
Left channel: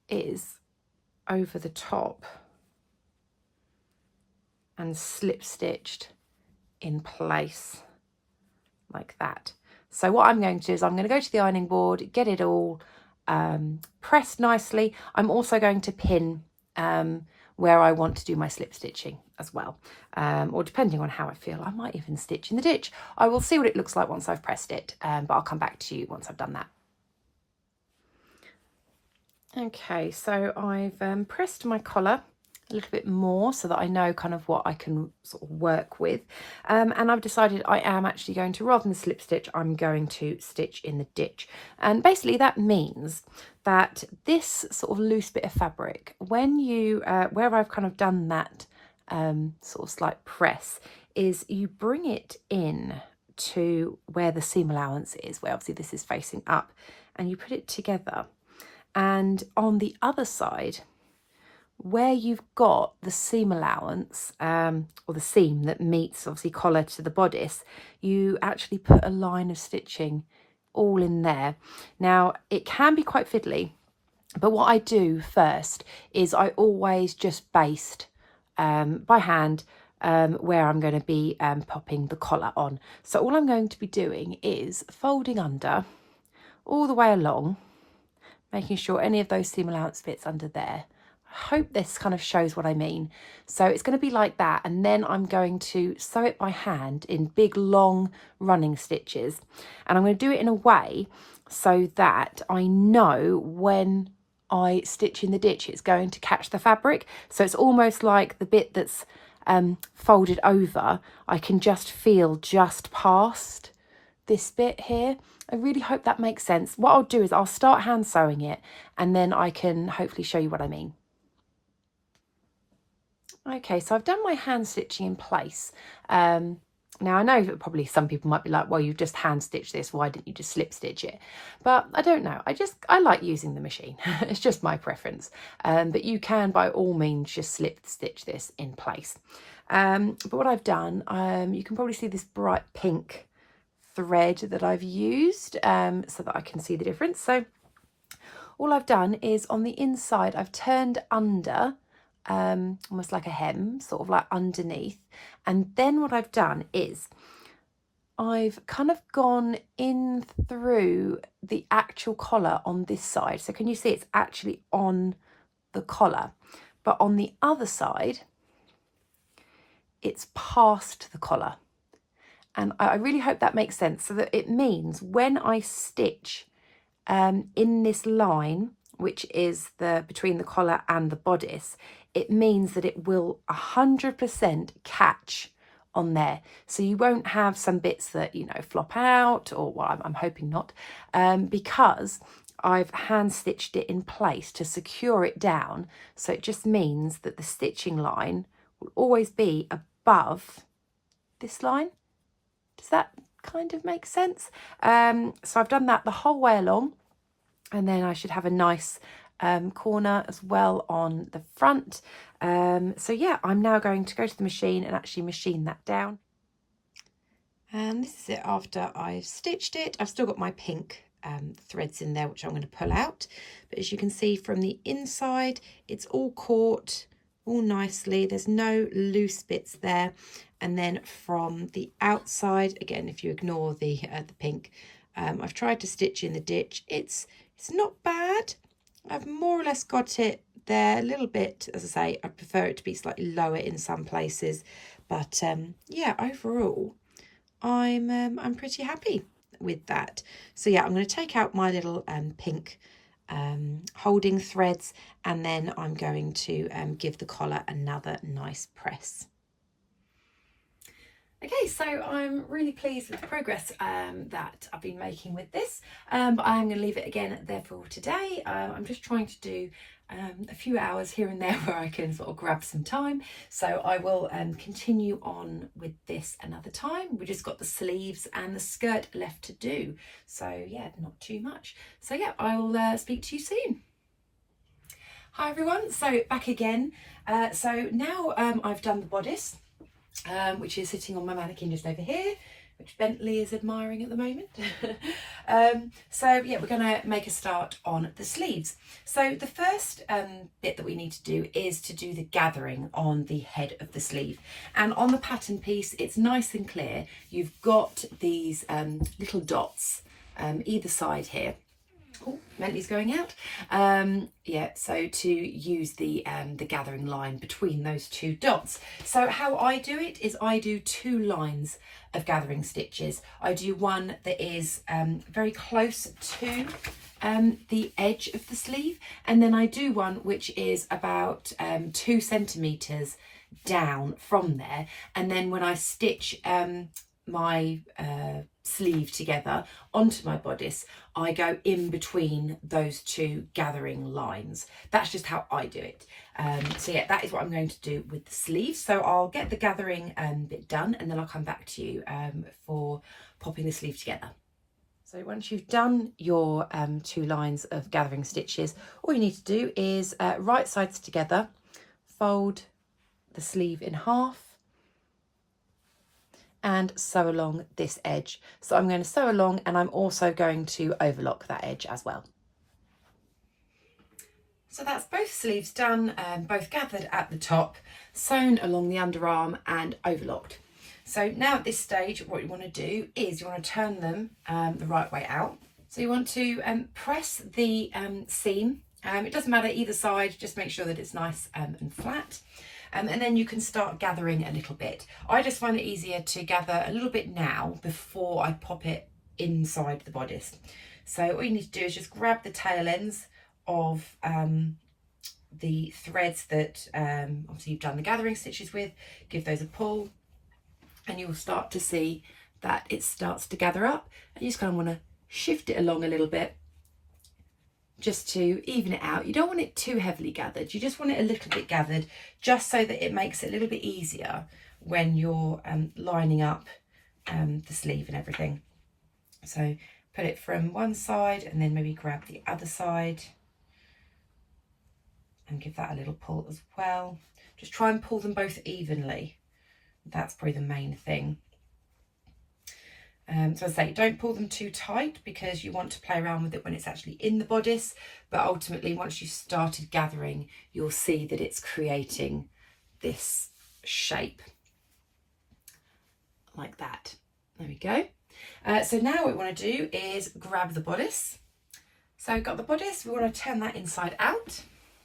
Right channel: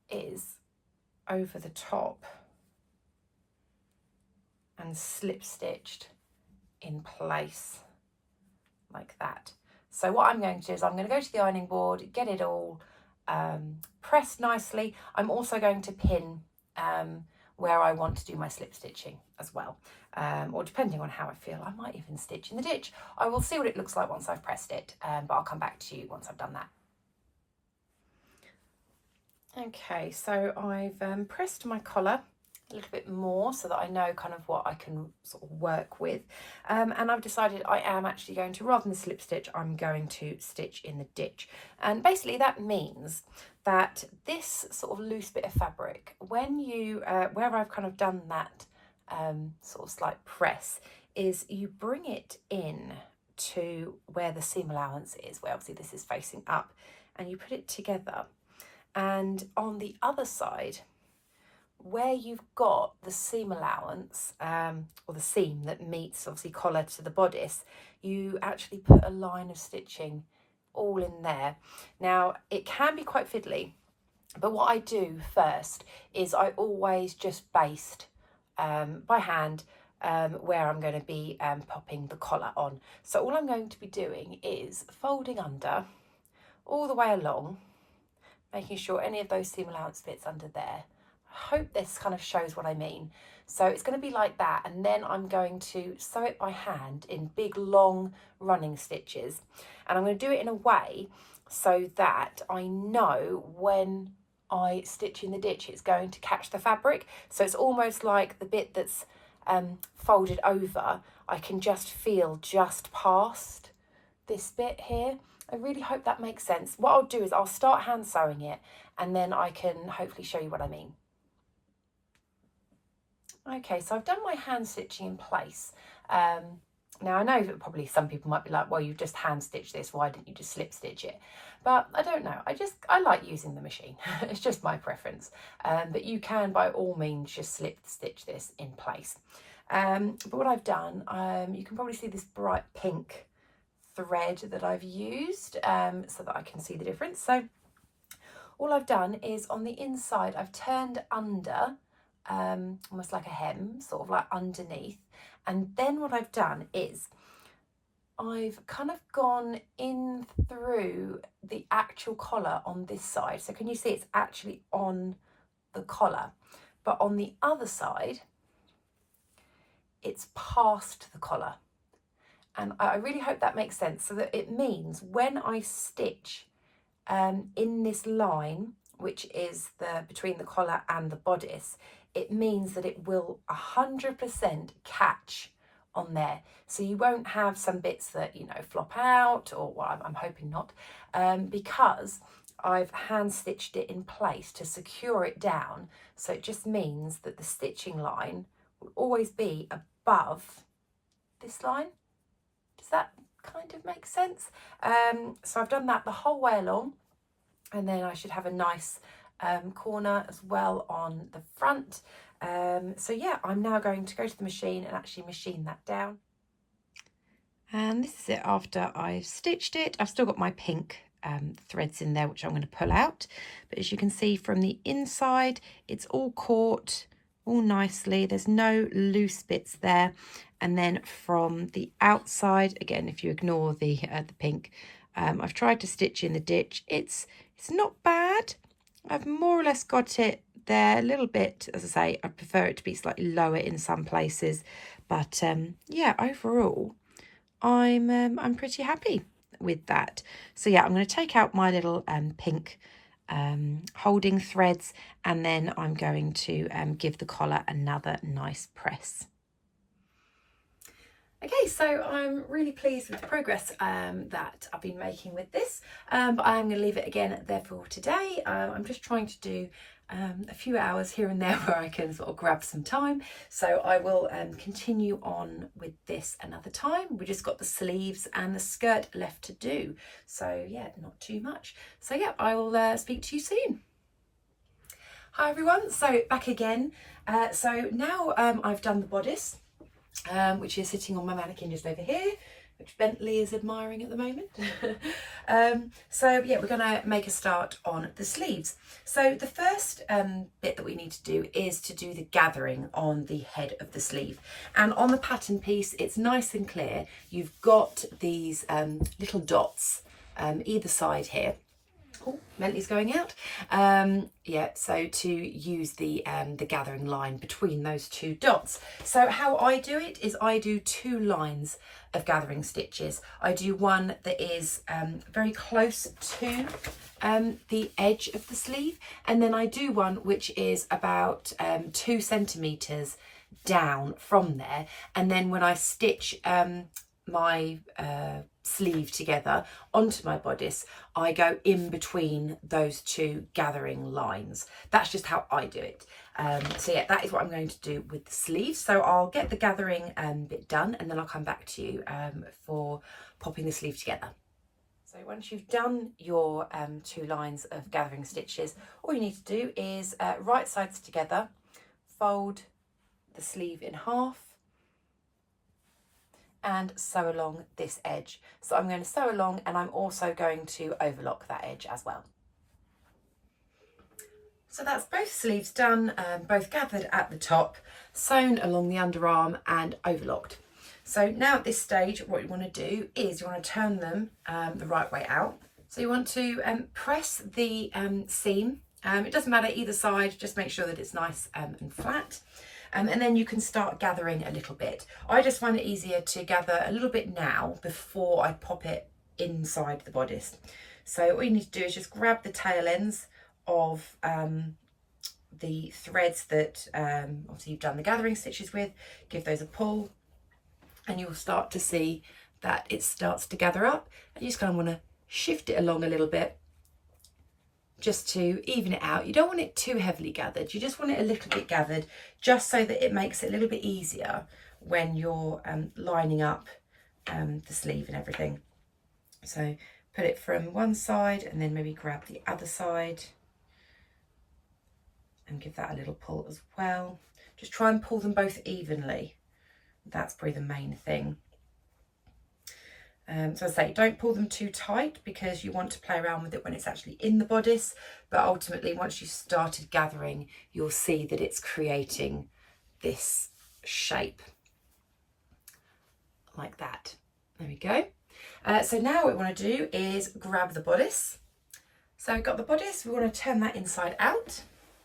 is over the top and slip stitched in place like that. So what I'm going to do is I'm going to go to the ironing board, get it all pressed nicely. I'm also going to pin where I want to do my slip stitching as well, or depending on how I feel, I might even stitch in the ditch. I will see what it looks like once I've pressed it, but I'll come back to you once I've done that. Okay, so I've pressed my collar a little bit more so that I know kind of what I can sort of work with, and I've decided I am actually going to, rather than slip stitch, I'm going to stitch in the ditch. And basically that means that this sort of loose bit of fabric, when you where I've kind of done that sort of slight press, is you bring it in to where the seam allowance is, where obviously this is facing up, and you put it together, and on the other side where you've got the seam allowance or the seam that meets obviously collar to the bodice, you actually put a line of stitching all in there. Now it can be quite fiddly, but what I do first is I always just baste by hand where I'm going to be popping the collar on. So all I'm going to be doing is folding under all the way along, making sure any of those seam allowance fits under there. I hope this kind of shows what I mean. So it's going to be like that, and then I'm going to sew it by hand in big long running stitches, and I'm going to do it in a way so that I know when I stitch in the ditch it's going to catch the fabric. So it's almost like the bit that's folded over, I can just feel just past this bit here. I really hope that makes sense. What I'll do is I'll start hand sewing it, and then I can hopefully show you what I mean. Okay, so I've done my hand stitching in place. Now I know that probably some people might be like, well, you've just hand stitched this, why didn't you just slip stitch it? But I don't know, I like using the machine. It's just my preference, but you can by all means just slip stitch this in place. But what I've done, you can probably see this bright pink thread that I've used so that I can see the difference. So all I've done is on the inside I've turned under almost like a hem, sort of like underneath, and then what I've done is I've kind of gone in through the actual collar on this side. So can you see it's actually on the collar, but on the other side it's past the collar. And I really hope that makes sense, so that it means when I stitch in this line, which is the between the collar and the bodice, it means that it will 100% catch on there. So you won't have some bits that, you know, flop out, or well, I'm hoping not, because I've hand stitched it in place to secure it down. So it just means that the stitching line will always be above this line. Does that kind of make sense? So I've done that the whole way along, and then I should have a nice corner as well on the front. So yeah, I'm now going to go to the machine and actually machine that down. And this is it after I've stitched it. I've still got my pink threads in there, which I'm going to pull out. But as you can see from the inside, it's all caught all nicely. There's no loose bits there. And then from the outside, again, if you ignore the pink, I've tried to stitch in the ditch. It's not bad. I've more or less got it there a little bit. As I say, I prefer it to be slightly lower in some places. But yeah, overall, I'm pretty happy with that. So yeah, I'm going to take out my little pink holding threads, and then I'm going to give the collar another nice press. Okay, so I'm really pleased with the progress that I've been making with this, but I'm going to leave it again there for today. I'm just trying to do a few hours here and there where I can sort of grab some time, so I will continue on with this another time. We just got the sleeves and the skirt left to do, so yeah, not too much. So yeah, I will speak to you soon. Hi everyone, so back again. So now I've done the bodice, which is sitting on my mannequin just over here, which Bentley is admiring at the moment. So yeah, we're going to make a start on the sleeves. So the first bit that we need to do is to do the gathering on the head of the sleeve. And on the pattern piece, it's nice and clear. You've got these little dots either side here. Oh, Bentley's going out. Yeah, so to use the gathering line between those two dots. So how I do it is I do 2 lines of gathering stitches. I do one that is very close to the edge of the sleeve, and then I do one which is about 2 centimeters down from there, and then when I stitch my sleeve together onto my bodice, I go in between those 2 gathering lines. That's just how I do it. So yeah, that is what I'm going to do with the sleeves. So I'll get the gathering bit done, and then I'll come back to you for popping the sleeve together. So once you've done your 2 lines of gathering stitches, all you need to do is right sides together, fold the sleeve in half, and sew along this edge. So I'm going to sew along, and I'm also going to overlock that edge as well. So that's both sleeves done, both gathered at the top, sewn along the underarm and overlocked. So now at this stage, what you want to do is you want to turn them the right way out. So you want to press the seam. It doesn't matter either side, just make sure that it's nice and flat. And then you can start gathering a little bit. I just find it easier to gather a little bit now before I pop it inside the bodice. So all you need to do is just grab the tail ends of the threads that obviously you've done the gathering stitches with, give those a pull, and you'll start to see that it starts to gather up, and you just kind of want to shift it along a little bit just to even it out. You don't want it too heavily gathered, you just want it a little bit gathered, just so that it makes it a little bit easier when you're lining up the sleeve and everything. So put it from one side and then maybe grab the other side and give that a little pull as well. Just try and pull them both evenly. That's probably the main thing. So as I say, don't pull them too tight because you want to play around with it when it's actually in the bodice, but ultimately once you've started gathering, you'll see that it's creating this shape like that. There we go. So now what we want to do is grab the bodice. So we've got the bodice, we want to turn that inside out.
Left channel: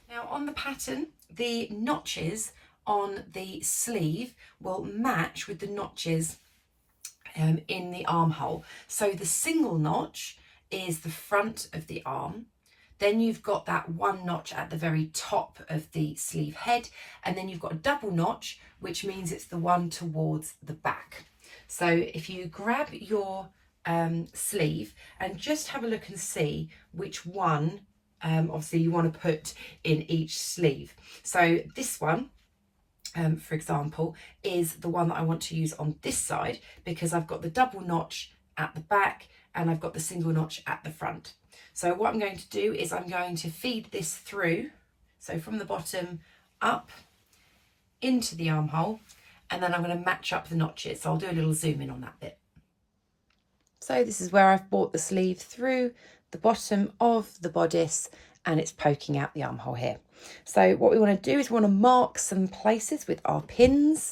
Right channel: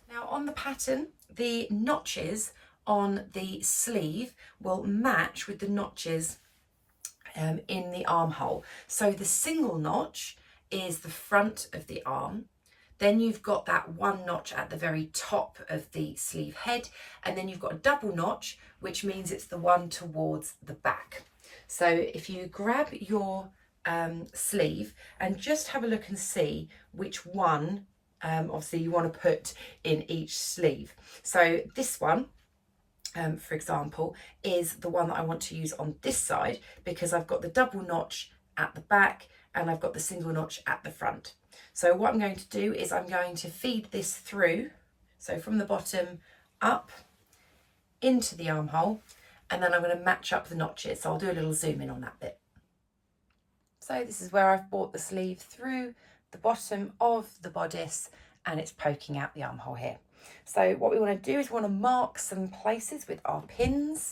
Now on the pattern, the notches on the sleeve will match with the notches in the armhole. So the single notch is the front of the arm, then you've got that one notch at the very top of the sleeve head, and then you've got a double notch, which means it's the one towards the back. So if you grab your sleeve and just have a look and see which one obviously you want to put in each sleeve. So this one for example, is the one that I want to use on this side, because I've got the double notch at the back and I've got the single notch at the front. So what I'm going to do is I'm going to feed this through, so from the bottom up into the armhole, and then I'm going to match up the notches. So I'll do a little zoom in on that bit. So this is where I've brought the sleeve through the bottom of the bodice and it's poking out the armhole here. So what we want to do is we want to mark some places with our pins.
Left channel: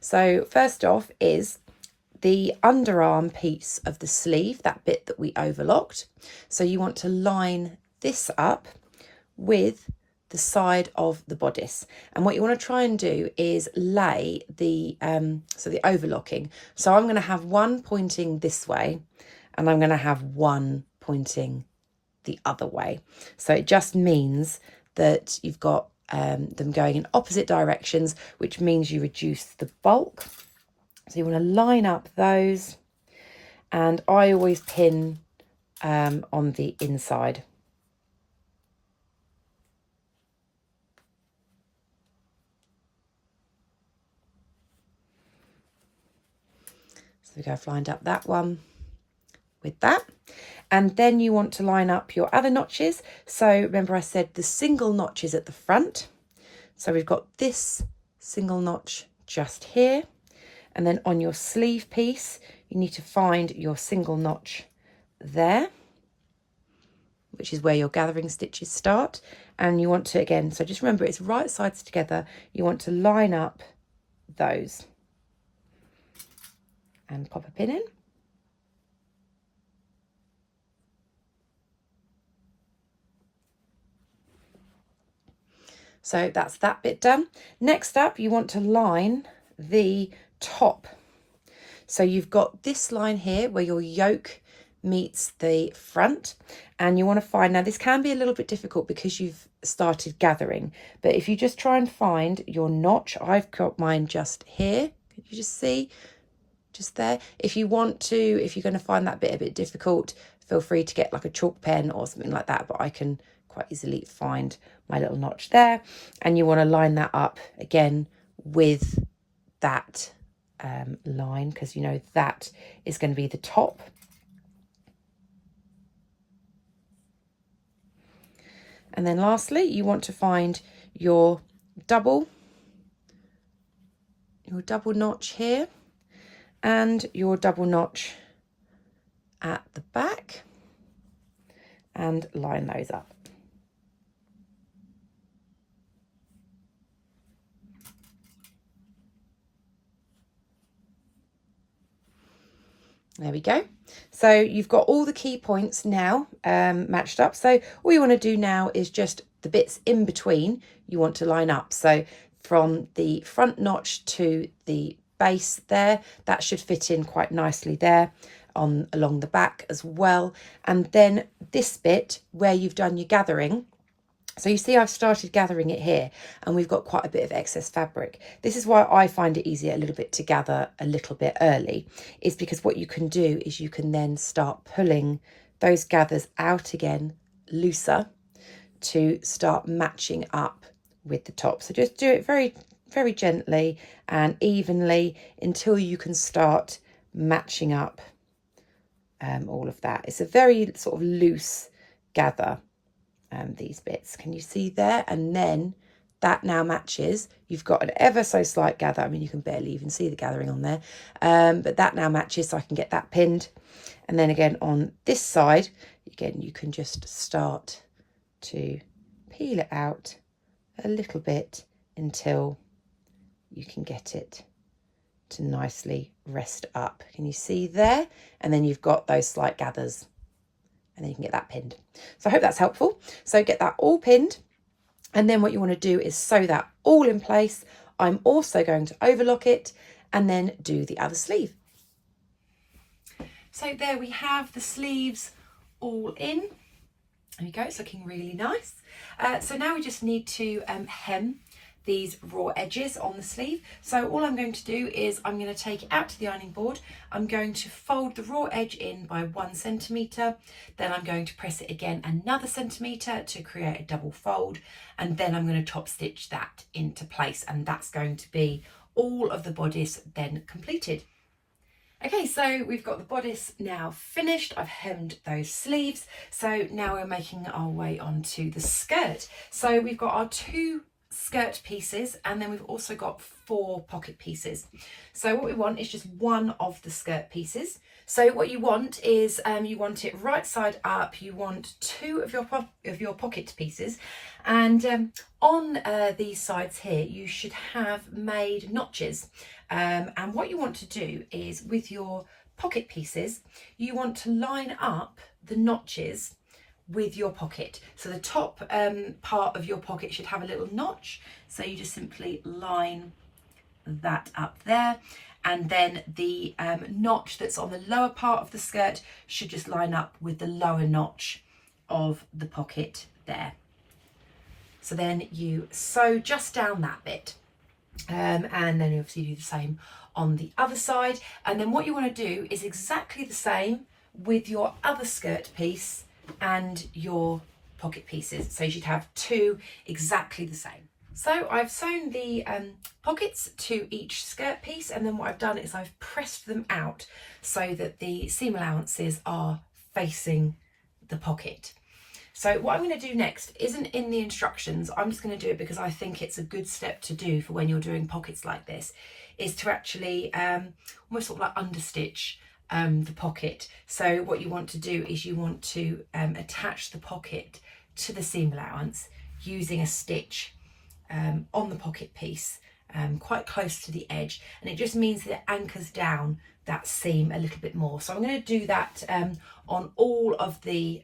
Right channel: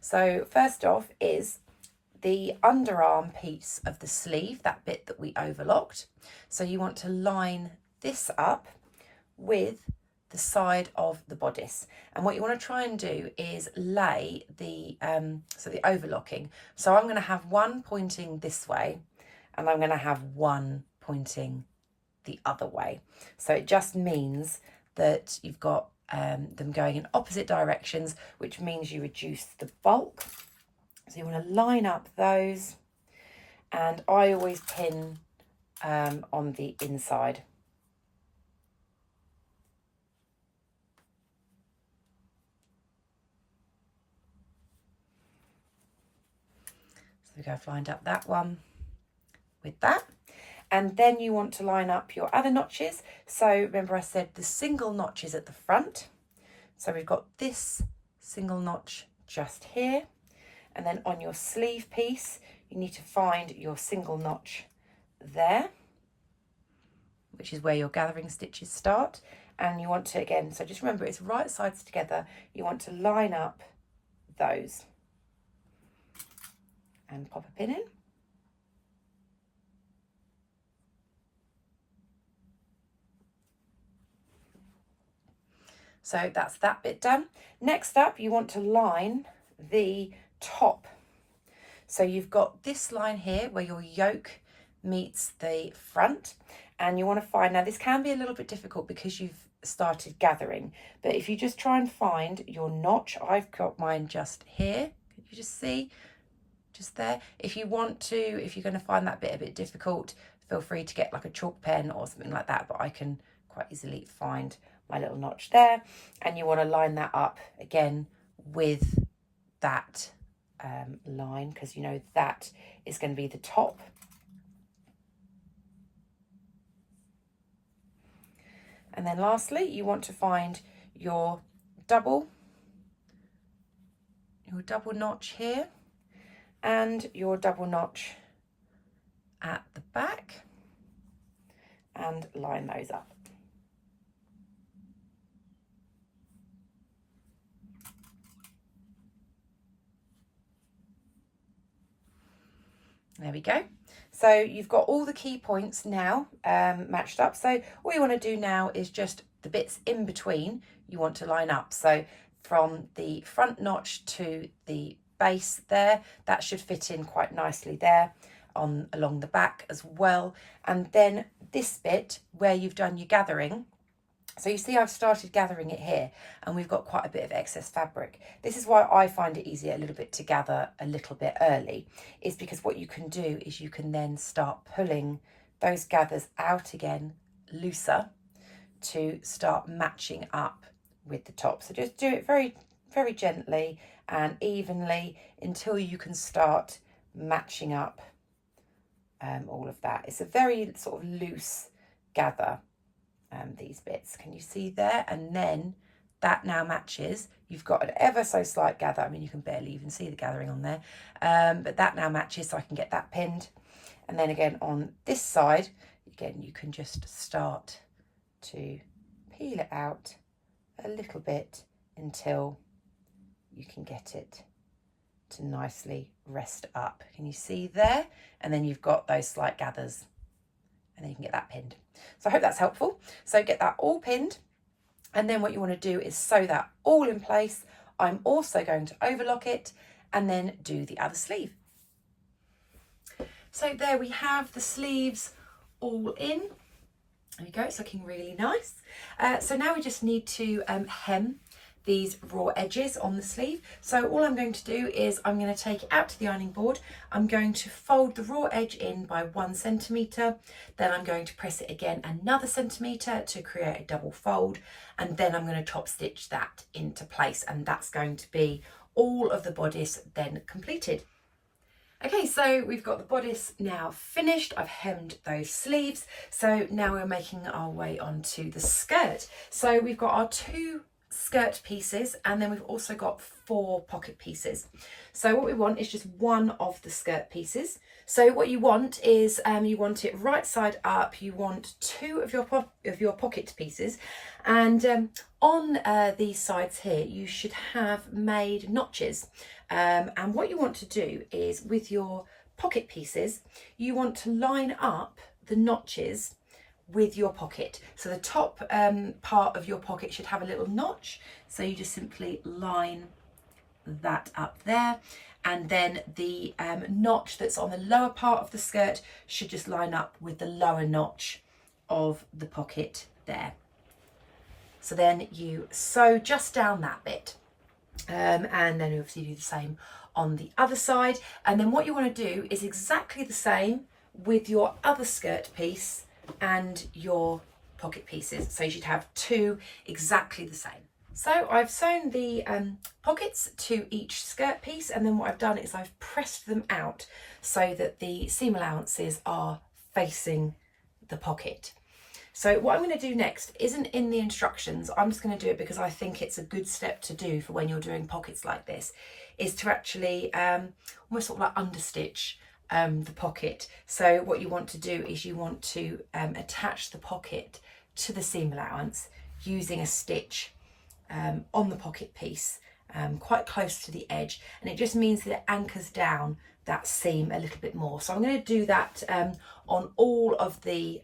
So first off is the underarm piece of the sleeve, that bit that we overlocked. So you want to line this up with the side of the bodice, and what you want to try and do is lay the the overlocking. So I'm going to have one pointing this way and I'm going to have one pointing the other way. So it just means that you've got them going in opposite directions, which means you reduce the bulk. So you want to line up those, and I always pin on the inside. So I've lined up that one with that. And then you want to line up your other notches. So remember I said the single notches at the front. So we've got this single notch just here. And then on your sleeve piece, you need to find your single notch there, which is where your gathering stitches start. And you want to, again, so just remember it's right sides together. You want to line up those and pop a pin in. So that's that bit done. Next up, you want to line the top. So you've got this line here where your yoke meets the front, and you want to find, now this can be a little bit difficult because you've started gathering, but if you just try and find your notch, I've got mine just here. Can you just see? Just there. If you want to, if you're going to find that bit a bit difficult, feel free to get like a chalk pen or something like that, but I can quite easily find my little notch there. And you want to line that up again with that line, because you know that is going to be the top. And then lastly, you want to find your double notch here and your double notch at the back, and line those up. There we go. So you've got all the key points now matched up. So all you want to do now is just the bits in between you want to line up. So from the front notch to the base there, that should fit in quite nicely there along the back as well. And then this bit where you've done your gathering, so you see I've started gathering it here and we've got quite a bit of excess fabric. This is why I find it easier a little bit to gather a little bit early, is because what you can do is you can then start pulling those gathers out again looser to start matching up with the top. So just do it very, very gently and evenly until you can start matching up all of that. It's a very sort of loose gather. These bits, can you see there? And then that now matches. You've got an ever so slight gather. I mean, you can barely even see the gathering on there, but that now matches, so I can get that pinned. And then again on this side, again you can just start to peel it out a little bit until you can get it to nicely rest up. Can you see there? And then you've got those slight gathers, and then you can get that pinned. So I hope that's helpful. So get that all pinned, and then what you want to do is sew that all in place. I'm also going to overlock it and then do the other sleeve. So there we have the sleeves all in. There we go, it's looking really nice. So now we just need to hem these raw edges on the sleeve. So all I'm going to do is I'm going to take it out to the ironing board. I'm going to fold the raw edge in by 1 centimetre, then I'm going to press it again another centimetre to create a double fold, and then I'm going to top stitch that into place, and that's going to be all of the bodice then completed. Okay, so we've got the bodice now finished. I've hemmed those sleeves. So now we're making our way onto the skirt. So we've got our 2 skirt pieces, and then we've also got 4 pocket pieces. So what we want is just one of the skirt pieces. So what you want is you want it right side up. You want 2 of your pocket pieces, and on these sides here you should have made notches. And what you want to do is, with your pocket pieces, you want to line up the notches with your pocket. So the top part of your pocket should have a little notch, so you just simply line that up there, and then the notch that's on the lower part of the skirt should just line up with the lower notch of the pocket there. So then you sew just down that bit. And then obviously do the same on the other side, and then what you want to do is exactly the same with your other skirt piece and your pocket pieces. So you should have 2 exactly the same. So I've sewn the pockets to each skirt piece, and then what I've done is I've pressed them out so that the seam allowances are facing the pocket. So what I'm going to do next isn't in the instructions. I'm just going to do it because I think it's a good step to do for when you're doing pockets like this, is to actually almost sort of like understitch the pocket. So what you want to do is you want to attach the pocket to the seam allowance using a stitch on the pocket piece quite close to the edge, and it just means that it anchors down that seam a little bit more. So I'm going to do that on all of the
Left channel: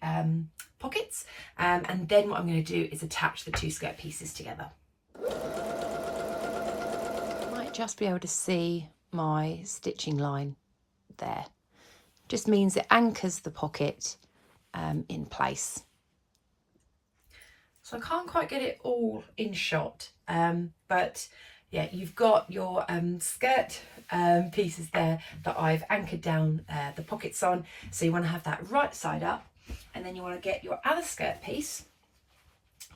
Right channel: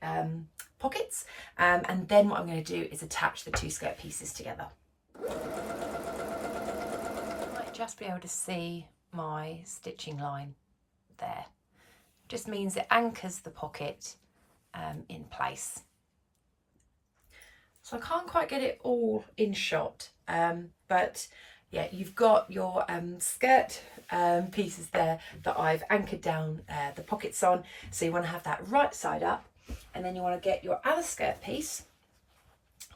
pockets, and then what I'm going to do is attach the 2 skirt pieces together. You might just be able to see my stitching line there. Just means it anchors the pocket in place. So I can't quite get it all in shot, but yeah, you've got your skirt pieces there that I've anchored down the pockets on. So you want to have that right side up, and then you want to get your other skirt piece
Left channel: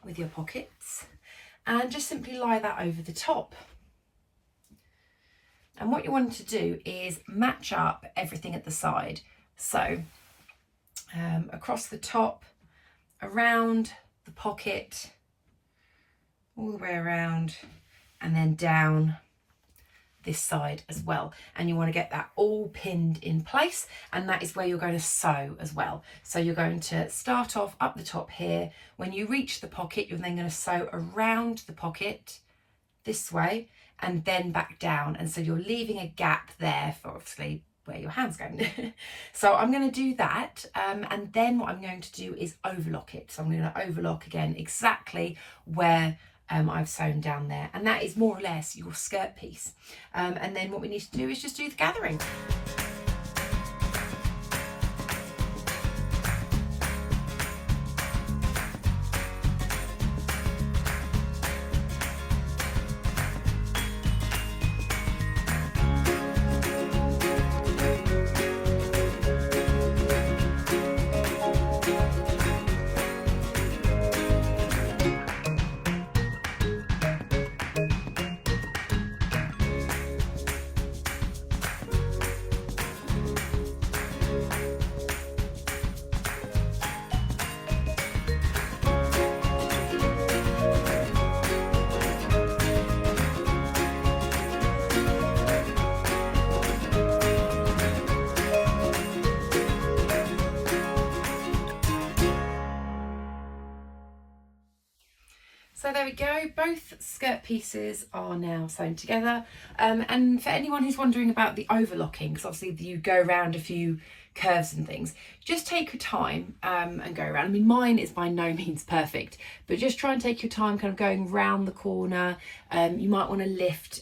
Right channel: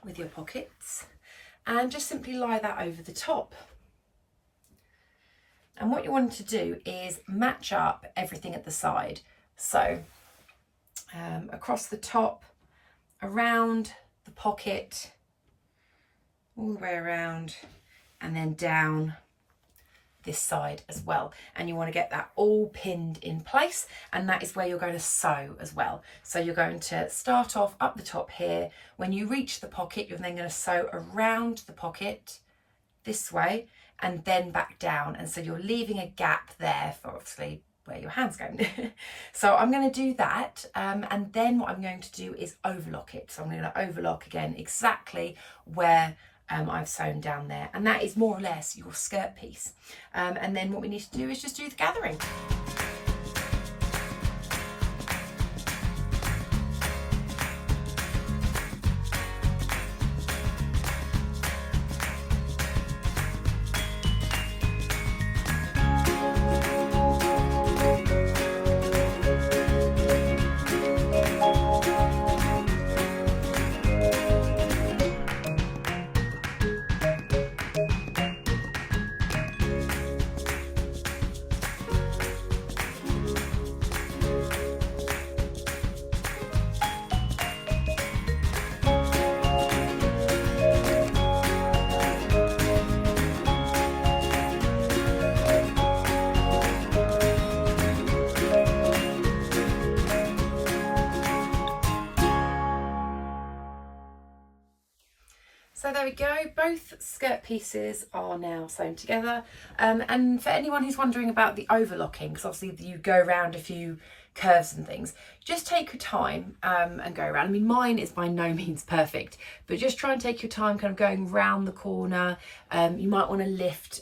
with your pockets and just simply lie that over the top. And what you want to do is match up everything at the side. So across the top, around the pocket, all the way around, and then down this side as well. And you want to get that all pinned in place, and that is where you're going to sew as well. So you're going to start off up the top here. When you reach the pocket, you're then going to sew around the pocket this way and then back down, and so you're leaving a gap there for obviously where your hand's going. So I'm going to do that, and then what I'm going to do is overlock it. So I'm going to overlock again exactly where I've sewn down there, and that is more or less your skirt piece. And then what we need to do is just do the gathering. So there we go, both skirt pieces are now sewn together. And for anyone who's wondering about the overlocking, because obviously you go around a few curves and things, just take your time and go around. I mean, mine is by no means perfect, but just try and take your time kind of going round the corner. You might want to lift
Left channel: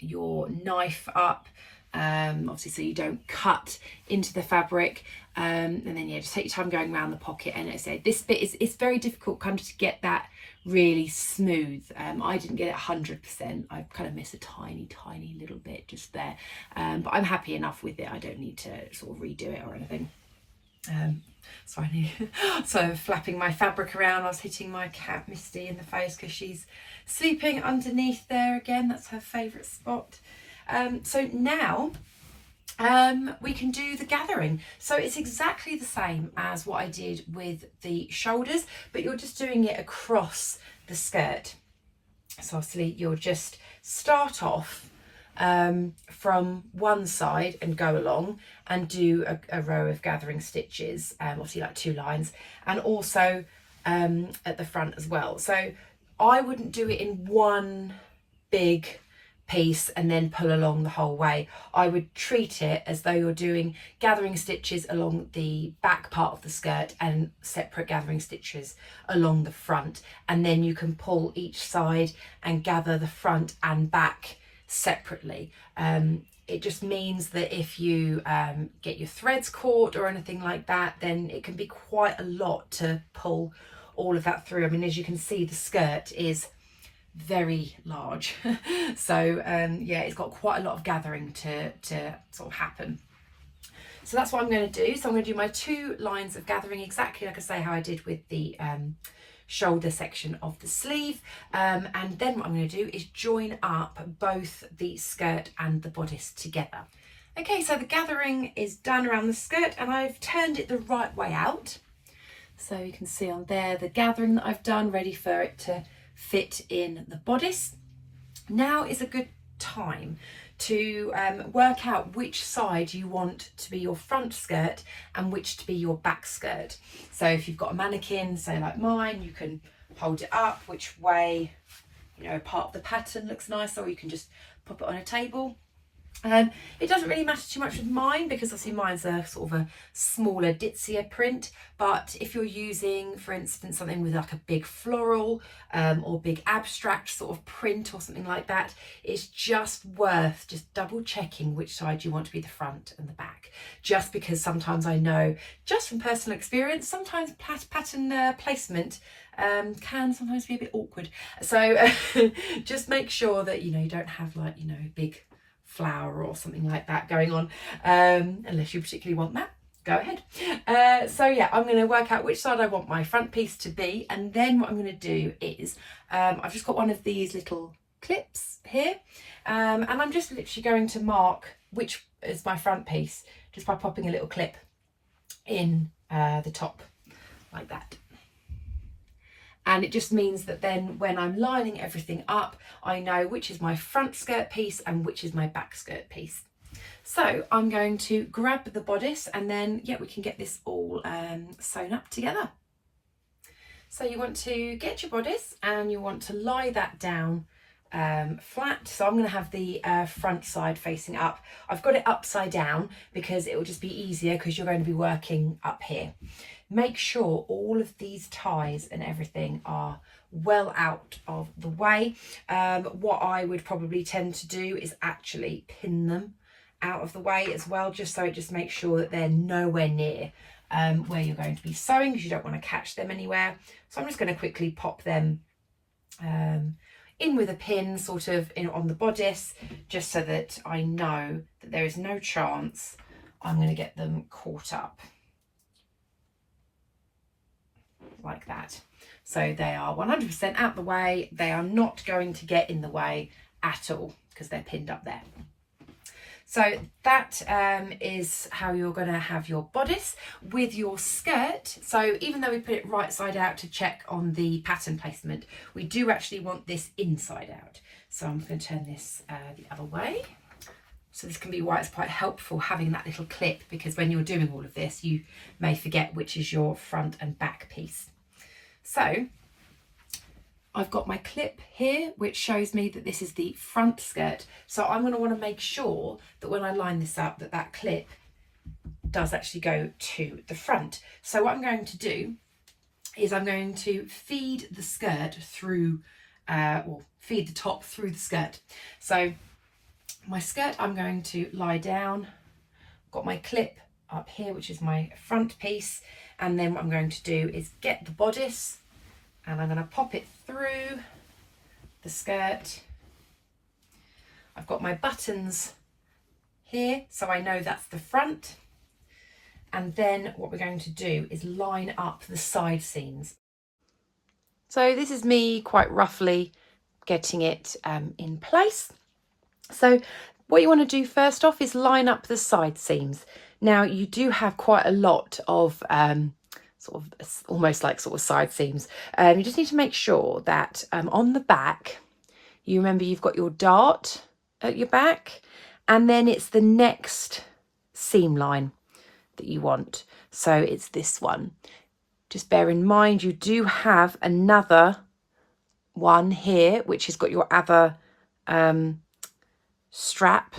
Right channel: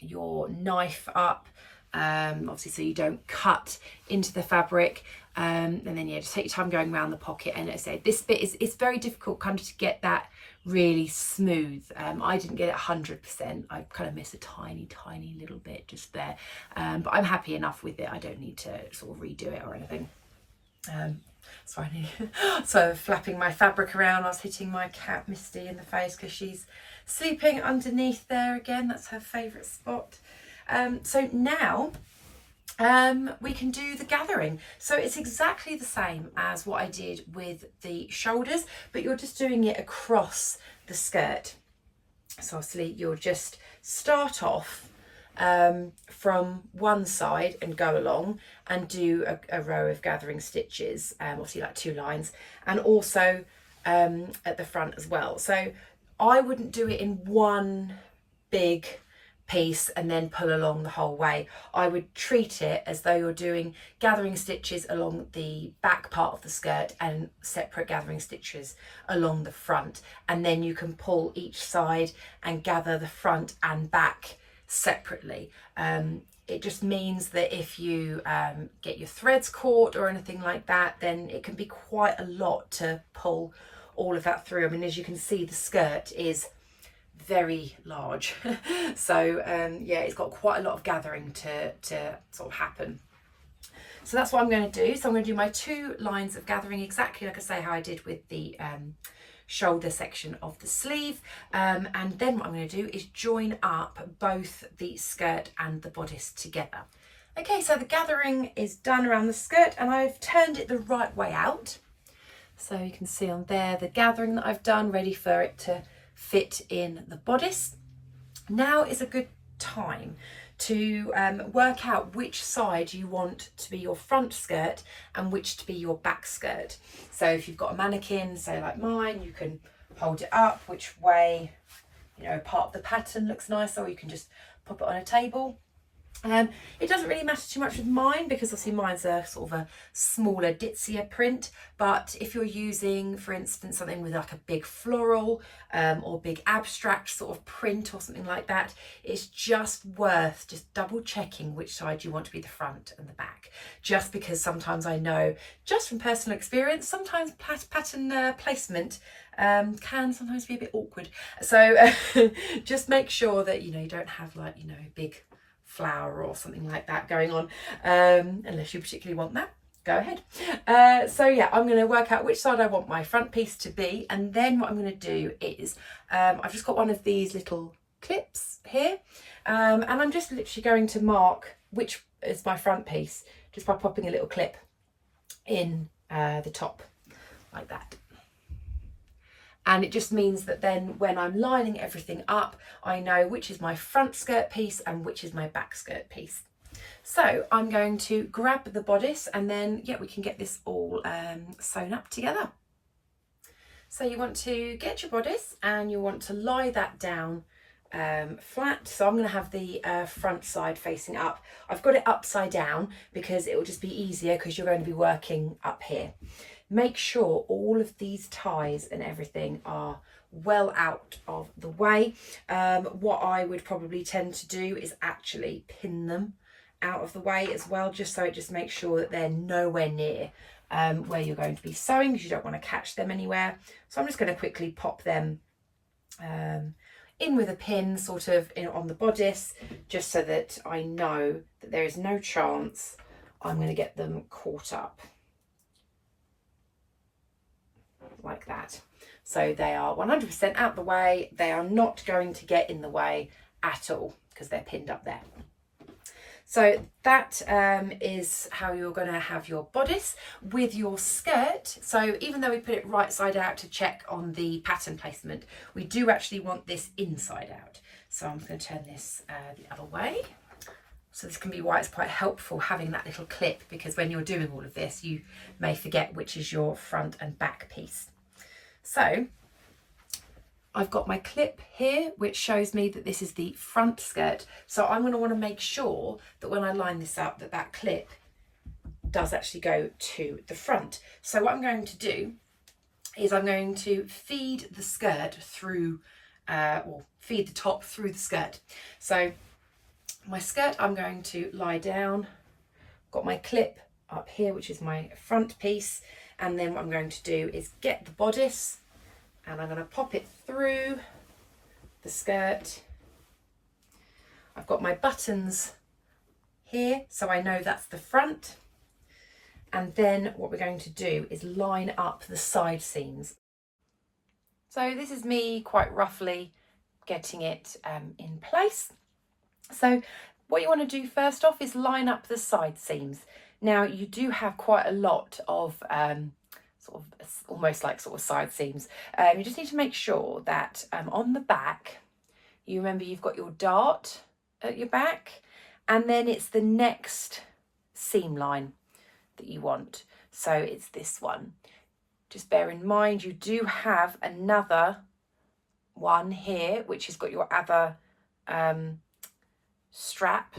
your knife up obviously so you don't cut into the fabric, and then just take your time going around the pocket. And as I say, this bit it's very difficult kind of to get that really smooth. I didn't get it 100%. I kind of miss a tiny little bit just there, but I'm happy enough with it. I don't need to sort of redo it or anything. So flapping my fabric around, I was hitting my cat Misty in the face because she's sleeping underneath there again. That's her favourite spot. So now we can do the gathering. So it's exactly the same as what I did with the shoulders, but you're just doing it across the skirt. So obviously you'll just start off from one side and go along and do a row of gathering stitches, obviously like 2 lines, and also at the front as well. So I wouldn't do it in one big piece and then pull along the whole way. I would treat it as though you're doing gathering stitches along the back part of the skirt and separate gathering stitches along the front, and then you can pull each side and gather the front and back separately. It just means that if you get your threads caught or anything like that, then it can be quite a lot to pull all of that through. I mean, as you can see, the skirt is very large. So yeah, it's got quite a lot of gathering to sort of happen. So that's what I'm going to do. So I'm going to do my 2 lines of gathering exactly like I say how I did with the shoulder section of the sleeve, and then what I'm going to do is join up both the skirt and the bodice together. Okay, so the gathering is done around the skirt and I've turned it the right way out. So you can see on there the gathering that I've done, ready for it to fit in the bodice. Now is a good time to work out which side you want to be your front skirt and which to be your back skirt. So if you've got a mannequin, say like mine, you can hold it up which way, you know, part of the pattern looks nice, or you can just pop it on a table. It doesn't really matter too much with mine because obviously mine's a sort of a smaller, ditzier print, but if you're using, for instance, something with like a big floral or big abstract sort of print or something like that, it's just worth just double checking which side you want to be the front and the back, just because sometimes I know, just from personal experience, sometimes pattern placement can sometimes be a bit awkward. So just make sure that, you know, you don't have like, you know, big flower or something like that going on, unless you particularly want that, go ahead. So yeah, I'm going to work out which side I want my front piece to be, and then what I'm going to do is I've just got one of these little clips here, and I'm just literally going to mark which is my front piece just by popping a little clip in the top like that. And it just means that then when I'm lining everything up, I know which is my front skirt piece and which is my back skirt piece. So I'm going to grab the bodice and then, yeah, we can get this all sewn up together. So you want to get your bodice and you want to lie that down flat. So I'm going to have the front side facing up. I've got it upside down because it will just be easier because you're going to be working up here. Make sure all of these ties and everything are well out of the way. What I would probably tend to do is actually pin them out of the way as well, just so it just makes sure that they're nowhere near where you're going to be sewing, because you don't want to catch them anywhere. So I'm just going to quickly pop them in with a pin sort of on the bodice, just so that I know that there is no chance I'm going to get them caught up. Like that. So they are 100% out the way. They are not going to get in the way at all because they're pinned up there. So that is how you're going to have your bodice. With your skirt, so even though we put it right side out to check on the pattern placement, we do actually want this inside out. So I'm going to turn this the other way. So this can be why it's quite helpful having that little clip, because when you're doing all of this, you may forget which is your front and back piece. So I've got my clip here, which shows me that this is the front skirt. So I'm going to want to make sure that when I line this up, that that clip does actually go to the front. So what I'm going to do is I'm going to feed the skirt through, or feed the top through the skirt. So My skirt, I'm going to lie down. Got my clip up here, which is my front piece. And then what I'm going to do is get the bodice and I'm going to pop it through the skirt. I've got my buttons here, so I know that's the front. And then what we're going to do is line up the side seams. So this is me quite roughly getting it in place. So what you want to do first off is line up the side seams. Now you do have quite a lot of sort of almost like sort of side seams. You just need to make sure that on the back, you remember you've got your dart at your back, and then it's the next seam line that you want. So it's this one. Just bear in mind you do have another one here which has got your other strap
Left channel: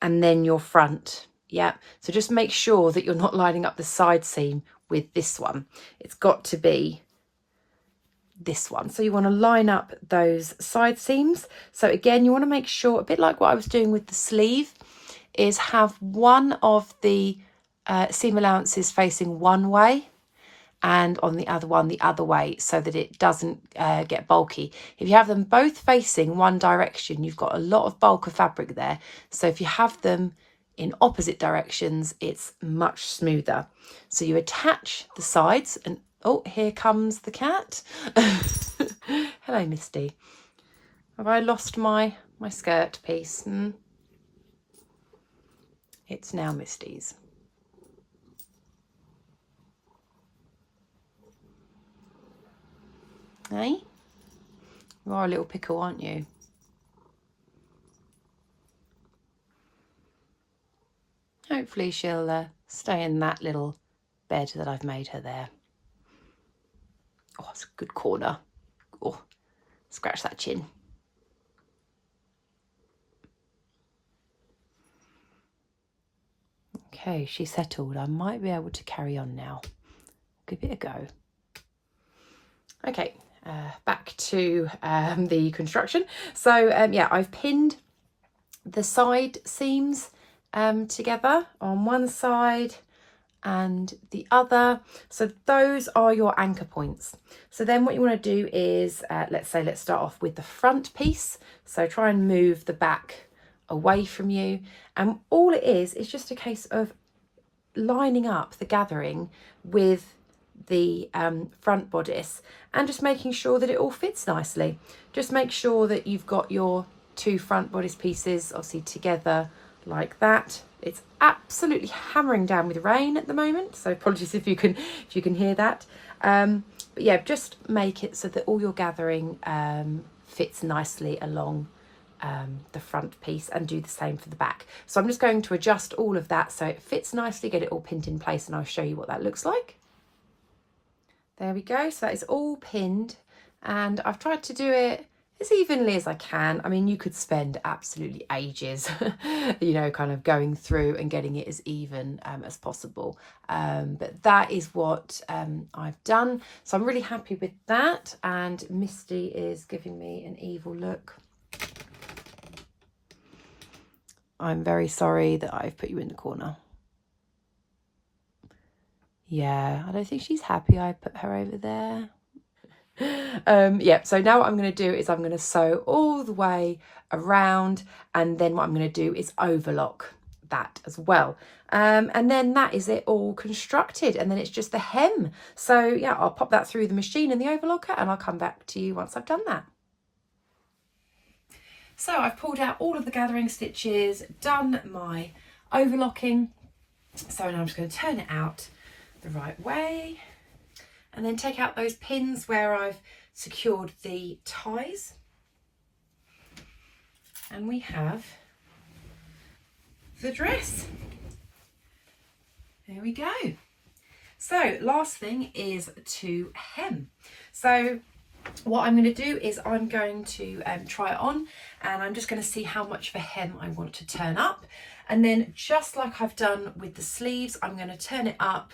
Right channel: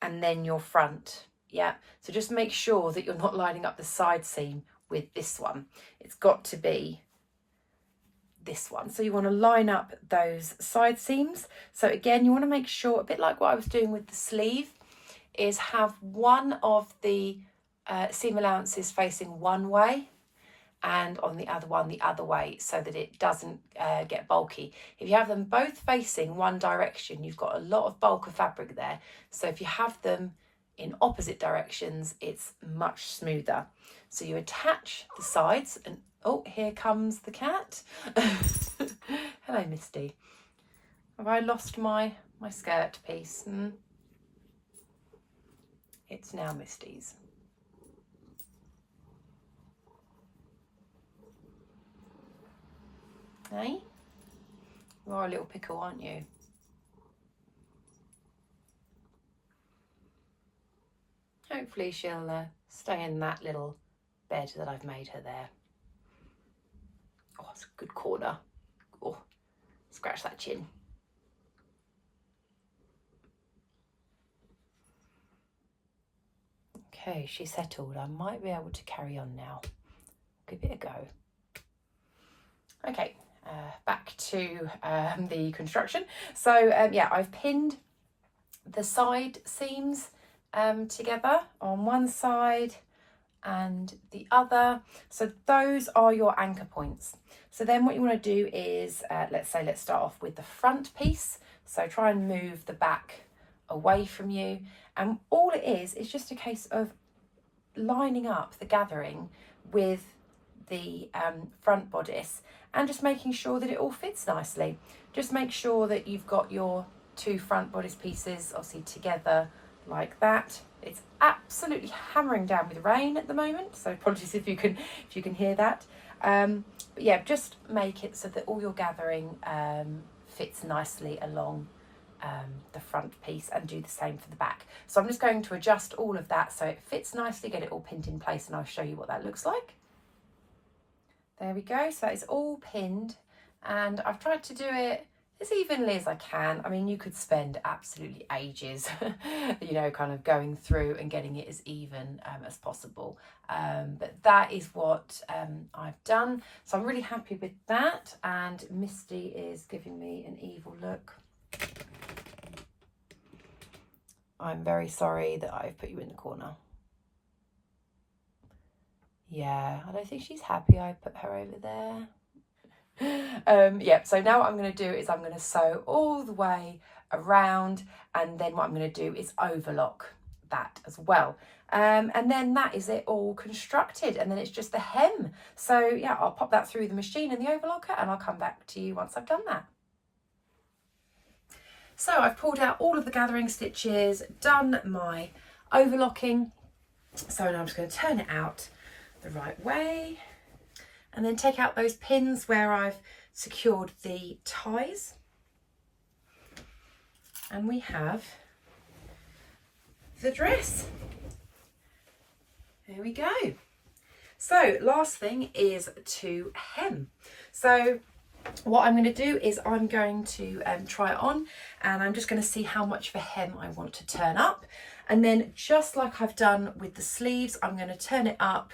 and then your front. Yeah, so just make sure that you're not lining up the side seam with this one. It's got to be this one. So you want to line up those side seams. So again, you want to make sure, a bit like what I was doing with the sleeve, is have one of the seam allowances facing one way and on the other one the other way, so that it doesn't get bulky. If you have them both facing one direction, you've got a lot of bulk of fabric there. So if you have them in opposite directions, it's much smoother. So you attach the sides and, oh, here comes the cat. Hello, Misty. Have I lost my skirt piece? It's now Misty's. Hey? You are a little pickle, aren't you? Hopefully she'll stay in that little bed that I've made her there. Oh, it's a good corner. Oh, scratch that chin. Okay, she's settled. I might be able to carry on now. Give it a go. Okay, back to the construction. So yeah, I've pinned the side seams together on one side and the other. So those are your anchor points. So then what you want to do is, let's start off with the front piece. So try and move the back away from you. And all it is just a case of lining up the gathering with the front bodice and just making sure that it all fits nicely. Just make sure that you've got your two front bodice pieces obviously together like that. It's absolutely hammering down with rain at the moment, so apologies if you can hear that. But yeah, just make it so that all your gathering fits nicely along the front piece, and do the same for the back. So I'm just going to adjust all of that so it fits nicely, get it all pinned in place, and I'll show you what that looks like. There we go. So that is all pinned, and I've tried to do it as evenly as I can. I mean, you could spend absolutely ages, you know, kind of going through and getting it as even as possible. But that is what I've done. So I'm really happy with that. And Misty is giving me an evil look. I'm very sorry that I've put you in the corner. Yeah, I don't think she's happy I put her over there. Yeah, so now what I'm going to do is I'm going to sew all the way around, and then what I'm going to do is overlock that as well. And then that is it all constructed, and then it's just the hem. So yeah, I'll pop that through the machine in the overlocker, and I'll come back to you once I've done that. So I've pulled out all of the gathering stitches, done my overlocking. So now I'm just going to turn it out the right way, and then take out those pins where I've secured the ties. And we have the dress. There we go. So last thing is to hem. So what I'm going to do is I'm going to try it on, and I'm just going to see how much of a hem I want to turn up. And then just like I've done with the sleeves, I'm going to turn it up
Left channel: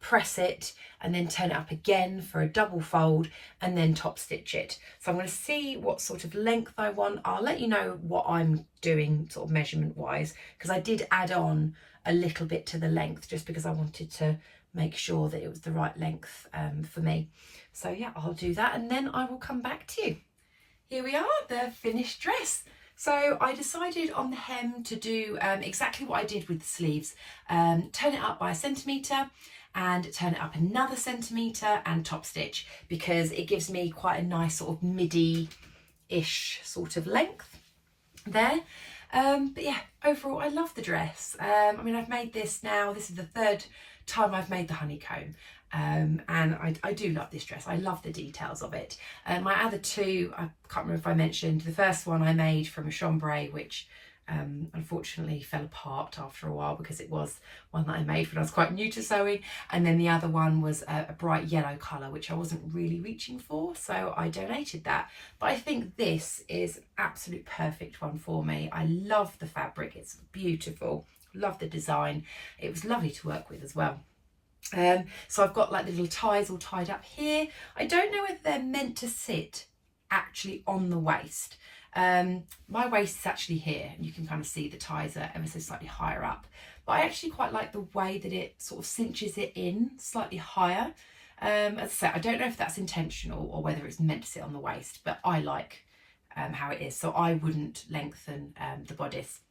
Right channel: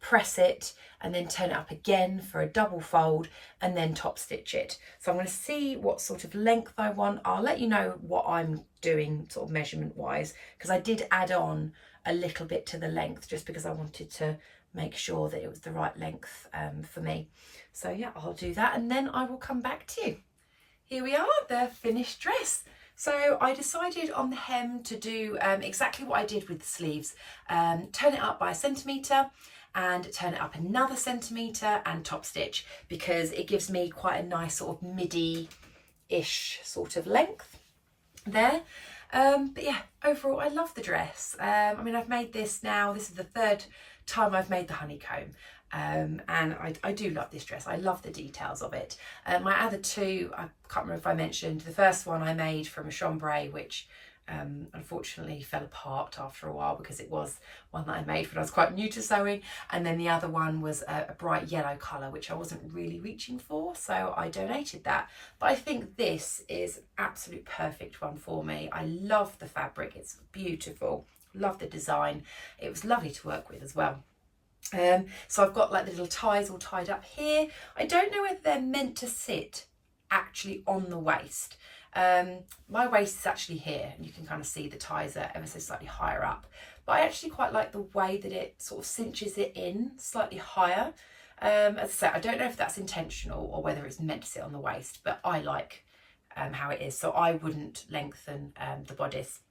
press it, and then turn it up again for a double fold, and then top stitch it. So I'm going to see what sort of length I want. I'll let you know what I'm doing sort of measurement wise, because I did add on a little bit to the length just because I wanted to make sure that it was the right length for me. So yeah, I'll do that and then I will come back to you. Here we are, the finished dress. So I decided on the hem to do exactly what I did with the sleeves. Turn it up by 1 centimetre and turn it up another centimetre and top stitch, because it gives me quite a nice sort of midi-ish sort of length there. But yeah, overall I love the dress. I mean, I've made this now, this is the 3rd time I've made the honeycomb. And I do love this dress. I love the details of it. My other two, I can't remember if I mentioned, the first one I made from a chambray, which unfortunately fell apart after a while because it was one that I made when I was quite new to sewing, and then the other one was a bright yellow colour, which I wasn't really reaching for, so I donated that. But I think this is absolute perfect one for me. I love the fabric, it's beautiful, love the design, it was lovely to work with as well. So I've got like the little ties all tied up here. I don't know whether they're meant to sit actually on the waist. My waist is actually here, and you can kind of see the ties are ever so slightly higher up, but I actually quite like the way that it sort of cinches it in slightly higher. As I say, I don't know if that's intentional or whether it's meant to sit on the waist, but I like how it is, so I wouldn't lengthen the bodice.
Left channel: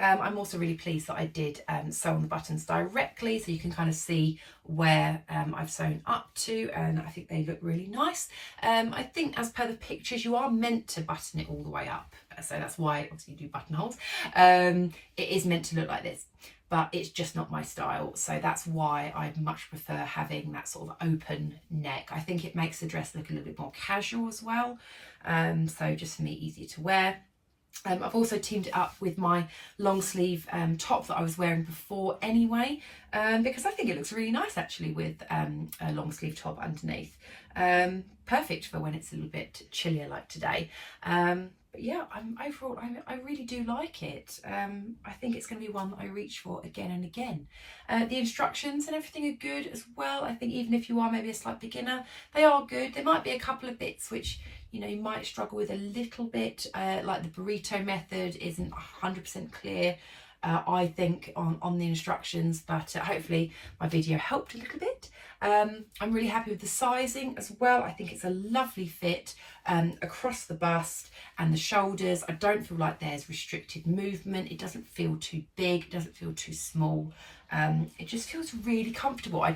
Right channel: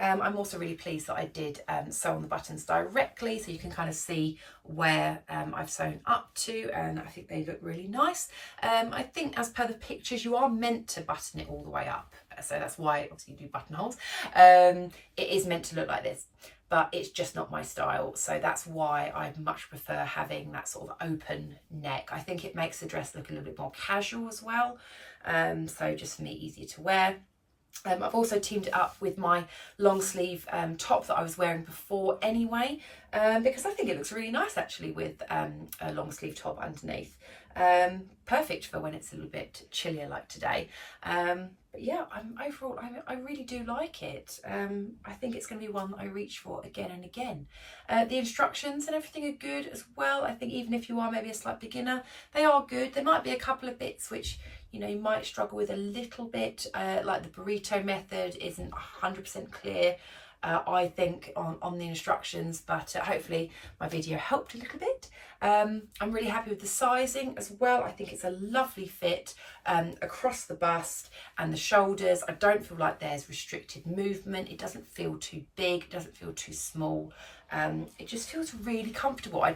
I'm also really pleased that I did sew on the buttons directly, so you can kind of see where I've sewn up to, and I think they look really nice. I think as per the pictures, you are meant to button it all the way up, so that's why obviously you do buttonholes. It is meant to look like this, but it's just not my style, so that's why I much prefer having that sort of open neck. I think it makes the dress look a little bit more casual as well, so just for me, easier to wear. I've also teamed it up with my long sleeve top that I was wearing before anyway, because I think it looks really nice actually with a long sleeve top underneath. Perfect for when it's a little bit chillier like today. But yeah, overall I really do like it. I think it's going to be one that I reach for again and again. The instructions and everything are good as well. I think even if you are maybe a slight beginner, they are good. There might be a couple of bits which, you know, you might struggle with a little bit, like the burrito method isn't 100% clear, I think, on the instructions, but hopefully my video helped a little bit. I'm really happy with the sizing as well. I think it's a lovely fit across the bust and the shoulders. I don't feel like there's restricted movement. It doesn't feel too big, it doesn't feel too small. It just feels really comfortable. I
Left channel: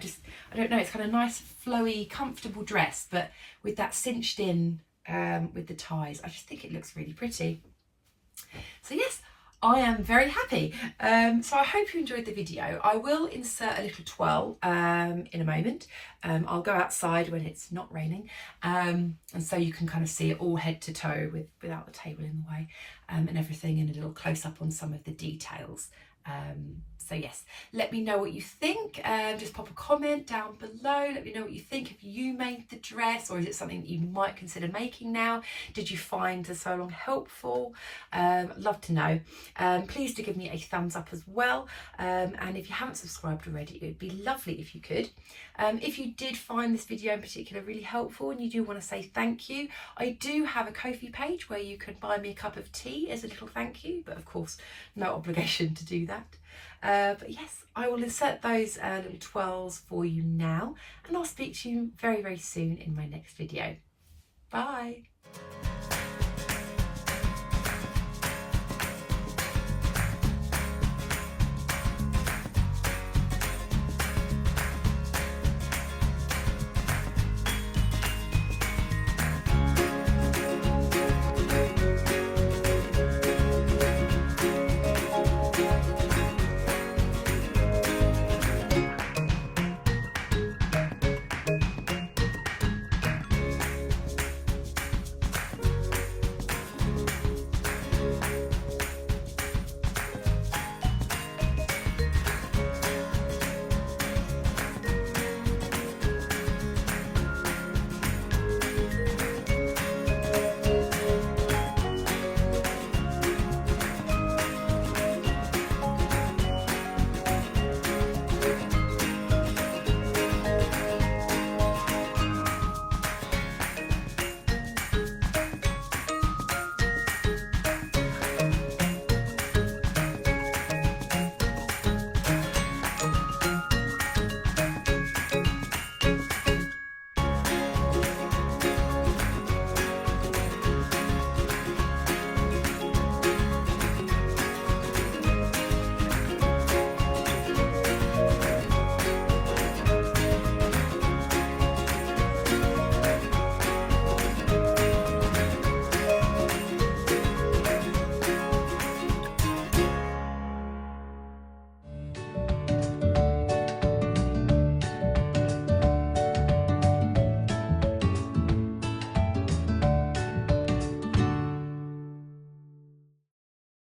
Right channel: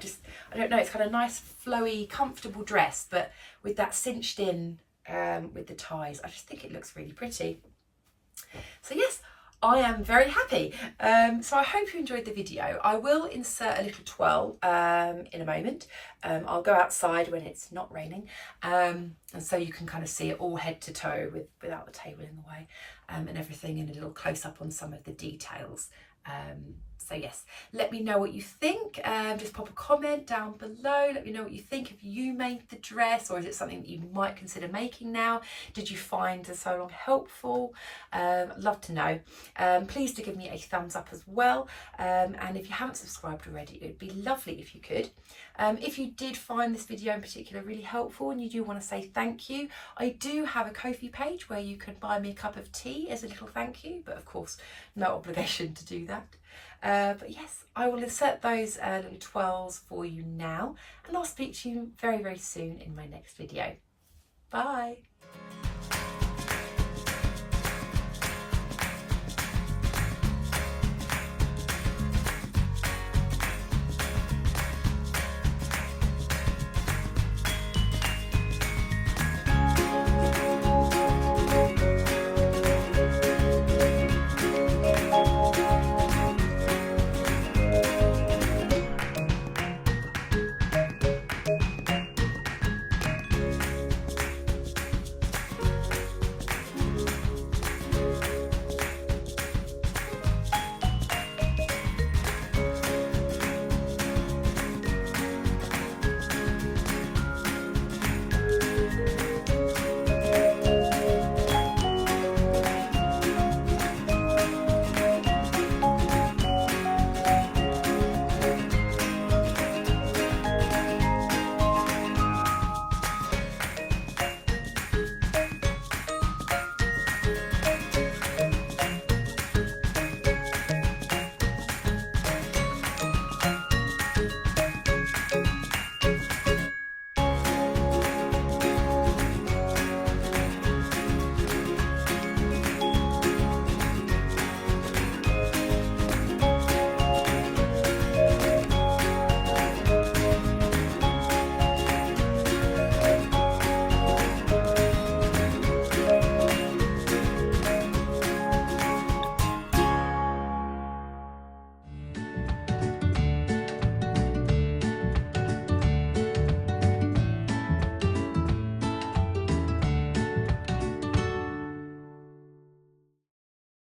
don't know, it's kind of nice, flowy, comfortable dress, but with that cinched in with the ties, I just think it looks really pretty. So yes, I am very happy. So I hope you enjoyed the video. I will insert a little twirl in a moment. I'll go outside when it's not raining, and so you can kind of see it all head to toe without the table in the way, and everything, and a little close up on some of the details. So yes, let me know what you think. Just pop a comment down below. Let me know what you think. If you made the dress, or is it something that you might consider making now? Did you find the sew along helpful? Love to know. Please do give me a thumbs up as well. And if you haven't subscribed already, it would be lovely if you could. If you did find this video in particular really helpful and you do want to say thank you, I do have a Ko-fi page where you can buy me a cup of tea as a little thank you, but of course no obligation to do that. But yes, I will insert those little twirls for you now, and I'll speak to you very, very soon in my next video. Bye.